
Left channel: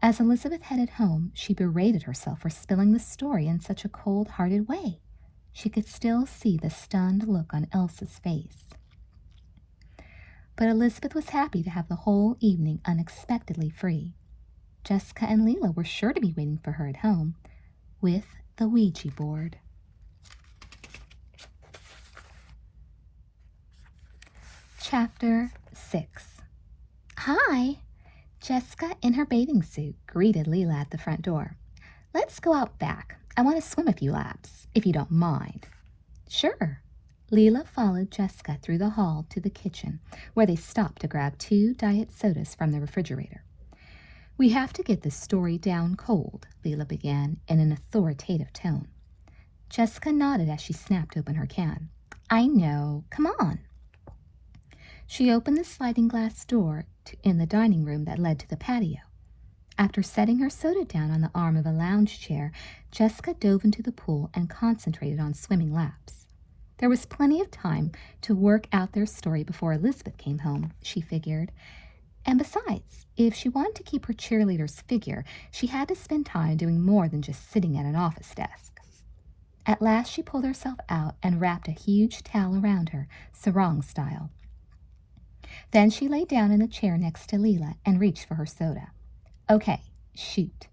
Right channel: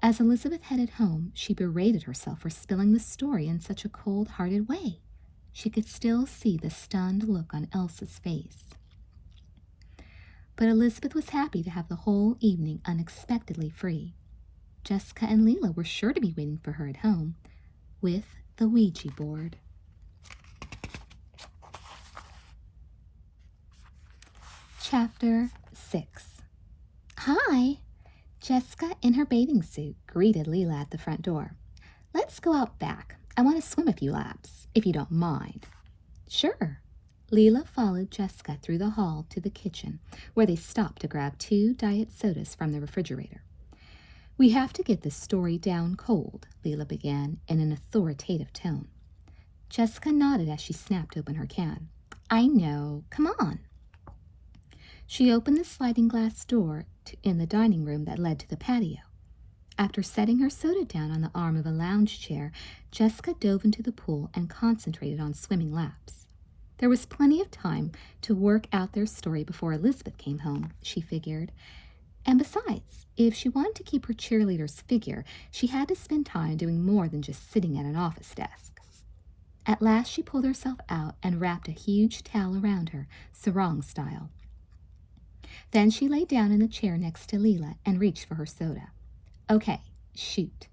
As Elizabeth headed home, she berated herself for spilling the story in such a cold-hearted way. She could still see the stunned look on Elsa's face. But Elizabeth was happy to have the whole evening unexpectedly free. Jessica and Leela were sure to be waiting for her at home with the Ouija board. Chapter 6. "Hi!" Jessica, in her bathing suit, greeted Leela at the front door. "Let's go out back. I want to swim a few laps, if you don't mind." "Sure." Leela followed Jessica through the hall to the kitchen, where they stopped to grab 2 diet sodas from the refrigerator. "We have to get this story down cold," Leela began in an authoritative tone. Jessica nodded as she snapped open her can. "I know. Come on." She opened the sliding glass door in the dining room that led to the patio. After setting her soda down on the arm of a lounge chair, Jessica dove into the pool and concentrated on swimming laps. There was plenty of time to work out their story before Elizabeth came home, she figured. And besides, if she wanted to keep her cheerleader's figure, she had to spend time doing more than just sitting at an office desk. At last she pulled herself out and wrapped a huge towel around her, sarong style. Then she lay down in the chair next to Leela and reached for her soda. "Okay, shoot."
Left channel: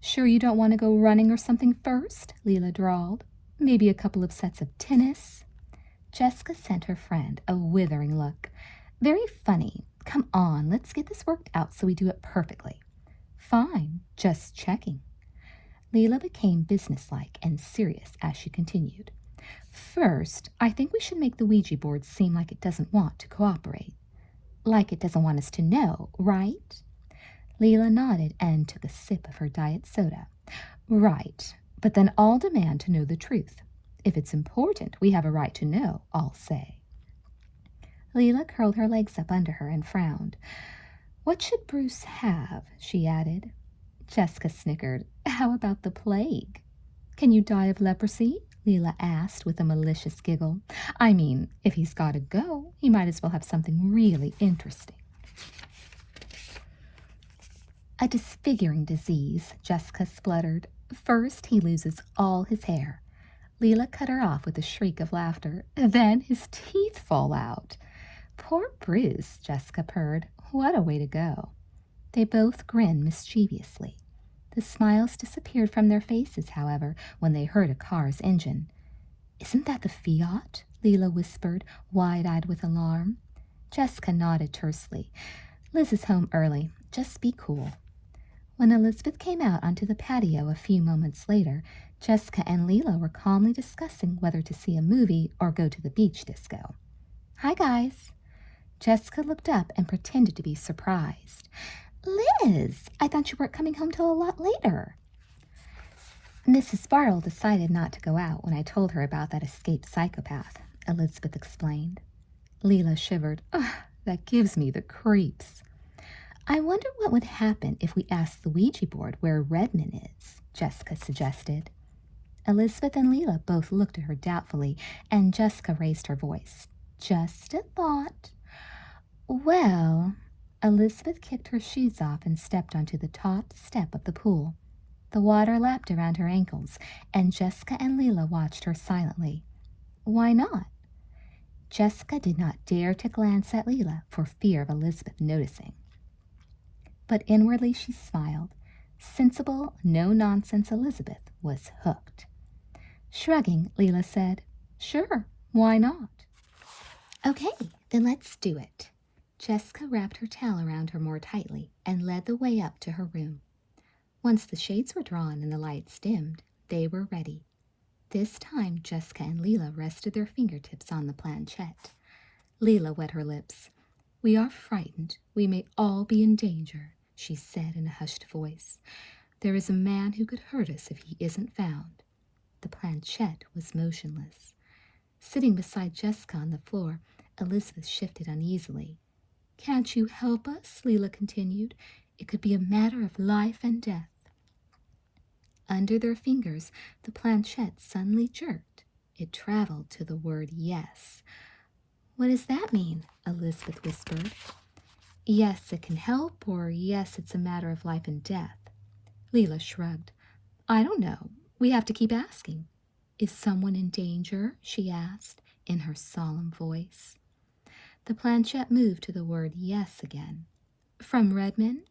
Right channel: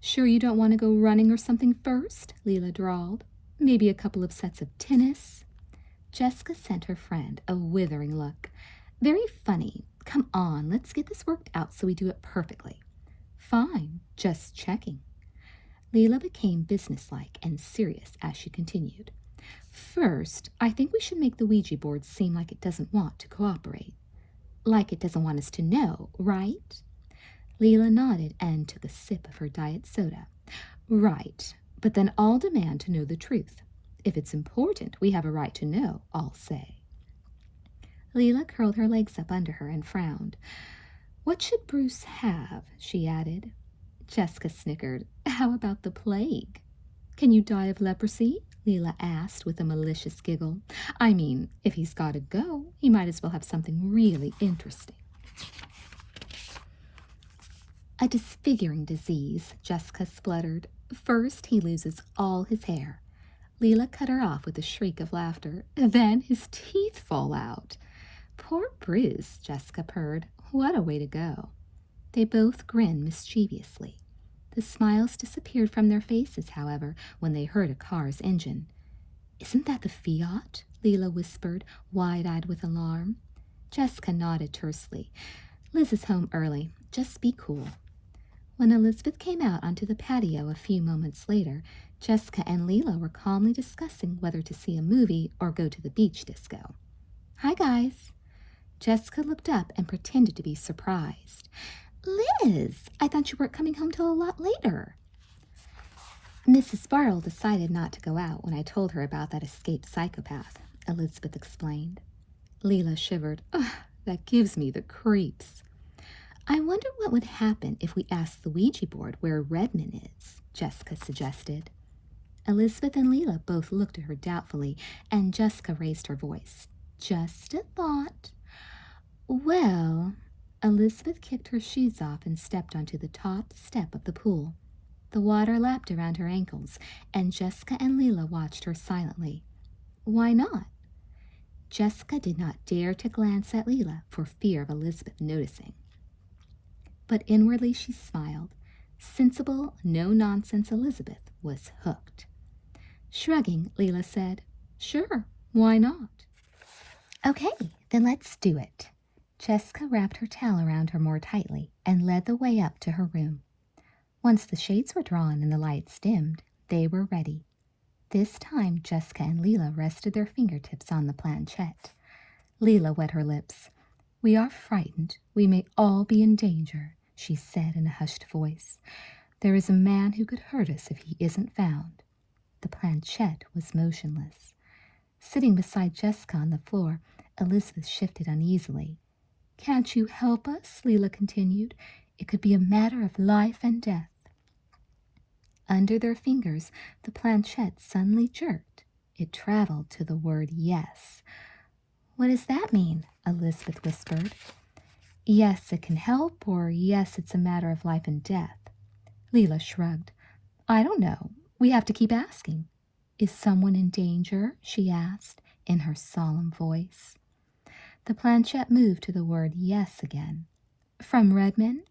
"Sure you don't want to go running or something first?" Leela drawled. "Maybe a couple of sets of tennis?" Jessica sent her friend a withering look. "Very funny. Come on, let's get this worked out so we do it perfectly." "Fine, just checking." Leela became businesslike and serious as she continued. "First, I think we should make the Ouija board seem like it doesn't want to cooperate. Like it doesn't want us to know, right?" Leela nodded and took a sip of her diet soda. "Right, but then I'll demand to know the truth. If it's important, we have a right to know, I'll say." Leela curled her legs up under her and frowned. "What should Bruce have?" she added. Jessica snickered. "How about the plague?" "Can you die of leprosy?" Leela asked with a malicious giggle. "I mean, if he's got to go, he might as well have something really interesting." "A disfiguring disease," Jessica spluttered. "First, he loses all his hair. Leela cut her off with a shriek of laughter. Then his teeth fall out. Poor Bruce, Jessica purred. What a way to go. They both grinned mischievously. The smiles disappeared from their faces, however, when they heard a car's engine. Isn't that the Fiat? Leela whispered, wide-eyed with alarm. Jessica nodded tersely. Liz is home early. Just be cool. When Elizabeth came out onto the patio a few moments later, Jessica and Leela were calmly discussing whether to see a movie or go to the beach disco. Hi, guys. Jessica looked up and pretended to be surprised. Liz, I thought you weren't coming home till a lot later. Mrs. Bartle decided not to go out when I told her about that escaped psychopath, Elizabeth explained. Leela shivered. Ugh, that gives me the creeps. I wonder what would happen if we asked the Ouija board where Redmond is, Jessica suggested. Elizabeth and Leela both looked at her doubtfully, and Jessica raised her voice. Just a thought. Well, Elizabeth kicked her shoes off and stepped onto the top step of the pool. The water lapped around her ankles, and Jessica and Leela watched her silently. Why not? Jessica did not dare to glance at Leela for fear of Elizabeth noticing. But inwardly she smiled. Sensible, no-nonsense Elizabeth was hooked. Shrugging, Leela said, Sure, why not? Okay, then let's do it. Jessica wrapped her towel around her more tightly and led the way up to her room. Once the shades were drawn and the lights dimmed, they were ready. This time Jessica and Leela rested their fingertips on the planchette. Leela wet her lips. We are frightened. We may all be in danger, she said in a hushed voice. There is a man who could hurt us if he isn't found. The planchette was motionless. Sitting beside Jessica on the floor, Elizabeth shifted uneasily. Can't you help us? Leela continued. It could be a matter of life and death. Under their fingers, the planchette suddenly jerked. It traveled to the word yes. What does that mean? Elizabeth whispered. Yes, it can help, or yes, it's a matter of life and death. Leela shrugged. I don't know. We have to keep asking. Is someone in danger? She asked, in her solemn voice. The planchette moved to the word yes again. From Redmond?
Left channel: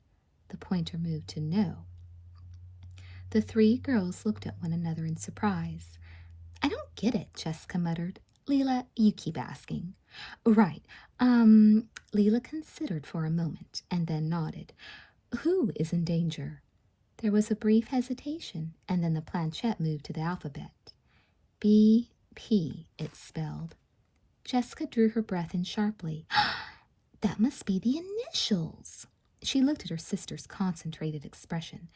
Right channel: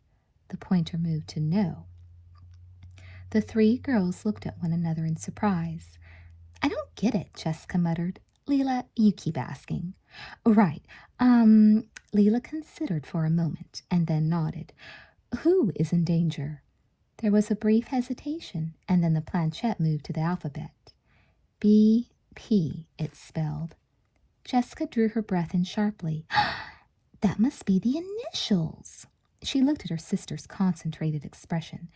The pointer moved to no. The three girls looked at one another in surprise. I don't get it, Jessica muttered. Leela, you keep asking. Right. Leela considered for a moment and then nodded. Who is in danger? There was a brief hesitation, and then the planchette moved to the alphabet. B-P, it spelled. Jessica drew her breath in sharply. That must be the initials. She looked at her sister's concentrated expression.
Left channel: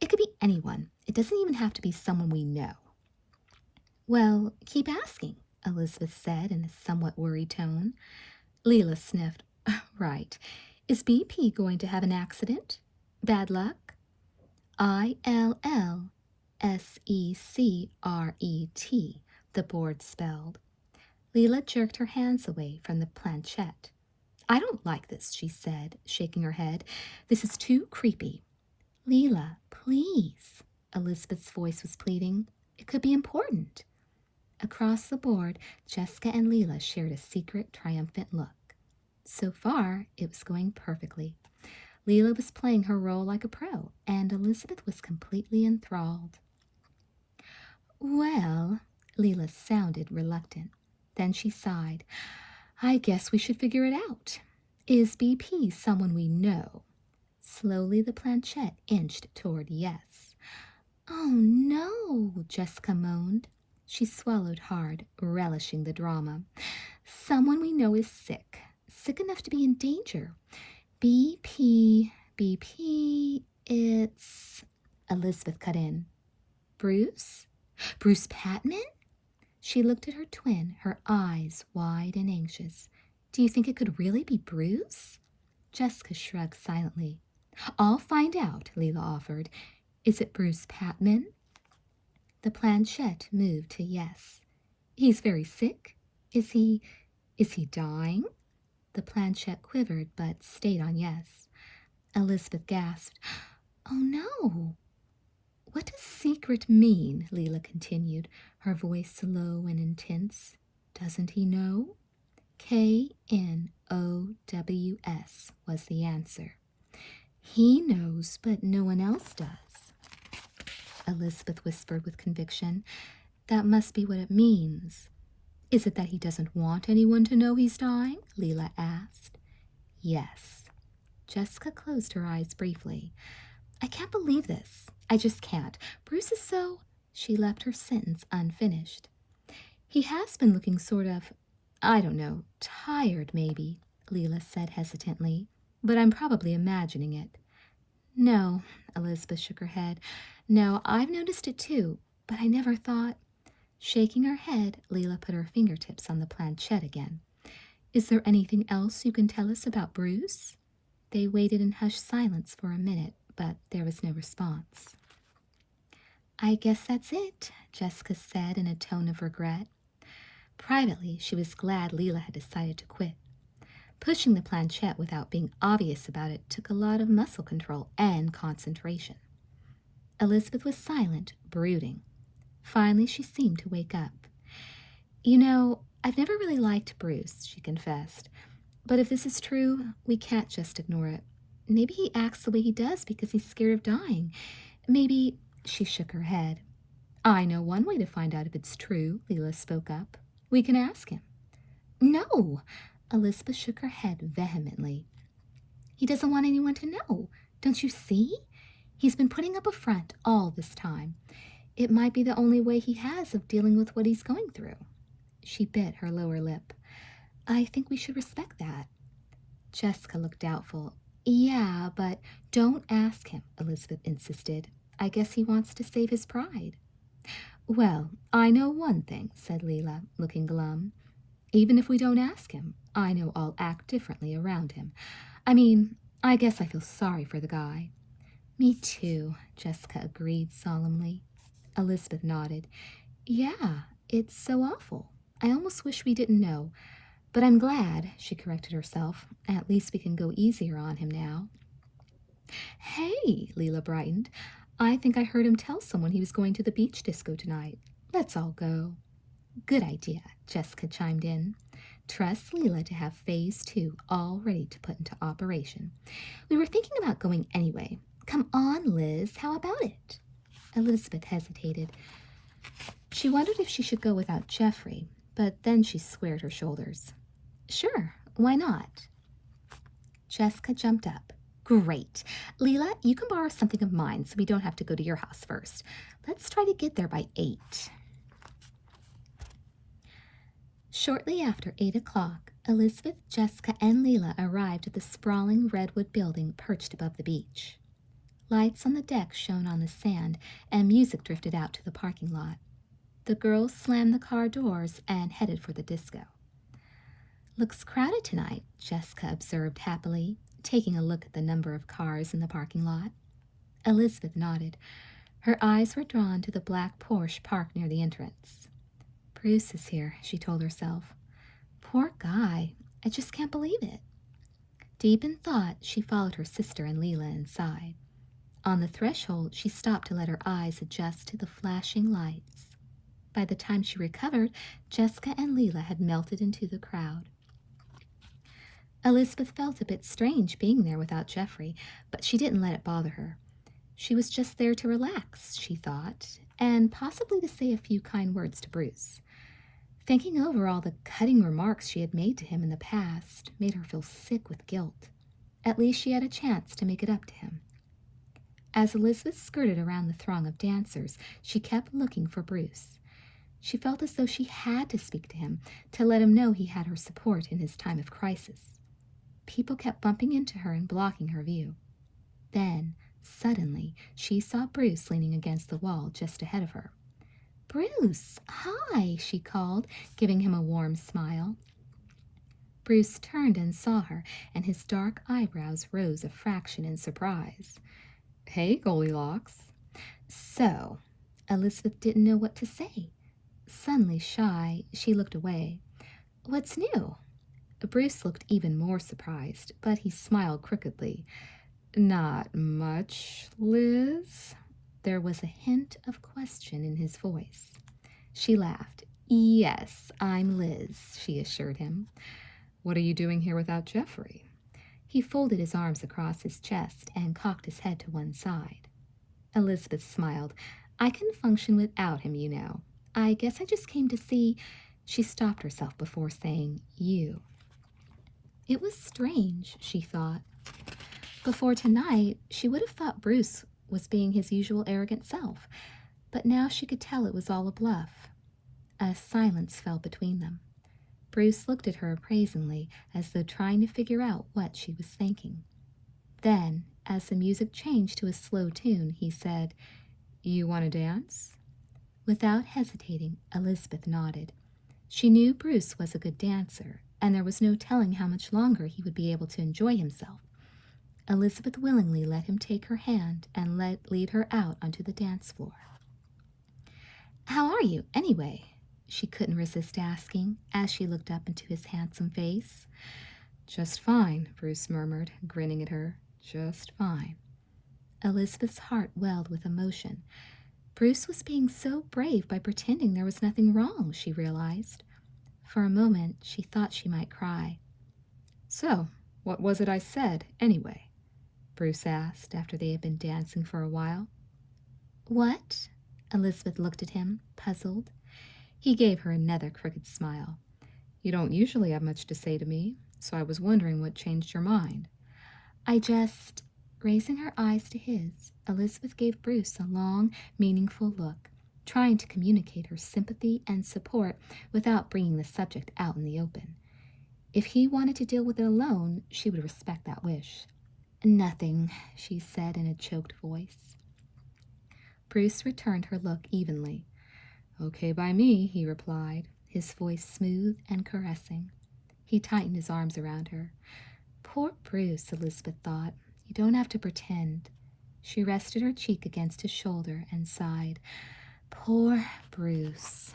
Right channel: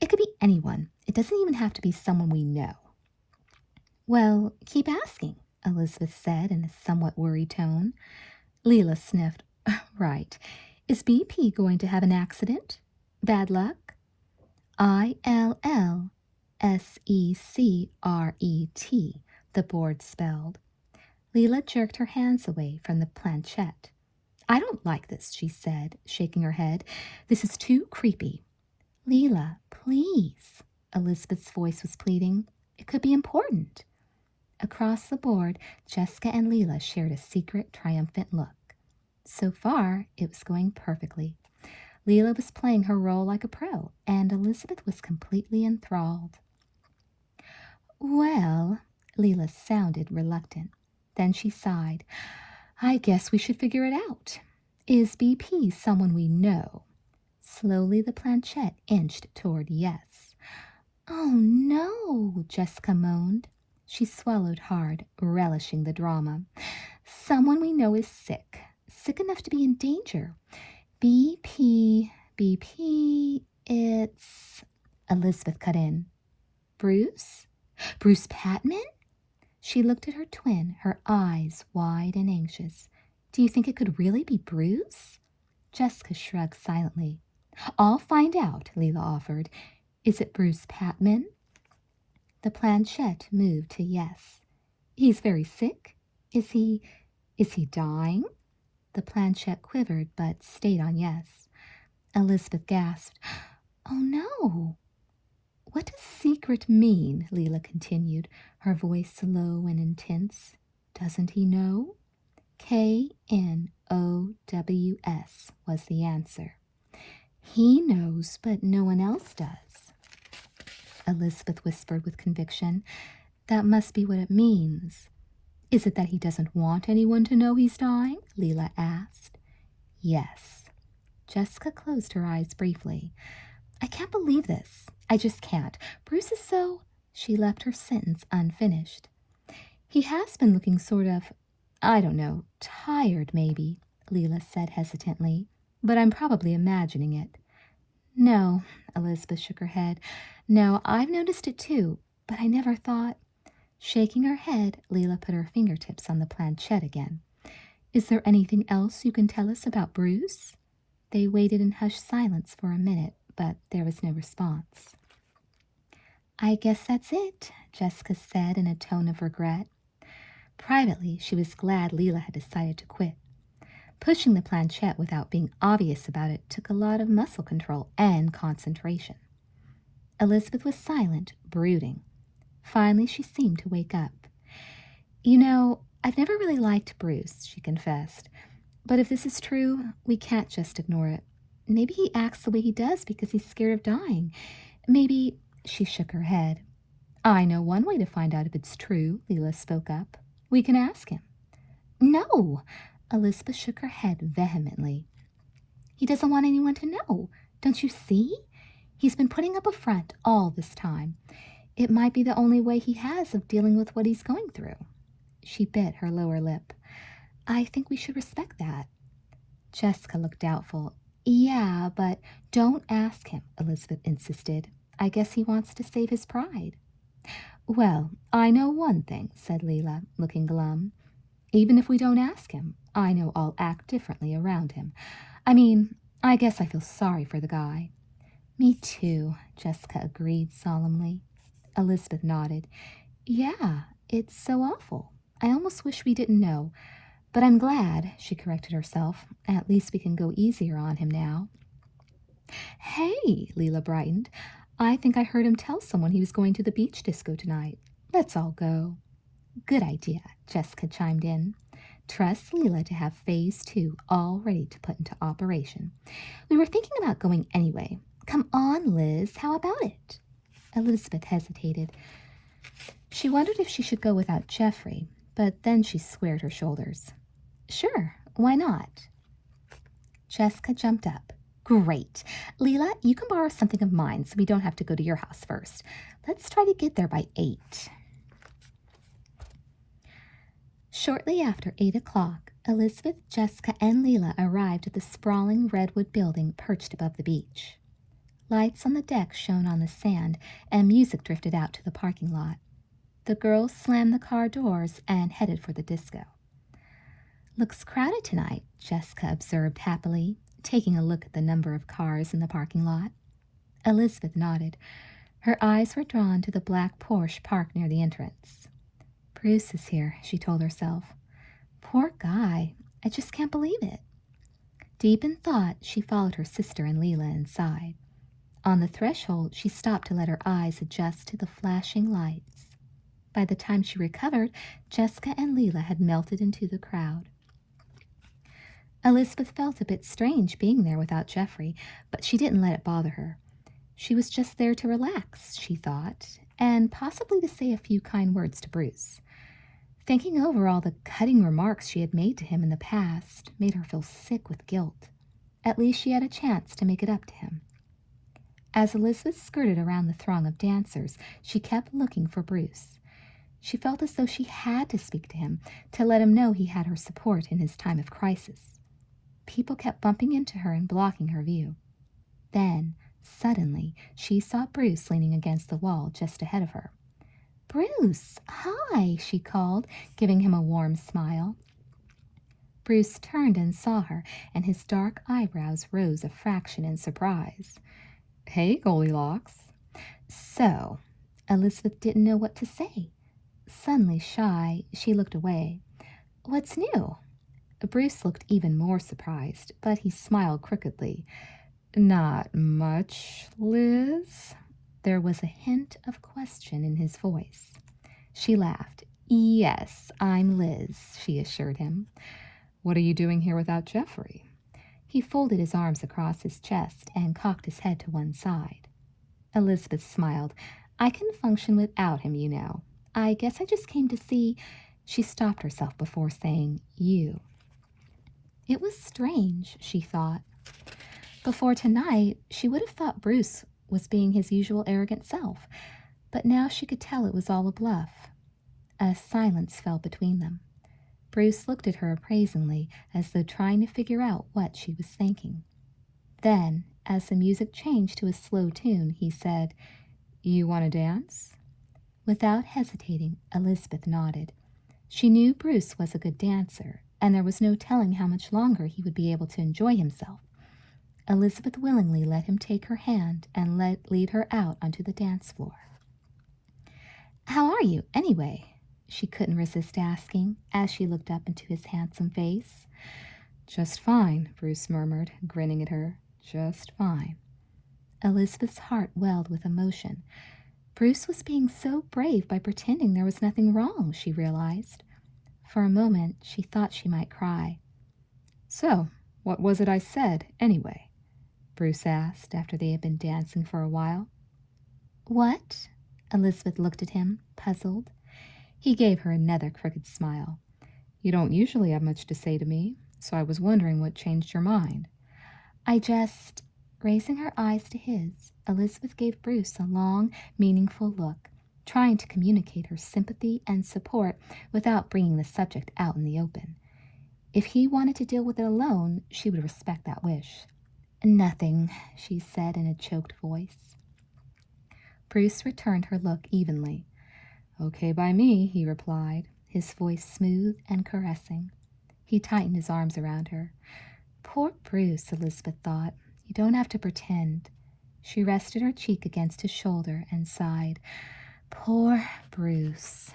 It could be anyone. It doesn't even have to be someone we know. Well, keep asking, Elizabeth said in a somewhat worried tone. Leela sniffed. Right. Is BP going to have an accident? Bad luck? I-L-L-S-E-C-R-E-T, the board spelled. Leela jerked her hands away from the planchette. I don't like this, she said, shaking her head. This is too creepy. Leela, please, Elizabeth's voice was pleading. It could be important. Across the board, Jessica and Leela shared a secret, triumphant look. So far, it was going perfectly. Leela was playing her role like a pro, and Elizabeth was completely enthralled. Well, Leela sounded reluctant. Then she sighed. I guess we should figure it out. Is BP someone we know? Slowly the planchette inched toward yes. Oh, no, Jessica moaned. She swallowed hard, relishing the drama. Someone we know is sick enough to be in danger. BP, it's... Elizabeth cut in. Bruce? Bruce Patman? She looked at her twin, her eyes wide and anxious. Do you think it could really be Bruce? Jessica shrugged silently. I'll find out, Leela offered. Is it Bruce Patman? The planchette moved to yes. He's very sick? Is he dying? The planchette quivered, but stayed on yes. Elizabeth gasped. Oh, no. What does secret mean? Leela continued, her voice low and intense. Doesn't he know? Knows was the answer. He knows, but no one else does, Elizabeth whispered with conviction. That must be what it means. Is it that he doesn't want anyone to know he's dying? Leela asked. Yes. Jessica closed her eyes briefly. I can't believe this. I just can't. Bruce is so... She left her sentence unfinished. He has been looking sort of, I don't know, tired maybe, Leela said hesitantly, but I'm probably imagining it. No, Elizabeth shook her head. No, I've noticed it too, but I never thought... Shaking her head, Leela put her fingertips on the planchette again. Is there anything else you can tell us about Bruce? They waited in hushed silence for a minute, but there was no response. I guess that's it, Jessica said in a tone of regret. Privately, she was glad Leela had decided to quit. Pushing the planchette without being obvious about it took a lot of muscle control and concentration. Elizabeth was silent, brooding. Finally, she seemed to wake up. You know, I've never really liked Bruce, she confessed. But if this is true, we can't just ignore it. Maybe he acts the way he does because he's scared of dying. Maybe... She shook her head. I know one way to find out if it's true, Leela spoke up. We can ask him. No! Elizabeth shook her head vehemently. He doesn't want anyone to know. Don't you see? He's been putting up a front all this time. It might be the only way he has of dealing with what he's going through. She bit her lower lip. I think we should respect that. Jessica looked doubtful. Yeah, but don't ask him, Elizabeth insisted. I guess he wants to save his pride. Well, I know one thing, said Leela, looking glum. Even if we don't ask him, I know I'll act differently around him. I mean, I guess I feel sorry for the guy. Me too, Jessica agreed solemnly. Elizabeth nodded. Yeah, it's so awful. I almost wish we didn't know. But I'm glad, she corrected herself. At least we can go easier on him now. Hey, Leela brightened. I think I heard him tell someone he was going to the beach disco tonight. Let's all go. Good idea, Jessica chimed in. Trust Leela to have phase 2 all ready to put into operation. We were thinking about going anyway. Come on, Liz, how about it? Elizabeth hesitated. She wondered if she should go without Geoffrey, but then she squared her shoulders. Sure, why not? Jessica jumped up. Great. Leela, you can borrow something of mine so we don't have to go to your house first. Let's try to get there by 8. Shortly after 8 o'clock, Elizabeth, Jessica, and Leela arrived at the sprawling redwood building perched above the beach. Lights on the deck shone on the sand, and music drifted out to the parking lot. The girls slammed the car doors and headed for the disco. Looks crowded tonight, Jessica observed happily, taking a look at the number of cars in the parking lot. Elizabeth nodded. Her eyes were drawn to the black Porsche parked near the entrance. Bruce is here, she told herself. Poor guy. I just can't believe it. Deep in thought, she followed her sister and Leela inside. On the threshold, she stopped to let her eyes adjust to the flashing lights. By the time she recovered, Jessica and Leela had melted into the crowd. Elizabeth felt a bit strange being there without Geoffrey, but she didn't let it bother her. She was just there to relax, she thought, and possibly to say a few kind words to Bruce. Thinking over all the cutting remarks she had made to him in the past made her feel sick with guilt. At least she had a chance to make it up to him. As Elizabeth skirted around the throng of dancers, she kept looking for Bruce. She felt as though she had to speak to him, to let him know he had her support in his time of crisis. People kept bumping into her and blocking her view. Then, suddenly, she saw Bruce leaning against the wall just ahead of her. Bruce, hi, she called, giving him a warm smile. Bruce turned and saw her, and his dark eyebrows rose a fraction in surprise. Hey, Goldilocks. So, Elizabeth didn't know what to say. Suddenly shy, she looked away. What's new? Bruce looked even more surprised, but he smiled crookedly. Not much, Liz. there was a hint of question in his voice. She laughed. "Yes, I'm Liz," she assured him. "What are you doing here without Jeffrey?" He folded his arms across his chest and cocked his head to one side. Elizabeth smiled. "I can function without him, you know. I guess I just came to see—" She stopped herself before saying, "you." It was strange, she thought. Before tonight, she would have thought Bruce was being his usual arrogant self, but now she could tell it was all a bluff. A silence fell between them. Bruce looked at her appraisingly, as though trying to figure out what she was thinking. Then, as the music changed to a slow tune, he said, "You want to dance?" Without hesitating, Elizabeth nodded. She knew Bruce was a good dancer, and there was no telling how much longer he would be able to enjoy himself. Elizabeth willingly let him take her hand and lead her out onto the dance floor. "How are you, anyway?" she couldn't resist asking, as she looked up into his handsome face. "Just fine," Bruce murmured, grinning at her. "Just fine." Elizabeth's heart welled with emotion. Bruce was being so brave by pretending there was nothing wrong, she realized. For a moment, she thought she might cry. "So, what was it I said, anyway?" Bruce asked after they had been dancing for a while. "What?" Elizabeth looked at him, puzzled. He gave her another crooked smile. "You don't usually have much to say to me, so I was wondering what changed your mind." I just—" Raising her eyes to his, Elizabeth gave Bruce a long, meaningful look, trying to communicate her sympathy and support without bringing the subject out in the open. If he wanted to deal with it alone, she would respect that wish. "Nothing," she said in a choked voice. Bruce returned her look evenly. "Okay by me," he replied, his voice smooth and caressing. He tightened his arms around her. Poor Bruce, Elizabeth thought. You don't have to pretend. She rested her cheek against his shoulder and sighed. Poor Bruce.